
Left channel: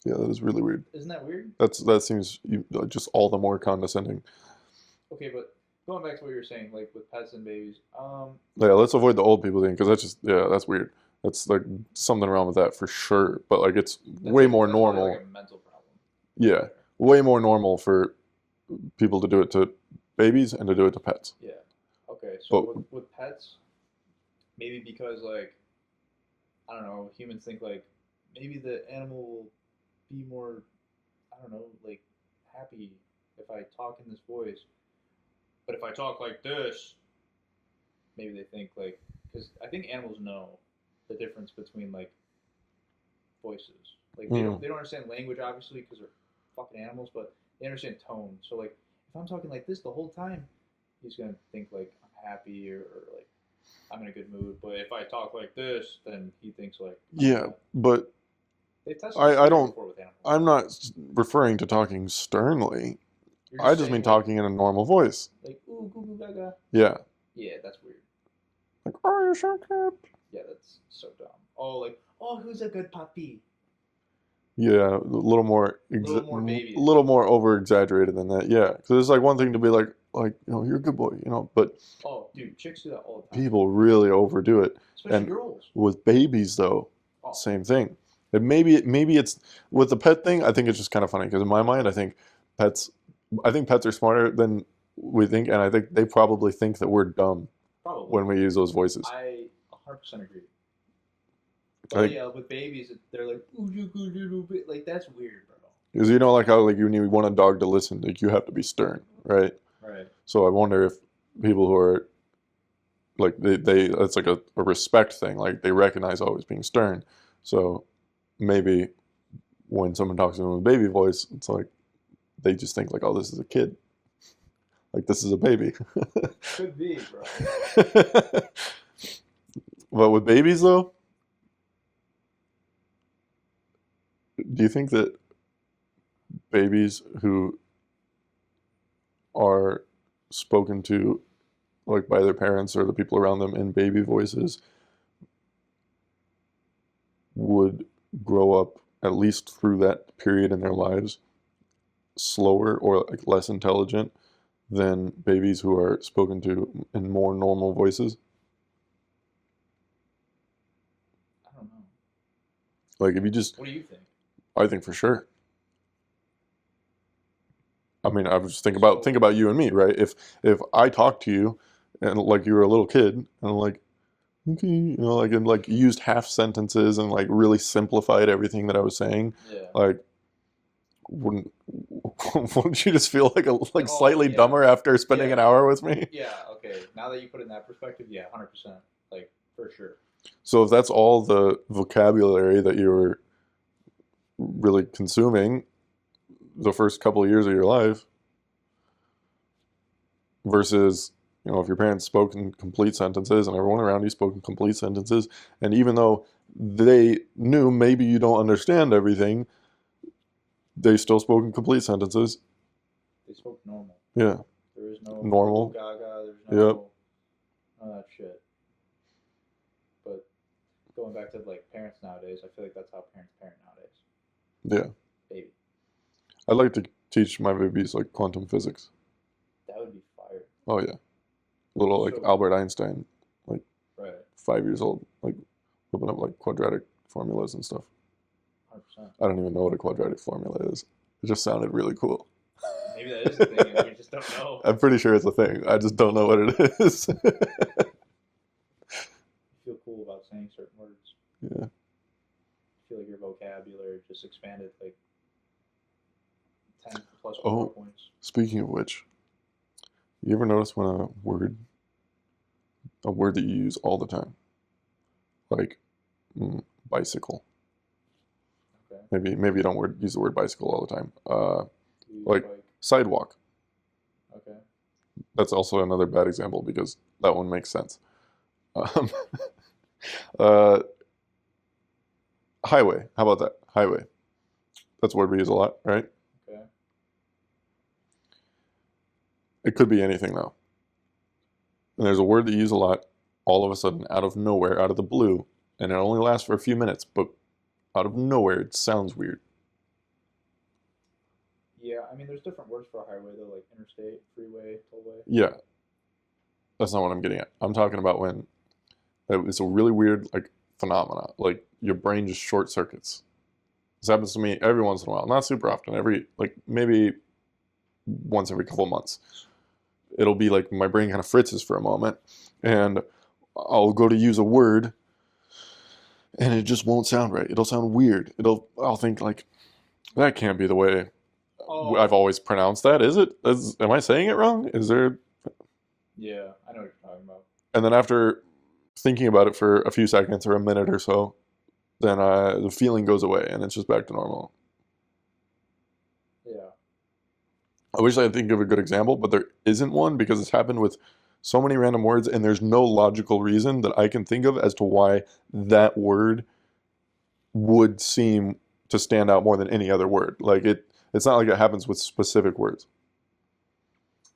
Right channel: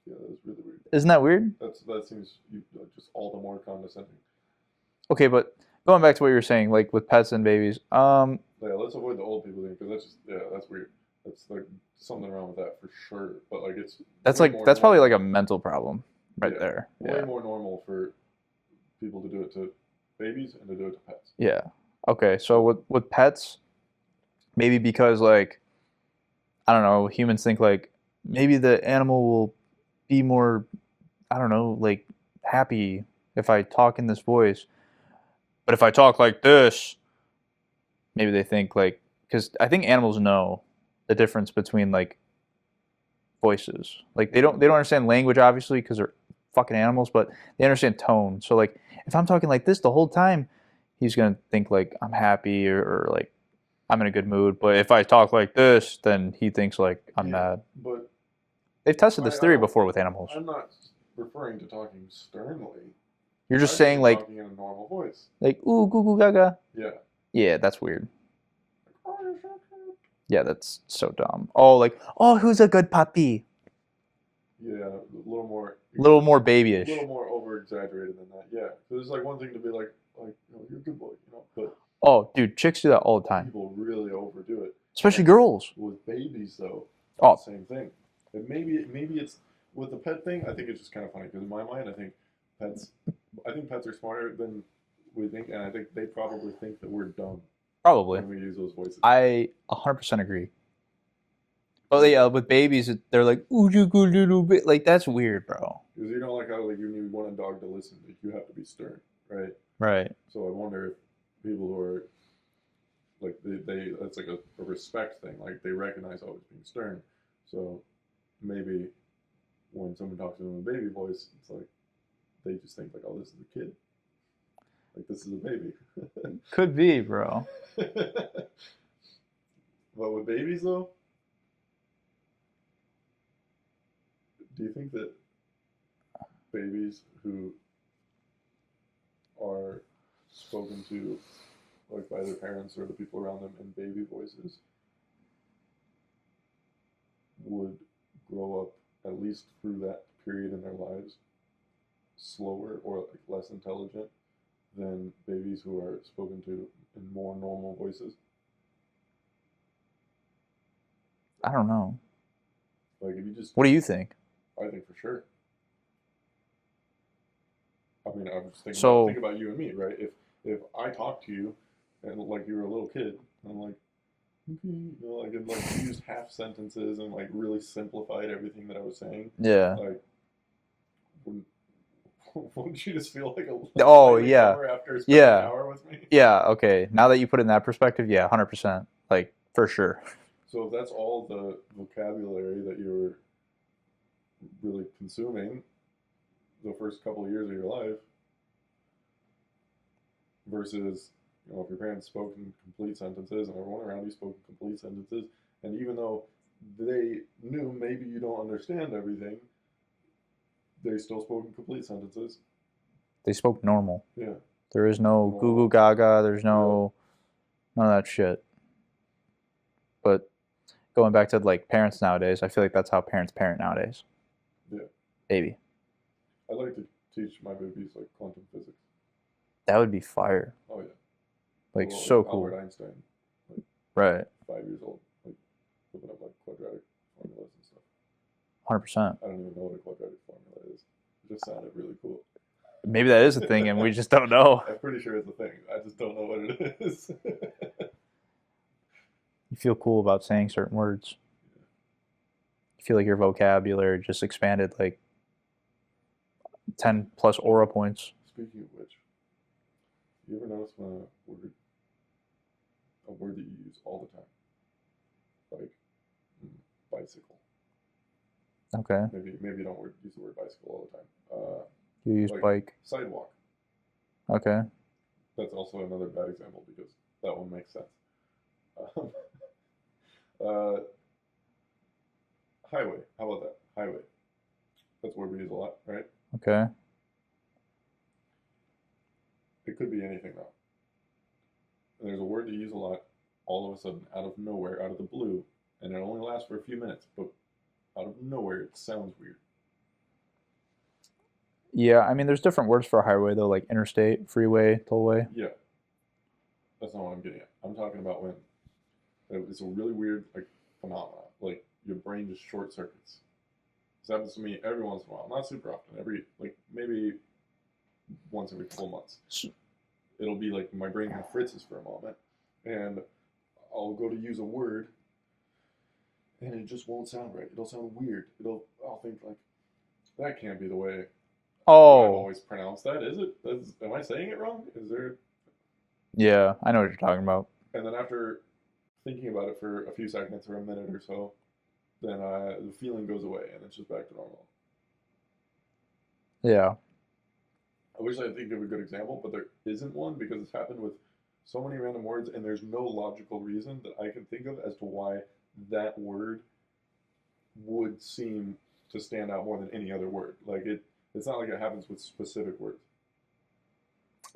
Yeah, that is really weird. isn't that weird? That seems just all the more condescending. Okay, but going back to what you were saying, like with pets and babies, Yeah, let's avoid the old people thing because that's just that's weird. That's like something wrong with that for sure. But like it's way more that's probably like a normal. mental problem right Yeah, there. way Yeah. more normal for people to do it to babies and to do it to pets. Yeah. Okay, so But with pets, maybe because like I don't know, humans think like maybe the animal will be more, I don't know, like happy if I talk in this voice. But if I talk like this, maybe they think like because I think animals know the difference between like voices. Like mm, they don't understand language obviously because they're fucking animals, but they understand tone. So like if I'm talking like this the whole time, he's gonna think like I'm happy or like I'm in a good mood. But if I talk like this, then he thinks like I'm yeah, mad. but They've tested this I theory don't. before with animals. I'm not referring to talking sternly. You're I just just saying mean like talking in a normal voice. ooh goo goo gaga. Yeah. Yeah, that's weird. Like, are you so cute? Yeah, that's so dumb. Oh, like oh, who's a good puppy? Yeah, a A little more babyish. little more over exaggerated than that. Yeah, because it's like one thing to be like you're a good boy, but Oh, dude, chicks do that all the time, people really overdo it. especially And girls. with babies, though, Oh, same thing. And maybe it's with the pet thing. I think it's just kind of funny because in my mind, pets, I think pets are smarter than we think, and I think they probably think that we're dumb probably. when we use those voices. I 100% agree. But Like, yeah, with babies, they're like, ooh, you good little bit. Like, that's weird, bro. because like how like when you want a dog to listen, like you have to be stern, right? Right. So I wonder if people who are like they it's like a respect thing, like they recognize always being stern. So maybe when someone talks to them with a baby voice, it's like they just think like, oh, this is a kid, like this is a baby. Could be, bro. But with babies though, do you think that babies who are spoken to like by their parents or the people around them in baby voices would grow up, at least through that period in their lives, slower or like less intelligent than babies who are spoken to in more normal voices? I don't know. Like if you just, What do you think? I think for sure. I mean, I was just So, think about you and me, right? If I talk to you and like you were a little kid and like okay, you know, like and like used half sentences and like really simplified everything that I was saying, yeah. like wouldn't wouldn't you just feel like Oh, slightly yeah. dumber after spending an Yeah. hour with me? Yeah. Okay. Now that you put it in that perspective, yeah, 100%. Like, for sure. So if that's all the vocabulary that you were really consuming the first couple of years of your life versus, you know, if your parents spoke in complete sentences and everyone around you spoke in complete sentences, and even though they knew maybe you don't understand everything, they still spoke in complete sentences. They spoke normal. Yeah, There is no goo goo normal. gaga. There's Yep. no none of that shit. But going back to like parents nowadays, I feel like that's how parents parent nowadays. Yeah. Maybe I'd like to teach my babies like quantum physics. that would be fire. Oh yeah. Like Little like so Albert cool. Einstein, like Right. 5 years old, like open up like quadratic formulas and stuff. 100%. I don't even know what a quadratic formula is. It just sounded really cool. Maybe that is a thing, and we just don't know. I'm pretty sure it's a thing. I just don't know what it is. You feel cool about saying certain words. Yeah. You feel like your vocabulary just expanded like 10 plus aura Oh, points. speaking of which, you ever notice when a word that you use all the time, like bicycle. Okay. Maybe you don't use the word bicycle all the time. You use Like bike. sidewalk. Okay. That's also another bad example because that one makes sense. Um, uh, highway. How about that? Highway. That's a word we use a lot, right? Okay. It could be anything though. And there's a word that you use a lot, all of a sudden, out of nowhere, out of the blue, and it only lasts for a few minutes, but out of nowhere, it sounds weird. Yeah, I mean, there's different words for a highway though, like interstate, freeway, tollway. Yeah, that's not what I'm getting at. I'm talking about when it's a really weird like phenomena, like your brain just short circuits. This happens to me every once in a while, not super often. Every like maybe once every couple months. It'll be like my brain kind of fritzes for a moment, and I'll go to use a word, and it just won't sound right. It'll sound weird. I'll think like that can't be the way I've Oh, always pronounced that. Is it? Am I saying it wrong? Is there? yeah, I know what you're talking about. And then after thinking about it for a few seconds or a minute or so, then the feeling goes away and it's just back to normal. Yeah. I wish I could think of a good example, but there isn't one because it's happened with so many random words and there's no logical reason that I can think of as to why that word would seem to stand out more than any other word. Like it's not like it happens with specific words.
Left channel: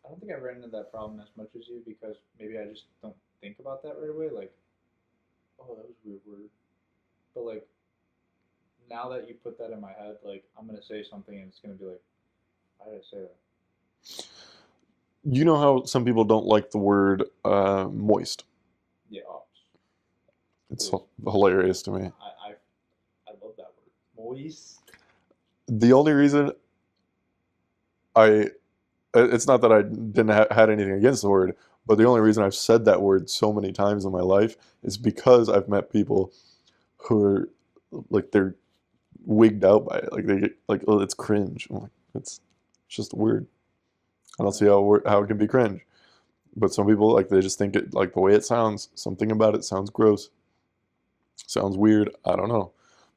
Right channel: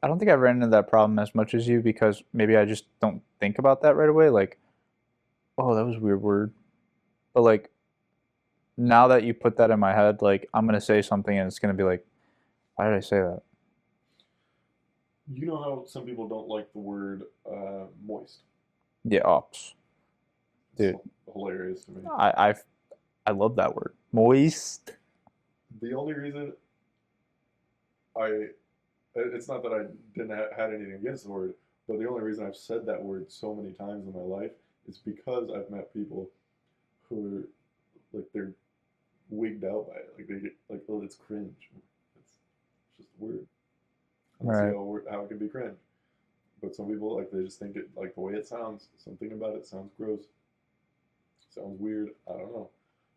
I don't think I've ran into that problem as much as you because maybe I just don't think about that right away. Like, oh, that was a weird word. But like now that you put that in my head, like I'm gonna say something and it's gonna be like, why did I say that? You know how some people don't like the word moist. Yeah, ops. It's Dude, hilarious to me. I love that word. Moist. The only reason it's not that I didn't had anything against the word, but the only reason I've said that word so many times in my life is because I've met people who are like they're wigged out by it. Like they get like, oh, it's cringe. I'm like, it's just a word. I don't see Right. how it can be cringe. But some people like they just think it like the way it sounds. Something about it sounds gross. Sounds weird. I don't know.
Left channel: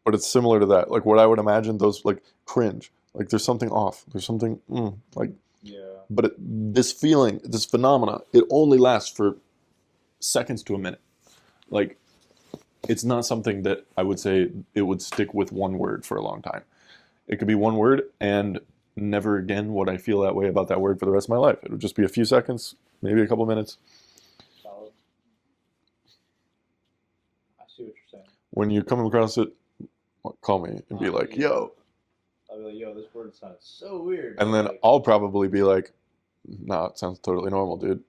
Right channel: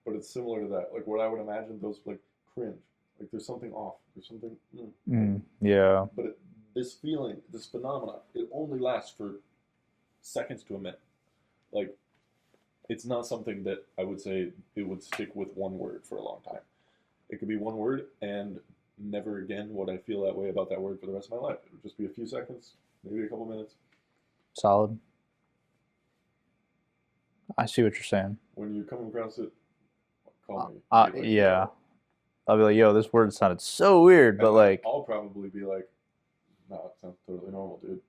But it's similar to that. Like what I would imagine those like cringe. Like there's something off. There's something like. Yeah. But this feeling, this phenomena, it only lasts for seconds to a minute. Like it's not something that I would say it would stick with one word for a long time. It could be one word and never again would I feel that way about that word for the rest of my life. It would just be a few seconds, maybe a couple minutes. Solid. I see what you're saying. When you come across it, call me and be like, Yeah. yo. I'll be like, yo, this word sounded so weird, but And then like, I'll probably be like, nah, it sounds totally normal, dude.